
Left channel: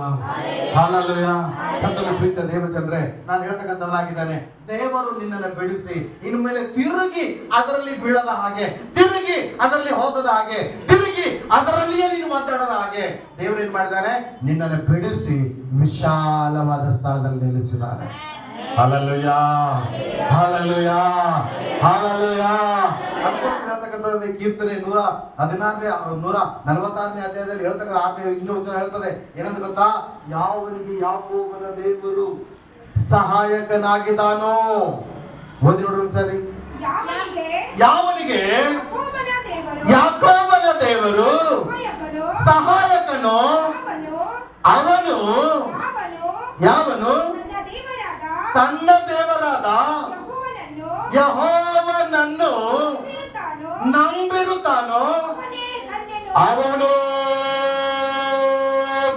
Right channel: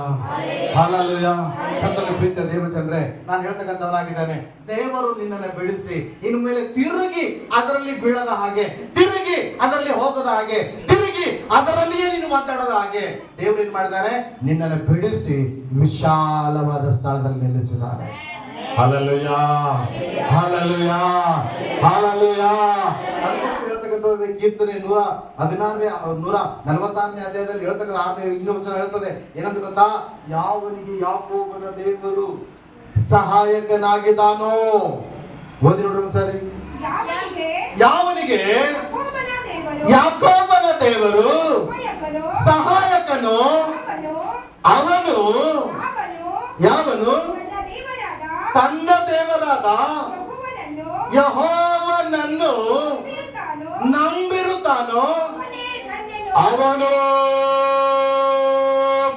hallelujah. ಕರ್ತನ ಪ್ರೀತಿಯ ದೇವಜನರೇ, ನಾನು ಹೇಳ್ತಕ್ಕಂಥವನಾಗಿದ್ದಾನೆ, ದೇವರು ನಿನ್ನನ್ನು ಬಿಡಿಸಿ ಇನ್ನು ಮೇಲೆ ತಿರುಗಿ ಅದರಲ್ಲಿ ಬೀಳದ ಹಾಗೆ, ತಿರುಗಿ ಅದರಲ್ಲಿ ಹೋಗದ ಹಾಗೆ, ತಿರುಗಿ ಅದರಲ್ಲಿಯೇ ನೀನು ಮಾತಾಡದ ಹಾಗೆ ದೇವರು ಏನ್ ಮಾಡಿದಾನೆ? ನಿನ್ನನ್ನು ಬಿಡಿಸಿ ವಿಶಾಲವಾದ ಸ್ಥಳದಲ್ಲಿ ನಿಲ್ಲಿಸಿದ್ದಾನೆ. Hallelujah, hallelujah, hallelujah. ಅದಕ್ಕೋಸ್ಕರ ಹೇಳ್ತಕ್ಕಂಥದ್ದು ಕೀರ್ತನೆ 146ನೇ ಅಧ್ಯಾಯದಲ್ಲಿ ಹೇಳ್ತಕ್ಕಂಥ 6ನೇ ವಚನ ಹೇಳ್ತದೆ. ಏನಂತ ಗೊತ್ತಾ? ಯಾವನಿಗೆ ಯಾಕೋಬನ ದೇವರು ಸಹಾಯಕನಾಗಿದ್ದಾನೋ. ಓದಿ ನೋಡ್ರಿ ಒಂದ್ಸರಿ. ಯಾವನಿಗೆ ಯಾಕೋಬನ ದೇವರು ಸಹಾಯಕನೋ ಅವನು ಯಾವನು? ತನ್ನ ದೇವರಾದ ಯೆಹೋವನನ್ನು ನಂಬಿರುತ್ತಾನೋ ಅವನು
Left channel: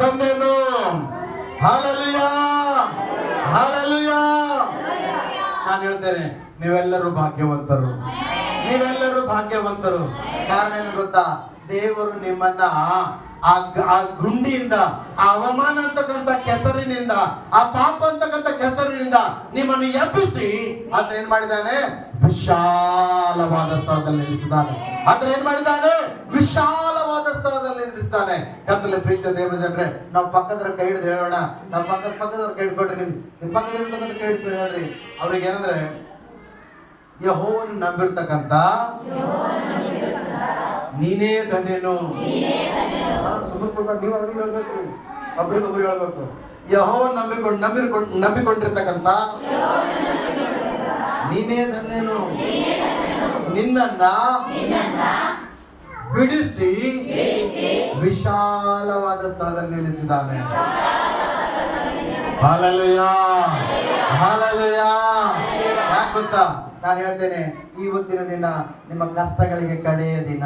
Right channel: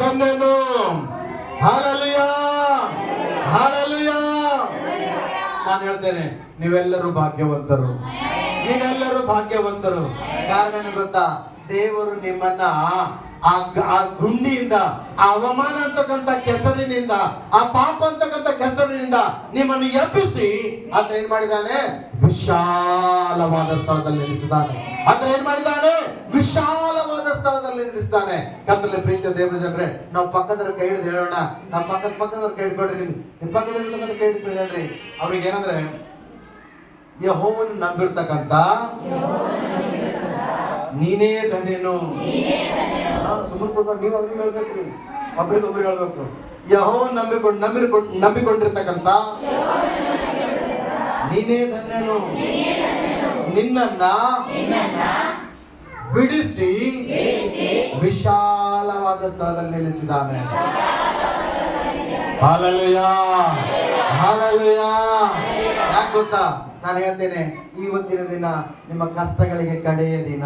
ಧನ್ಯನು. Hallelujah, hallelujah. ನಾನು ಹೇಳ್ತೇನೆ, ನೀವೆಲ್ಲರೂ ಭಾಗ್ಯವಂತರು, ನೀವೆಲ್ಲರೂ ಭಾಗ್ಯವಂತರು. ಕಾರಣ ಏನು ಗೊತ್ತಾ? ದೇವರು ನಿಮ್ಮನ್ನ ಆ ಗುಂಡಿಯಿಂದ, ಆ ಅವಮಾನ ಅಂತಕ್ಕಂಥ ಕೆಸರಿನಿಂದ, ಆ ಪಾಪ ಅಂತಕ್ಕಂಥ ಕೆಸರಿನಿಂದ ನಿಮ್ಮನ್ನು ಎಬ್ಬಿಸಿ ಆತ ಏನ್ ಮಾಡಿದ್ದಾನೆ? ವಿಶಾಲವಾದ ಸ್ಥಳದಲ್ಲಿ ನಿಲ್ಲಿಸಿದ್ದಾನೆ. ಆತ ಏನ್ ಮಾಡಿದ್ದಾನೆ? ವಿಶಾಲವಾದ ಸ್ಥಳದಲ್ಲಿ ನಿಲ್ಲಿಸಿದ್ದಾನೆ. ಕರ್ತನಲ್ಲಿ ಪ್ರೀತಿಯ ದೇವಜನರೇ, ನಾವು ಪಕ್ಕದವ್ರ ಕೈ ಹಿಡಿದು ಹೇಳೋಣ. ನಾವು ಪಕ್ಕದವ್ರ ಕೈ ಹಿಡ್ಕೊಡ್ರಿ. ನಿಮ್ ಪಕ್ಕದ ಇರ್ತಕ್ಕಂಥ ಕೈ ಹಿಡ್ಕೊಂಡು ಹೇಳ್ರಿ. ಅವ್ರಿಗೆ ಏನಂದ್ರೆ, ಯೆಹೋವನ ನಂಬಿರ್ತಕ್ಕಂಥ ನೀನೇ ಧನ್ಯನು. ಸುಮ್ಮನೆ ಕೊಡ್ಬೇಡ, ನೀವು ಅವ್ರಿಗೆ ಹೇಳ್ಬೇಕು, ಒಬ್ರಿಗೆ ಹೇಳ್ಬೇಕು. ಯೆಹೋವನ ನಂಬಿಕೊಂಡಿರ್ತಕ್ಕಂಥ ನೀನೇ ಧನ್ಯನು. ನಿನ್ನನ್ನ ಬಿಡಿಸಿ ವಿಶಾಲವಾದ ಸ್ಥಳದಲ್ಲಿ ನಿಲ್ಲಿಸಿದ್ದಾನೆ. Hallelujah, hallelujah. ಯಾಕೆ ಗೊತ್ತಾ? ನಾನು ಹೇಳ್ತೇನೆ, ಇವತ್ತಿನ ದಿನ ನಿಮ್ಮ ಕಷ್ಟಗಳಿಗೆ ಕಡೆಯ ದಿನ,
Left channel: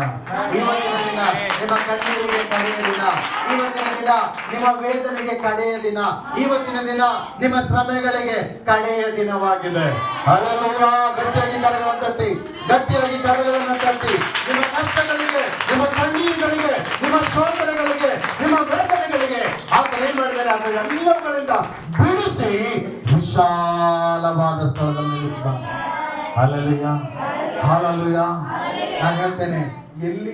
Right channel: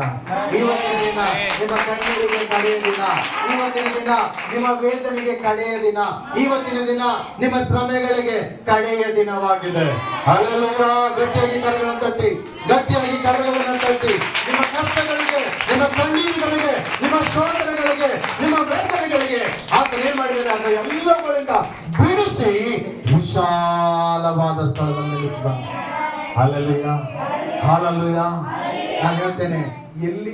ಇವತ್ತಿನ ದಿನ ನಿಮ್ಮ ಕಣ್ಣೀರಿಗೆ ಕಡೆಯ ದಿನ, ಇವತ್ತಿನ ದಿನ ನಿಮ್ಮ ವೇದನೆಗೆ ಕಡೆಯ ದಿನ, ಇವತ್ತಿನ ದಿನ ನಿಮ್ಮ ಶ್ರಮೆಗಳಿಗೆ ಕಡೆಯ ದಿನವಾಗಿದೆ. ಹಲ್ಲೆಲೂಯಾ. ಗಟ್ಟಿಯಾಗಿ ಕರಗಳನ್ನು ತಟ್ಟಿ, ಗಟ್ಟಿಯಾಗಿ ಕರಗಳನ್ನು ತಟ್ಟಿ. ನಿಮ್ಮ ಕಷ್ಟಗಳಿಗೆ, ನಿಮ್ಮ ಕಣ್ಣೀರುಗಳಿಗೆ, ನಿಮ್ಮ ಶೋಧನೆಗಳಿಗೆ, ನಿಮ್ಮ ವೇದನೆಗಳಿಗೆ ಆತನ ಏನ್ ಮಾಡಿದ್ದಾರೆ? ಆತ ಎಲ್ಲಗಳಿಂದ ಬಿಡಿಸಿ ವಿಶಾಲವಾದ ಸ್ಥಳದಲ್ಲಿ ನಿಲ್ಲಿಸಿದ. Hallelujah, hallelujah. ನಾನು ಹೇಳ್ತೇನೆ, ಇಲ್ಲಿ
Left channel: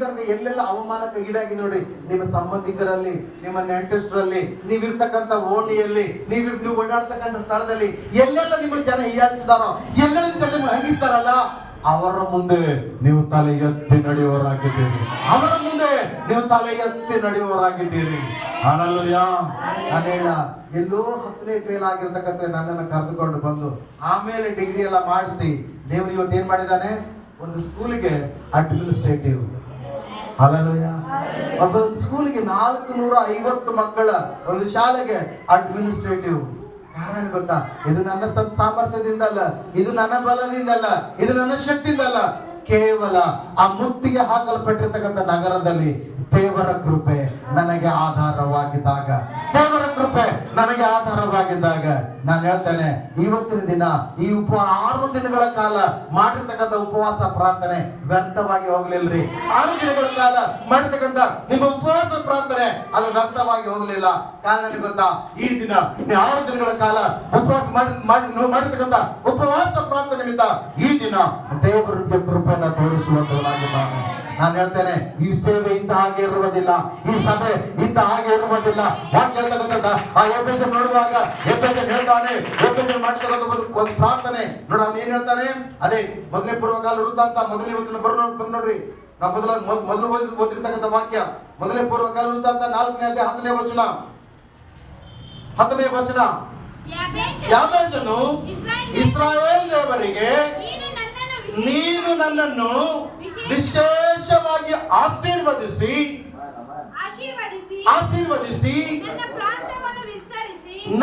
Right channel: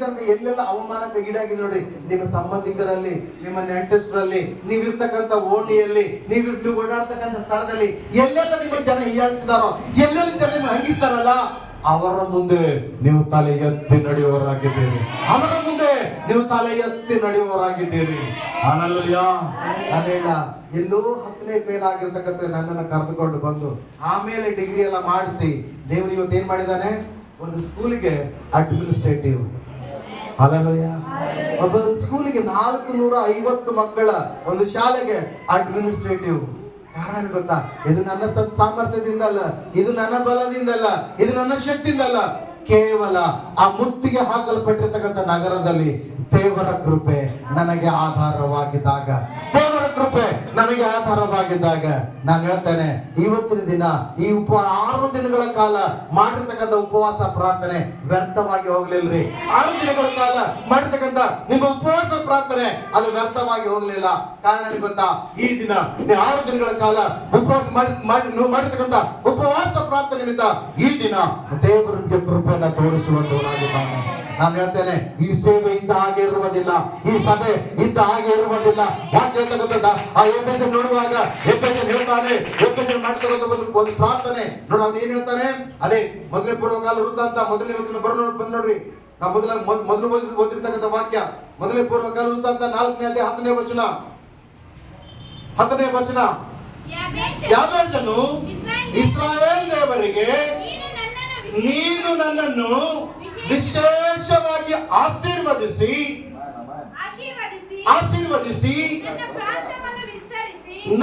ತನಕ ಎಲ್ಲೆಲ್ಲ ಅವಮಾನಕ್ಕೆ ಈಡಾಗಿ ನೋಡ್ರಿ, ನಿಮ್ಮ ಸಂಬಂಧಿಕರಲ್ಲಿ, ನಿಮ್ಮ ನೆಂಟಸ್ಥರಲ್ಲಿ, ನೀವಿರ್ತಕ್ಕಂಥ ಓಣಿಯಲ್ಲಿ, ನೀವು ಓಡಾಡ್ತಕ್ಕಂಥ ಸ್ಥಳದಲ್ಲಿ ಎಲ್ಲೆಲ್ಲ ನಿಮಗೆ ಜನ ಹೀಯಾಳಿಸಿದಾರೋ, ಎಲ್ಲೆಲ್ಲ ಜನ ನಿಮ್ಗೆ ಹಂಗಿಸ್ತಾರಲ್ಲ, ಅವರ ಮುಂದೆ ನೀವು ತಲೆ ಎತ್ತಿ ನಡೆಯುವವರಾಗಿದ್ದೀರಿ. ಅವರ ಮುಂದೆ ನೀವು ತಲೆ ಎತ್ತಿ ನಡೆಯುವವರಾಗಿದ್ದೀರಿ. ಹಲ್ಲೆಲೂಯಾ. ನಾನು ಹೇಳ, ಎಲ್ಲೋ 10ನೇ ಫೇಲ್ ಆಗಿರ್ತಕ್ಕಂಥ ನನ್ನನ್ನು ಕರೆದುಕೊಂಡು ಬಂದು ಆಮೇಲೆ ಡಿಗ್ರಿ ಎಲ್ಲ ಮಾಡಿಸಿ ದೇವರು ಇವತ್ತು ಏನ್ ಮಾಡಿದ್ದಾನೆ? ಒಂದು ಸ್ಕೂಲಿಗೆ ಅಡ್ಮಿನಿಸ್ಟ್ರೇಟಿವ್. ಹಲ್ಲೆಲೂಯಾ. ಒಂದು ಸ್ಕೂಲಿಗೆ 450 ಮಕ್ಕಳ ಒಂದು ಶಾಲೆಗೆ ಅಡ್ಮಿನಿಸ್ಟ್ರೇಟಿವ್. ಕಾರಣ ಗೊತ್ತಾ? ಇದು ನನ್ನ ಸಾಮರ್ಥ್ಯದಿಂದ ಅಲ್ಲ, ಇದು ನನ್ನ ಬಲದಿಂದ ಅಲ್ಲ, ಇದು ನನ್ನ ಶಕ್ತಿಯಿಂದ ಅಲ್ಲ. ಕೇವಲ ಆ ಮುತ್ತಿಗೆ ಹಾಕಲ್ಪಟ್ಟಿರ್ತಕ್ಕಂಥ ನಗರದಲ್ಲಿ ದೇವರ ಕೃಪೆ ನನಗೆ ಆಧಾರವಾಗಿದ್ದಾಗ, ದೇವರ ಕೃಪೆ ನನಗೆ ಆಧಾರವಾಗಿದ್ದಾಗ ನಾನು ಹೇಳ್ತೇನೆ, ಇವತ್ತಿನ ದಿನ ಈ 6 ದಿನಗಳ ಕಾಲ ಮಾಡಿರ್ತಕ್ಕಂಥ ಉಪವಾಸ ಪ್ರಾರ್ಥನೆ ವ್ಯರ್ಥವಾಗಿ ಹೋಗ್ಲಿಲ್ರಿ. 6 ದಿನಗಳ ಕಾಲ ಮಾಡಿರ್ತಕ್ಕಂಥ ನಿಮ್ಮ ಉಪವಾಸ ಪ್ರಾರ್ಥನೆ ಅದು ವ್ಯರ್ಥವಾಗಿ ಹೋಗ್ಲಿಲ್ಲ. ಕಾರಣ ಗೊತ್ತಾ? ಈ ದಿನ 6 ದಿನಗಳ ಕಾಲ ಉಪವಾಸ ಮಾಡಿರ್ತಕ್ಕಂಥ ಉಪವಾಸ ಪ್ರಾರ್ಥನೆಯಿಂದ ಈ ದಿನ ದೇವರಿಗೆ ಕೃಪೆಯನ್ನು ತೋರಿಸುವಂತವನಾಗಿದ್ದಾನೆ. ನಾನು ಹೇಳ್ತೇನೆ, ಈ ಸೇವೆ ಇದ್ದ ಹಾಗೆ ಇರುವುದಿಲ್ಲ, ಈ ಸಭೆ ಇದ್ದ ಹಾಗೆ ಇರುವುದಿಲ್ಲ. ವಾಕ್ಯ ಹೇಳ್ತಕ್ಕಂಥ ಆ ಎಫೆಸನ್ ನೋಡುವಾಗ ಎಫೆಸನ್ ಹೇಳ್ತಾನೆ, ಎಫೆಸನ್ ಮಾಡ್ತಕ್ಕಂಥ ಒಂದು ಪ್ರಾರ್ಥನೆ ನೋಡ, ಅವ್ನು ಏನ್ ಹೇಳ್ತಾನೆ? ಅದೇ ಮೊದಲನೇ ಪೂರ್ವಕಾಲ ವೃತ್ತಾಂತ ಮೊದಲನೇ ವಚನ ಬಂದ್ ನೋಡ್ರಿ. ನಾವು ಮೊದಲು ಓದಿರ್ತಕ್ಕಂಥ ವಾಕ್ಯ ಮೊದಲನೇ ಪೂರ್ವಕಾಲ ವೃತ್ತಾಂತ 4ನೇ ಅಧ್ಯಾಯ 10ನೇ ವಚನ. ಯಾಬೇಚನು ಇಸ್ರಾಯೇಲ್ ದೇವರಿಗೆ, ನೀನು ನನ್ನನ್ನು ವಿಶೇಷವಾಗಿ ಆಶೀರ್ವದಿಸಿ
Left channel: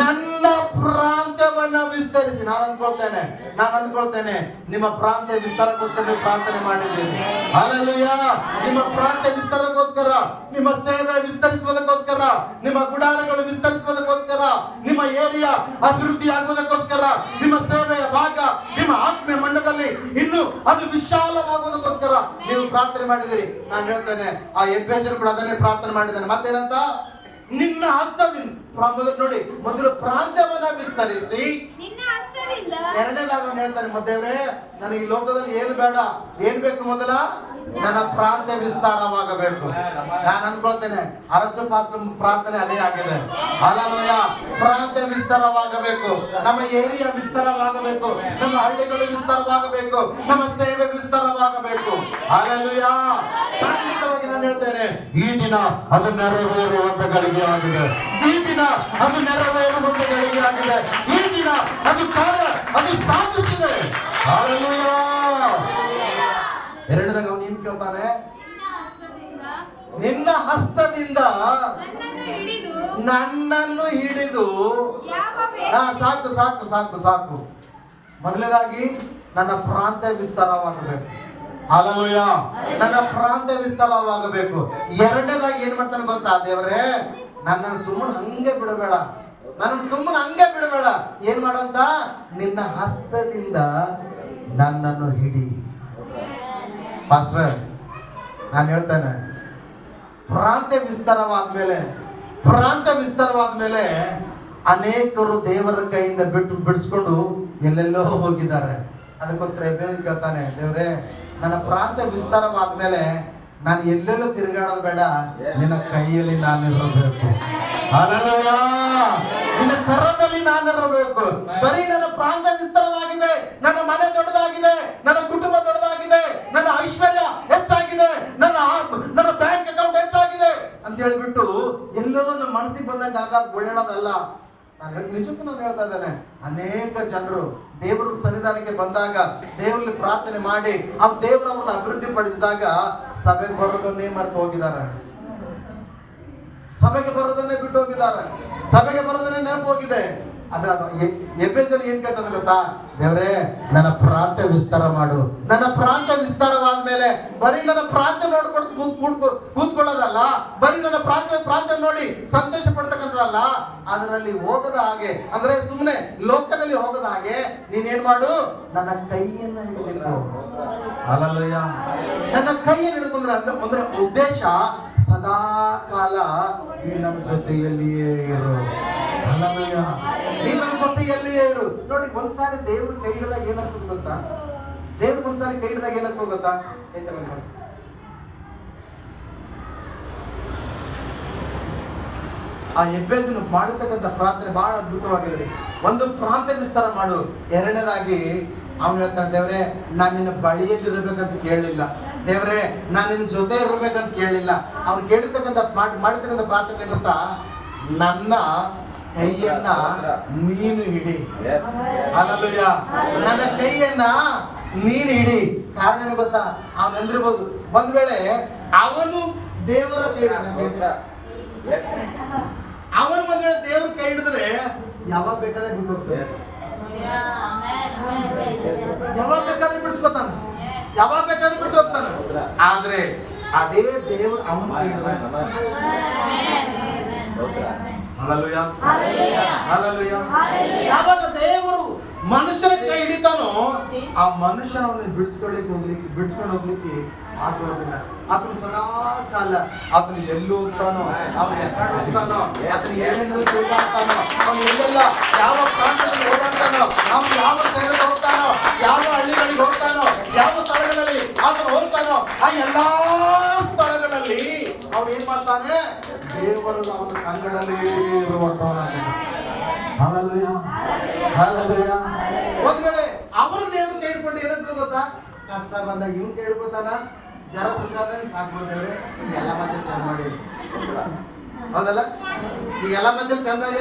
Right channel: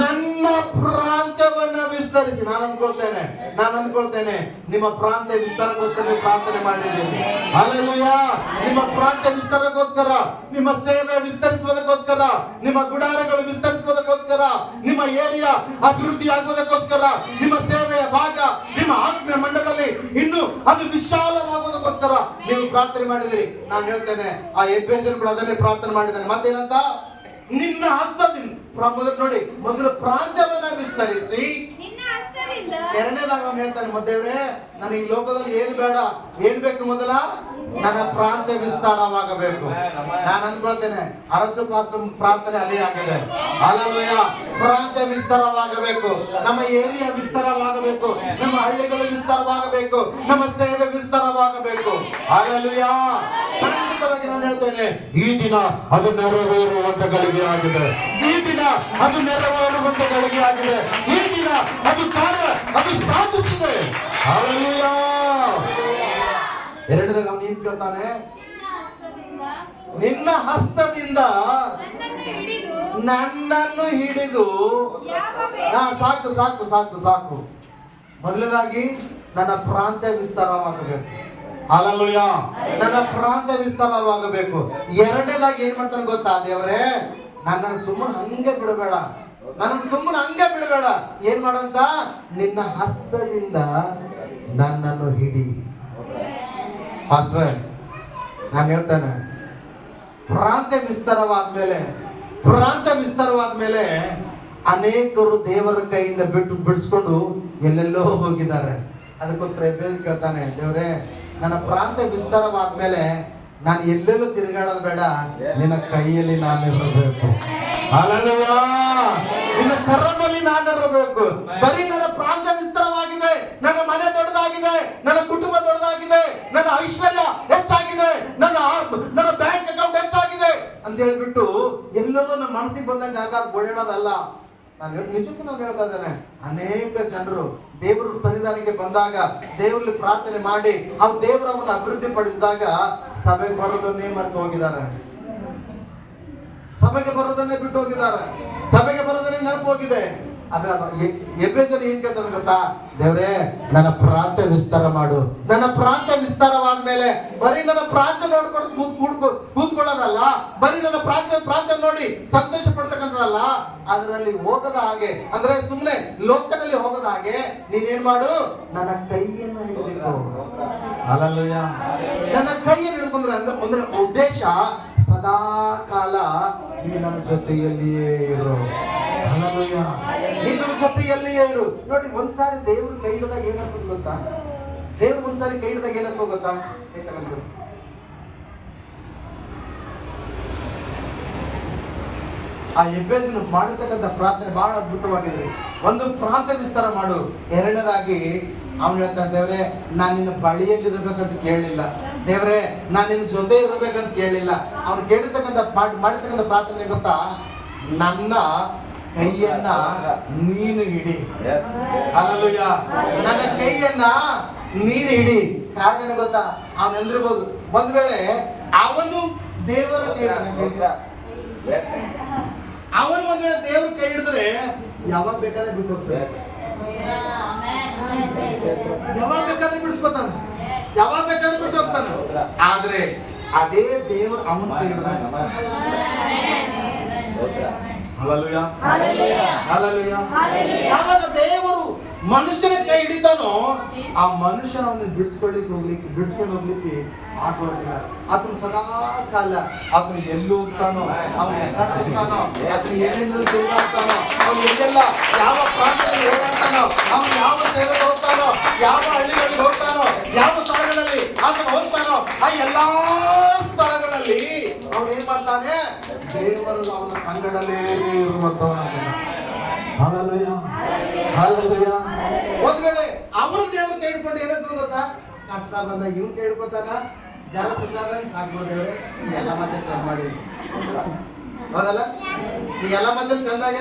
ನನ್ನ ಪ್ರಾಂತ್ಯವನ್ನು ವಿಸ್ತರಿಸಿ. ನಾನು ಅಂದ್ಕೊಳ್ತೇನೆ ನಿಮ್ಮ ಪ್ರಾಂತ್ಯ ವಿಸ್ತಾರಕ್ಕೋಸ್ಕರ ನೀವು ಪ್ರಾರ್ಥನೆ ಮಾಡಿದ್ದೀರಿ. ಹಲ್ಲೆಲೂಯಾ. ನಿಮ್ಮ ಪ್ರಾಂತ್ಯ ವಿಸ್ತಾರಕ್ಕೋಸ್ಕರ, ನಿಮ್ಮ ಸೇವೆ ವಿಸ್ತರಿಸುವುದಕ್ಕೋಸ್ಕರ, ನಿಮ್ಮ ಗುಡಾರಗಳು ವಿಸ್ತರಿಸುವುದಕ್ಕೋಸ್ಕರ, ನಿಮ್ಮ ಏರಿಯಾ ಅಭಿವೃದ್ಧಿ ಆಗುವುದಕ್ಕೋಸ್ಕರ, ನಿಮ್ಮ ಸೇವೆಯ ಭಾಗ, ನಿಮ್ಮ ಆತ್ಮೀಯ ಮಂಡಲದಲ್ಲಿ ಇನ್ನು ಅದು ವಿಶಾಲವಾಗುವುದಕ್ಕೋಸ್ಕರ ನೀವು ಪ್ರಾರ್ಥನೆ ಮಾಡಿದಿರಿ. ನಾನು ಹೇಳ್ತೇನೆ, ಆ ಎಫೆಸನ್ ಕೂಡ ಅದನ್ನೇ ಪ್ರಾರ್ಥನೆ ಮಾಡಿದ್ದಾನೆ. ಮತ್ತೇನಂತ? ನಿನ್ನ ಹಸ್ತದಿಂದ ನೋಡಿ, ಮೊದಲು ಪ್ರಾಂತ್ಯವನ್ನ ವಿಸ್ತರಿಸಿ. ಎರಡನೇದಾಗ ಅವನು ಹೇಳ್ತಾನೆ, ದೇವ್ರೇ ನನಗೆ ಈ ಲೋಕದಲ್ಲಿ ಏನು ಬೇಡ, ಏನ್ ಬೇಕು? ಮೊದಲ ನನ್ನ ಪ್ರಾಂತ್ಯ ವಿಸ್ತಾರವಾಗಬೇಕು. ನಾನು ಅನ್ಕೊಳ್ತೇನೆ, ಅರಸು ಪಾಸ್ಟರ್ ಪ್ರಾರ್ಥನೆ ಅದೇ ಆಗಿದೆ. ಹಲ್ಲೆಲೂಯಾ. ಪ್ರಾಂತ್ಯ ವಿಸ್ತಾರವಾಗಬೇಕು, ನಮ್ಮ ಏರಿಯಾ ವಿಸ್ತಾರವಾಗಬೇಕು, ನಮ್ಮ ಹಳ್ಳಿಗಳು ವಿಸ್ತಾರವಾಗಬೇಕು, ನಮ್ಮ ಸೇವೆ ವಿಸ್ತಾರವಾಗಬೇಕು. ಹಲ್ಲೆಲೂಯಾ. ಖಂಡಿತವಾಗಿ ನಾನು ಹೇಳ್ತೇನೆ, ಈ ದಿನ ಅದು ನೆರವೇರುವಂತ ಗಳಿಗೆ ಆಗಿದೆ. ಈ ದಿನ ಅದು ನೆರವೇರುವಂತ ಗಳಿಗೆ ಆಗಿದೆ. ಈ ದಿನ ಅದು ಕಾರ್ಯ ಅದು ಸಾಧಿಸಿದೆ. ಹಲ್ಲೆಲೂಯಾ. ಎರಡನೇದಾಗ ಅವನು ಏನ್ ಕೇಳ್ತಾನೆ? ನಿನ್ನ ಹಸ್ತದಿಂದ ನನ್ನನ್ನು ಹಿಡಿದು. ಸಾಕು ಸಾಕು ಸಾಕು ಸಾಕು. ಮೊದಲನೇದಾಗಿ ನನ್ನ ಪ್ರಾಂತ್ಯ ವಿಸ್ತಾರವಾಗಬೇಕು. ಹಲ್ಲೆಲೂಯಾ. ನನ್ನ ಪ್ರಾಂತ್ಯ ವಿಸ್ತಾರವಾಗಬೇಕು. ಎರಡನೇದಾಗಿ ಏನ್ ಮಾಡ್ತಾನೆ ಗೊತ್ತಾ? ದೇವರೇ ನನ್ನನ್ನು ಸುಮ್ಮನೆ ಹಂಗೆ ಬಿಡಬೇಡ, ನನ್ನನ್ನು ಸುಮ್ಮನೆ ಹಂಗೆ ಬಿಡಬೇಡ. ಏನ್ ಮಾಡಂತ? ನಿನ್ನ ಹಸ್ತದಿಂದ ನನ್ನನ್ನು ಹಿಡಿ. ಪಾಸ್ಟರ್ ನಾನು ಹೇಳ್ತೇನೆ, ಪ್ರಾಂತ್ಯ ವಿಸ್ತಾರವಾದ್ಮೇಲೆ ಅನೇಕರು ದೇವರ ಕೈಯಿಂದ ಬಿಡಿಸ್ಕೊಂಡು ಎಲ್ಲೆಲ್ಲೋ ಹೋಗಿದ್ದಾರೆ. ಅದಕ್ಕೋಸ್ಕರ ಬೇರೆ ಕೇಳ್ತಾನೆ, ದೇವರೇ ನನ್ನ ಪ್ರಾಂತ್ಯ ವಿಸ್ತಾರವಾದ್ಮೇಲೆ ನಾನು ಎಲ್ಲೆಲ್ಲೂ ತಿರುಗಾಡೋದು ಬೇಡ, ನಿನ್ನ ಕೈಯಲ್ಲಿ ನಾನಿರಬೇಕು. ಹಲ್ಲೆಲೂಯಾ. ನಿನ್ನ ಕರದಲ್ಲಿ ನಾನಿರಬೇಕು. ಬರೀ ನನ್ನ ಪ್ರಾಂತ್ಯ ವಿಸ್ತಾರವಾಗಿದೆ, ನನ್ನ ಮನೆ ದೊಡ್ಡದಾಗಿದೆ, ನನ್ನ ಕುಟುಂಬ ದೊಡ್ಡದಾಗಿದೆ, ನನ್ನ ಐಶ್ವರ್ಯ ಹೆಚ್ಚಾಗಿದೆ, ನನ್ನ ಬ್ಯಾಂಕ್ ಅಕೌಂಟ್ ಹೆಚ್ಚಾಗಿದೆ ಅಂತ ಹೇಳ್ಬಿಟ್ಟು ಎಲ್ಲೋ ನಮ್ಮ ಮನಸ್ಸಿಗೆ ಬಂದಂಗೆ ಆಗಾದ ಓಡಾಡೋದಲ್ಲ. ನಿಜಕ್ಕೂ ನಾನು ಹೇಳ್ತಾ ಇದ್ದೇನೆ, ಅನೇಕ ಜನರು ದೇವರ ಸನ್ನಿಧಾನಕ್ಕೆ ಬಂದಾಗ, ದೇವರಲ್ಲಿ ಪ್ರಾರ್ಥನೆ ಮಾಡಿ ಆ ದೇವರವ್ರನ್ನ ಅಭಿವೃದ್ಧಿ ಪಡಿಸಿದಾಗ ಸಭೆಗೆ ಬರೋದನ್ನೇ ಮರೆತು ಹೋಗಿದ್ದಾರೆ, ಸಭೆಗೆ ಬರೋದನ್ನೇ ಬಿಟ್ಟು ಹೋಗಿದ್ದಾರೆ, ಸಭೆಗೆ ಬರೋದನ್ನೇ ನೆನಪು ಹೋಗಿದೆ. ಅದ್ರ ಎಫೆಸನ್ ಏನ್ ಕೇಳ್ತಾನೆ ಗೊತ್ತಾ? ದೇವರೇ ನನ್ನ ಪ್ರಾಂತ್ಯ ವಿಸ್ತಾರ ಮಾಡು. ನನ್ನ ಪ್ರಾಂತ್ಯ ವಿಸ್ತಾರವಾದ್ಮೇಲೆ ಬರೀ ನನ್ನ ಪ್ರಾಂತ್ಯ ನೋಡ್ಕೊಂಡು ಕೂತ್ಕೊಳ್ಳೋದಲ್ಲ, ಬರೀ ನನ್ನ ಪ್ರಾಂತ್ಯ ನೋಡಿ ಸಂತೋಷ ಪಡ್ತಕ್ಕಂಥದ್ದಲ್ಲ, ಅದರಲ್ಲಿ ಹೋಗದ ಹಾಗೆ, ಅಂದ್ರೆ ಸುಮ್ಮನೆ ಲೋಕದಲ್ಲಿ ಹೋಗದ ಹಾಗೆ ನೀನೇನ್ ಮಾಡು? ನನ್ನ ಕೈಯನ್ನ ಹಿಡಿಬೇಕು. ಹಲ್ಲೆಲೂಯಾ. ನನ್ನ ಕೈಯನ್ನು ಹಿಡ್ಕೊಂಡ್ರೆ ಅಂದ್ರೆ ಉದ್ದೇಶ ಸದಾ ಕಾಲ ನೀ ನನ್ನ ಜೊತೆಯಲ್ಲಿಯೇ ಇರು. ಹಲ್ಲೆಲೂಯಾ. ನೀ ನನ್ನ ಜೊತೆಯಲ್ಲಿಯೇ ಇರು. ನೋಡಿ, ಒಂದ್ಸಾರಿ ದೇವ್ರ ಕೈ ಹಿಡಿದಾಗ ಏನಾಗ್ತದೆ ಗೊತ್ತಾ? ದೇವ್ರ ಒಂದ್ಸಾರಿ ಕೈ ಹಿಡಿದಾಗ ಏನಾಗ್ತದೆ ಗೊತ್ತಾ? ಆ ಎಫೆಸನ್ ಮಾಡಿರ್ತಕ್ಕಂಥ ಪ್ರಾರ್ಥನೆ ಬಹಳ ಅದ್ಭುತವಾಗಿದೆ. ಒಂದು ಪ್ರಾಂತ್ಯ ವಿಸ್ತಾರ ಮಾಡು. ಎರಡನೇದಾಗಿ ಅವನು ಹೇಳ್ತಾನೆ, ದೇವ್ರೆ ನಾನು ನಿನ್ನ ಬಳಿಯಲ್ಲಿ ಇರಬೇಕಂತ ಕೇಳಲಿಲ್ಲ, ದೇವ್ರೆ ನಾನು ನಿನ್ನ ಜೊತೆ ಇರಬೇಕಂತ ಕೇಳಿಲ್ಲ. ಅವ್ನು ಕೇಳಿರ್ತಕ್ಕಂಥ ಮಾಡಿರ್ತಕ್ಕಂಥ ಪ್ರಾರ್ಥನೆ ಗೊತ್ತಾ? ನನ್ನ ಕೈಯನ್ನ ನೀನು ಹಿಡಿ. ಹಲ್ಲೆಲೂಯಾ. ನನ್ನ ಕೈಯನ್ನ ನೀನು ಹಿಡಿ. ಕಾರಣ ಗೊತ್ತಾ? ಅವನು ಎಂದಿರ್ಬೋದು, ಒಂದ್ ವೇಳೆ ಅವನು ದೇವರ ಕೈ, ಅವನು ಒಂದ್ ವೇಳೆ ದೇವ್ರ ಕೈ ಹಿಡಿದ್ರೆ ಯಾವಾಗ ಬೇಕಾದ್ರೆ ಬಿಟ್ಟು ಹೋಗ್ತಾನೆ, ಯಾವಾಗ ಬೇಕಾದ್ರೆ ಬಿಡಿಸ್ಕೊತಾನ, ಯಾವಾಗ ಬೇಕಾದ್ರೆ ಬಿಟ್ಟು ಹೋಗ್ತಾನ. ಆದ್ರೆ ಅದೇ ದೇವರು ಅವನ ಕೈ ಹಿಡಿದ. Hallelujah, hallelujah. ಯಾವಾಗ ದೇವರು ಮನುಷ್ಯನ ಕೈ ಹಿಡಿತಾನೋ ಆ ಮನುಷ್ಯ ಅವನ್ನ ಬಿಡಿಸ್ಕೊಂಡು ಹೋಗ್ಲಿಕ್ಕೆ ಆಗೋದಿಲ್ಲ. ಆತನು ಸದಾ ಕಾಲ ಆತನು ಎಲ್ಲಿ ಹೋಗ್ತಾನೋ, ಅವನು ಎಕಡೆ ಹೋಗ್ತಾನೋ, ಆತನು ಏನೇನು ತಿರುಗಾಡ್ತಾನೋ, ಅವನು ಎಲ್ಲೆಲ್ಲ ಯಾವ ಪ್ರಾಂತದಲ್ಲಿ ಓಡಾಡ್ತಾನೋ, ಅವನು ಯಾವ ಸೇವೆಗೆ ಹೋಗ್ತಾನೋ, ಯಾವ ಹಳ್ಳಿಗಳಿಗೆ ಹೋಗ್ತಾನೋ, ಯಾವ ಸ್ಥಳಗಳಲ್ಲಿ ಆತನು ಹೋಗ್ತಾನೋ ಆ ಎಲ್ಲಾ ಸ್ಥಳಗಳಲ್ಲಿ ಅವನು ಏನ್ ಮಾಡ್ತಾನೆ, ದೇವರು ಅವನ ಸಂಗಡಲೇ ಇರುವಂತವನಾಗಿದ್ದಾನೆ. Hallelujah, hallelujah. ಒಂದ್ ವೇಳೆ ಅವನು ದೇವ್ರ ಕೈ ಹಿಡ್ಕೊಂಡು ಏನಕ್ಕೆ ಗೊತ್ತಾ, ಕಷ್ಟ ಬಂದಾಗ ಇವ್ನು ಕೈ ಹಿಡ್ಕೊತಾನ, ಜರ ಸುತ್ತಾದ್ರೆ ಸಾಕ್ಬಿಡ್ತೇವ್ರೆ, ಎಲ್ಲ ಮತ್ತೆ ಚಂದ ಮಾಡಿದ್ವಿ, ಹೌದಲ್ಲ? ಈಗ ಎಲ್ಲ ಮಂದಿ ಚಂದಾಗ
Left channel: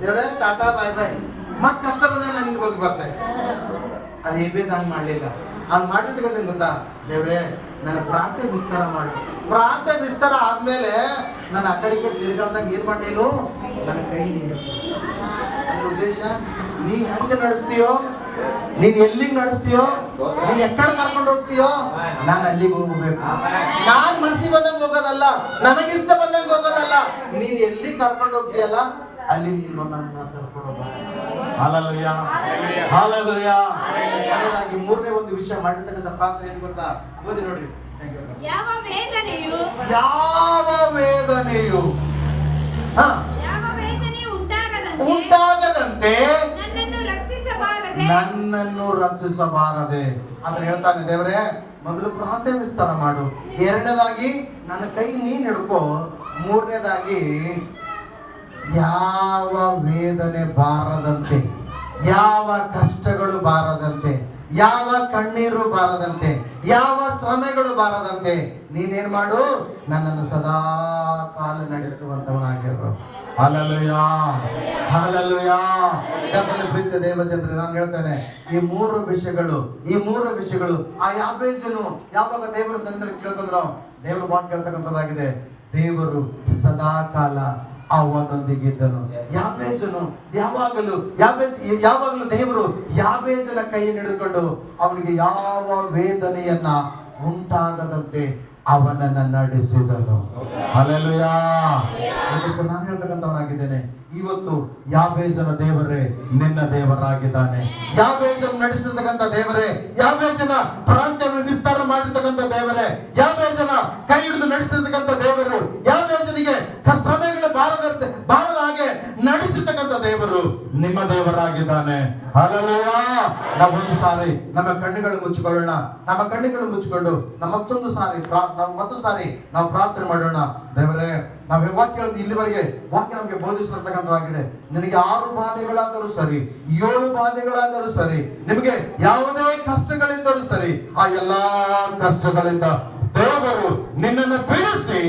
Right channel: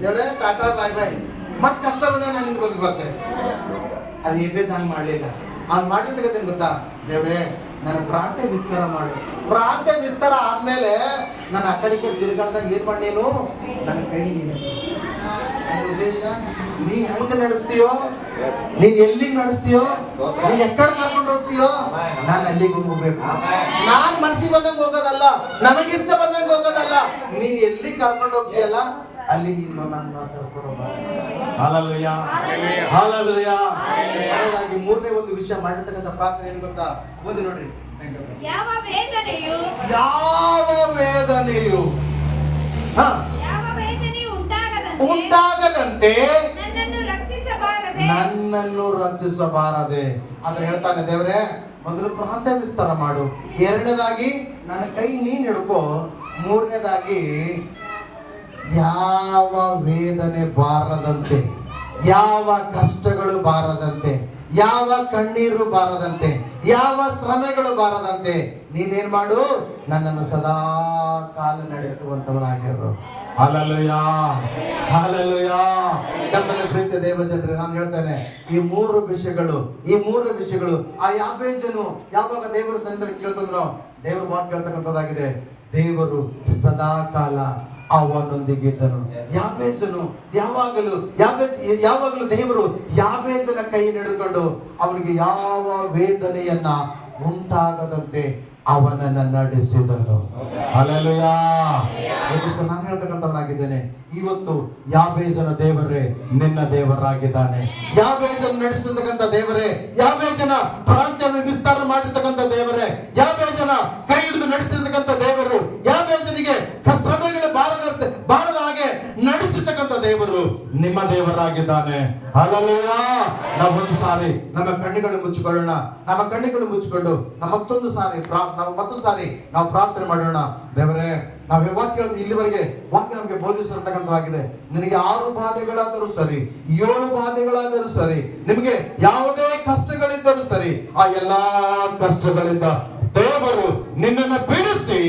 ದೇವ್ರೆ ಟಾಟಾ ಬಾಯ್ ಬಾಯ್. ಮತ್ ಕಷ್ಟ ಬಂದ್ರೆ ನಾನು ನಿಮ್ಗೆ ಹೋಗಿ ಬರ್ತೇನೆ. ಅದು ಬೇಸ್ ಹಂಗೆ ಮಾಡ್ಲಿಲ್ಲ. ಹಂಗ್ ಮಾಡಿದ ಗೊತ್ತಾ, ದೇವ್ರೆ ನನ್ನ ಪ್ರಾಂತ್ಯ ವಿಸ್ತಾರ ಮಾಡು. ಪ್ರಾಂತ್ಯ ವಿಸ್ತಾರ ಆದ್ಮೇಲೆ ನಾನು ಆ ಕಡೆಗೆ ತಿರ್ಗಾಡ್ದಾಗ ಏನ್ ಮಾಡೇನು, ನನ್ನ ಕೈ ನೀನು. ಅದ್ರ ಉದ್ದೇಶ, ನೀ ಹೆಂಗ ನಡೆಸ್ತೀಯೋ, ನೀನ್ ಎಲ್ಲಿಗೆ ನಡೆಸ್ತೀಯೋ, ನೀನ್ ಎಕ್ಕಡೆ ಕರ್ಕೊಂಡು ಹೋಗ್ತೀಯೋ, ನಾನು ಅಲ್ಲಿಗೆ ಹೋಗ್ಬೇಕು. ನಾನ್ ಮನ್ಸಿಗೆ ಬಂದಂಗೆ ಹೋಗೋದಲ್ಲ, ನನಗಿಷ್ಟ ಬಂದಂಗೆ ಹೋಗೋದಲ್ಲ, ನೀನ್ ಎಲ್ಲಿ ಕರ್ಕೊಂಡು ಹೋಗ್ತೀಯಲ್ಲ ಅಲ್ಲಿ ನೀನು ನನ್ನ ಕರ್ಕೊಂಡು ಹೋಗ. Hallelujah, hallelujah. ಅದಕ್ಕಾಗಿ ಮೂರನೇ ಒಂದು ವಿಷಯ ಮಾಡಿರ್ತಕ್ಕಂಥ ಪ್ರಾರ್ಥನೆ ಏನ್ ಗೊತ್ತಾ, ಓದಿ ನೋಡ್ರಿ. ಯಾವ ವೇದನೆಯು ಉಂಟಾಗದಂತೆ ನನ್ನನ್ನು ರಕ್ಷಿಸಬಾರದೆ ಅಂತ ಹೇಳ್ತಾನೆ. ದೇವರೇ, ಮೊದಲು ಪ್ರಾಂತ್ಯ ವಿಸ್ತಾರ ಮಾಡು, ಎರಡನೇದಾಗಿ ನನ್ನ ಕೈ ನೀನ್ ಹಿಡ್ಕೋ, ಮೂರನೇದಾಗಿ ಯಾವ ವೇದನೆ ಬಾರದಂತೆ, ಯಾವ ಕಷ್ಟಗಳು ಬಾರದಂತೆ, ಯಾವ ಕಣ್ಣೀರು ಬಾರದಂತೆ, ಯಾವ ಶ್ರಮೆಗಳು ಬಾರದಂತೆ ನೀನೇನ್ ಮಾಡು, ನನ್ನನ್ನು ಸದಾ ಕಾಲ ನಡೆಸುವಂತವನಾಗಿರು. Hallelujah, hallelujah. ಕರ್ತನ ಪ್ರೀತಿಯ ದೇವಜನರೇ, ನಾನು ಹೇಳ್ತೇನೆ, ಈ ಮೂರು ವಿಷಯಗಳು ಆ ಯಾಬೇಜನು ಯಾವಾಗ ದೇವರ ಸನ್ನಿಧಿಯಲ್ಲಿ ಕೇಳ್ಕೊಂಡ್ರೋ, ದೇವರು ಮಾತು ಕೇಳ್ತಕ್ಕಂಥದ್ದಾಗಿದೆ. ದೇವರು ಸದಾ ಕಾಲ ಅವನೊಂದಿಗಿದ್ದನು. ಯಾಬೇಜನು ಯಾವಾಗಲೂ ದೇವರು ಯಾಬೇಜನ ಕೈಯನ್ನು ಹಿಡಿದುಕೊಂಡು ಅವನಿಗೆ ಯಾವ ವೇದನೆಯನ್ನ ಉಂಟಾಗದಂತೆ ಅವನನ್ನ ನಡೆಸಿದನು. ಹಲ್ಲೆಲೂಯಾ. ನಾನು ಹೇಳ್ತಕ್ಕಂಥವನಾಗಿದ್ದೇನೆ, ಇವತ್ತು ಯಾಬೇಜನ ದೇವರೇ ನಿನ್ನ ದೇವರಾಗಿದ್ದಾನೆ. ಯಾಬೇಜನ ನಡೆಸಿರ್ತಕ್ಕಂಥ ದೇವರೇ, ಯಾಬೇಜನ ಪ್ರಾಂತ್ಯವನ್ನು ವಿಸ್ತಾರ ಮಾಡಿರ್ತಕ್ಕಂಥ ದೇವರೇ, ಯಾಬೇಜನ ಕೈ ಹಿಡಿದು ನಡೆಸಿರ್ತಕ್ಕಂಥ ದೇವರು, ಯಾಬೇಜನಿಗೆ ಶ್ರಮೆಗಳು ಬಾರದ ಹಾಗೆ ನಡೆಸಿರ್ತಕ್ಕಂಥ ದೇವರು ನಿಮ್ಮ ದೇವರಾಗಿದ್ದಾನೆ. ಹಲ್ಲೆಲೂಯಾ. ನಾವು ಒಂದು ಸಾರಿ ನಮ್ಮ ಕಣ್ಣುಗಳು ಮುಚ್ಚಿಕೊಳ್ಳೋಣ. ನಮ್ಮ ಕಣ್ಣುಗಳು ಮುಚ್ಚಿಕೊಂಡು ಮತ್ತೊಂದು ಸಾರಿ ನಾವು ಪ್ರಾರ್ಥನೆ ಮಾಡೋಣ. ದೇವರೇ, ನಾವು ವಾಕ್ಯ ಇಲ್ಲಿವರೆಗೆ ವಾಕ್ಯ ನಮಗೆ ಬೋಧಿಸಿರ್ತಕ್ಕಂಥದ್ದಾಗಿದೆ. ನಿನಗೆ 6 ಬಾಧೆಗಳಾದರೂ ಸರಿ, 7 ಬಾಧೆಗಳಾದರೂ ಸರಿ, ನಿಮಗೆ ಯಾವುದೇ ಕಷ್ಟಗಳಿದ್ದರೂ ಸರಿ, ಆ ಎಲ್ಲಾ ಕಷ್ಟಗಳಿಂದ ದೇವರು ನಿನ್ನನ್ನು ಬಿಡಿಸಿ.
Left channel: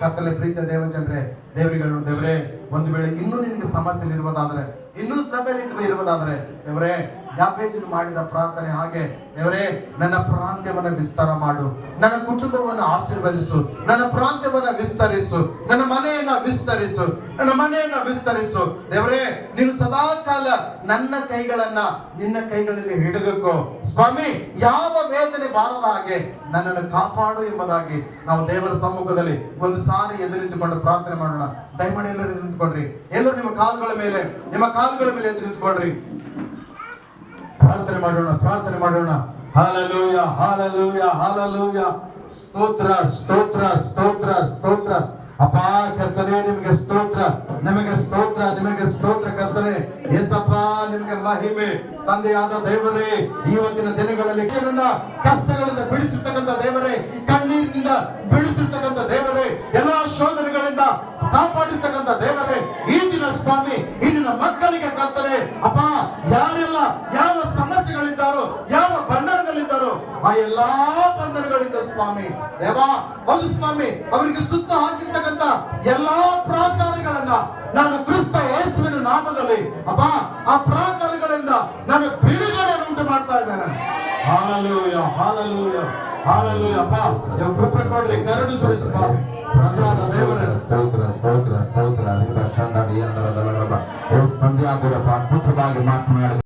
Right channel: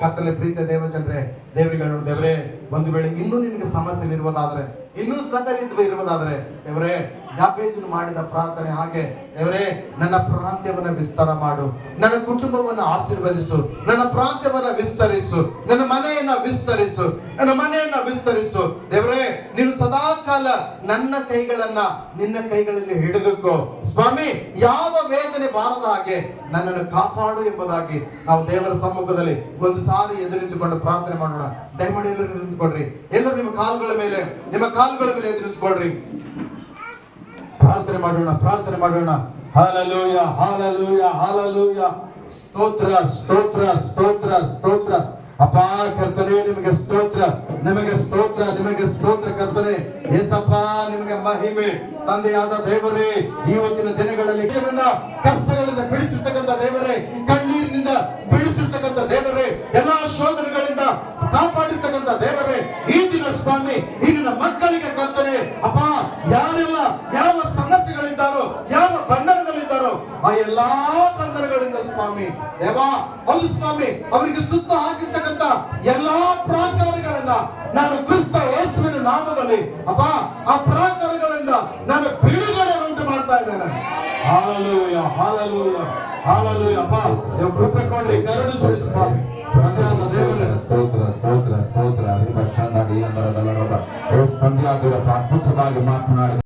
ಕರ್ತನ ಪ್ರೀತಿಯ ದೇವಜನರೇ, ದೇವರೇ, ಒಂದು ವೇಳೆ ಇನ್ನೂ ನಿನಗೆ ಸಮಸ್ಯೆ ಇರುವುದಾದ್ರೆ, ಇನ್ನೂ ಸಭೆ ಇರುವುದಾದ್ರೆ, ದೇವರೇ ಯಾಬೇಜನು ಮಾಡಿದ ಪ್ರಾರ್ಥನೆ ಹಾಗೆ, ದೇವರೇ ನನ್ನ ಪ್ರಾಂತ್ಯವನ್ನು ವಿಸ್ತಾರ ಮಾಡು, ನನ್ನ ಕುಟುಂಬವನ್ನು ಆಶೀರ್ವದಿಸು, ನನ್ನ ಪ್ರಾಂತ್ಯವನ್ನು ವಿಸ್ತರಿಸು, ನನ್ನ ಮನೆಯನ್ನ ವಿಸ್ತರಿಸು. ದೇವರೇ, ನೀನು ಸದಾ ಕಾಲ ನನ್ನ ಕೈಗಳನ್ನ ನಿನ್ನ ಕೈಗಳಲ್ಲಿ ಹಿಡಿದುಕೋ ಸ್ವಾಮಿ. ಯಾವ ವೇದನೆ ಬಾರದ ಹಾಗೆ ನನ್ನನ್ನು ಕಾಪಾಡು ಎಂಬುದಾಗಿ ನಾವು ದೇವರ ಸಮ್ಮುಖದಲ್ಲಿ ಒಂದು ಸಾರಿ ಎದುರಿಟ್ಟುಕೊಂಡು ಪ್ರಾರ್ಥನೆ ಮಾಡೋಣ. ದಯಮಾಡಿ ಎಲ್ಲರೂ ಎದುರು ನಿಂತುಕೊಳ್ರಿ. ಎಲ್ಲರೂ ನಿಮ್ಮ ಕಾಲುಗಳ ಮೇಲೆ ಎದುರು ನಿಂತುಕೊಳ್ರಿ. ಪ್ರಾರ್ಥನೆ ಮಾಡೋಣ. Hallelujah, hallelujah, hallelujah. ಸ್ತೋತ್ರ. ಅಪ್ಪ ಕರ್ತನೇ, ನಿಮಗೆ ಸ್ತೋತ್ರ ಕರ್ತನೆ. ಯೇಸಪ್ಪ, ನಿಮಗೆ ಮಹಿಮೆ. ತಂದೆಯಾದ ದೇವರೇ, ಇವತ್ತಿನ ದಿನಗಳಲ್ಲಿ ಕಷ್ಟಗಳಿಂದ ಬಿಡಿಸಿರ್ತಕ್ಕಂಥ ದೇವರೇ, ಕಣ್ಣೀರಿನಿಂದ ಬಿಡಿಸಿರ್ತಕ್ಕಂಥ ದೇವರೇ, ಎಲ್ಲಾ ಶೋಧನೆಗಳಿಂದ ಕಾಪಾಡಿರ್ತಕ್ಕಂಥ ದೇವರೇ, ಈ ದಿನ ಸ್ವಾಮಿ ಇಲ್ಲಿನ ಮಕ್ಕಳಿಗೆ ಕರ್ತನೆ ಅಪ್ಪ, ಯಾರೆಲ್ಲ ಯಾವ ಸಮಸ್ಯೆಗಳಿದ್ದಾರೋ, ಯಾವ ಬಂಧನದಲ್ಲಿದ್ದಾರೋ, ಆ ಎಲ್ಲಾ ಬಂಧನಗಳಿಂದ ಸ್ವಾಮಿ ದೇವಾ, ಹೌದು ಸ್ವಾಮಿ, ಅವರಿಗೆ ಸುತ್ತ ಹಾಕಿರ್ತಕ್ಕಂಥ ಎಲ್ಲಾ ಪ್ರಾಕಾರಗಳನ್ನ ನಾನು ಕ್ರಿಸ್ತ ಯೇಸುವಿನ ನಾಮದಲ್ಲಿ ಅಪ್ಪ, ಆ ಪ್ರಾಕಾರಗಳಿಂದ ನಾನು ಬಿಡುಗಡೆ ಉಂಟು ಮಾಡ್ತಾ ಇದ್ದೇನೆ. Hallelujah, hallelujah, hallelujah. ಅಪ್ಪ, ನೀವು ಕೃಪೆ ಕೊಡ್ರಿ, ಕರುಣೆ ಸುರಿಸಿ ಸ್ತೋತ್ರ. ತಂದೆಯಾದವರಪ್ಪ ಅದ್ಭುತವಾಗಿ ಮಾತನಾಡಿದ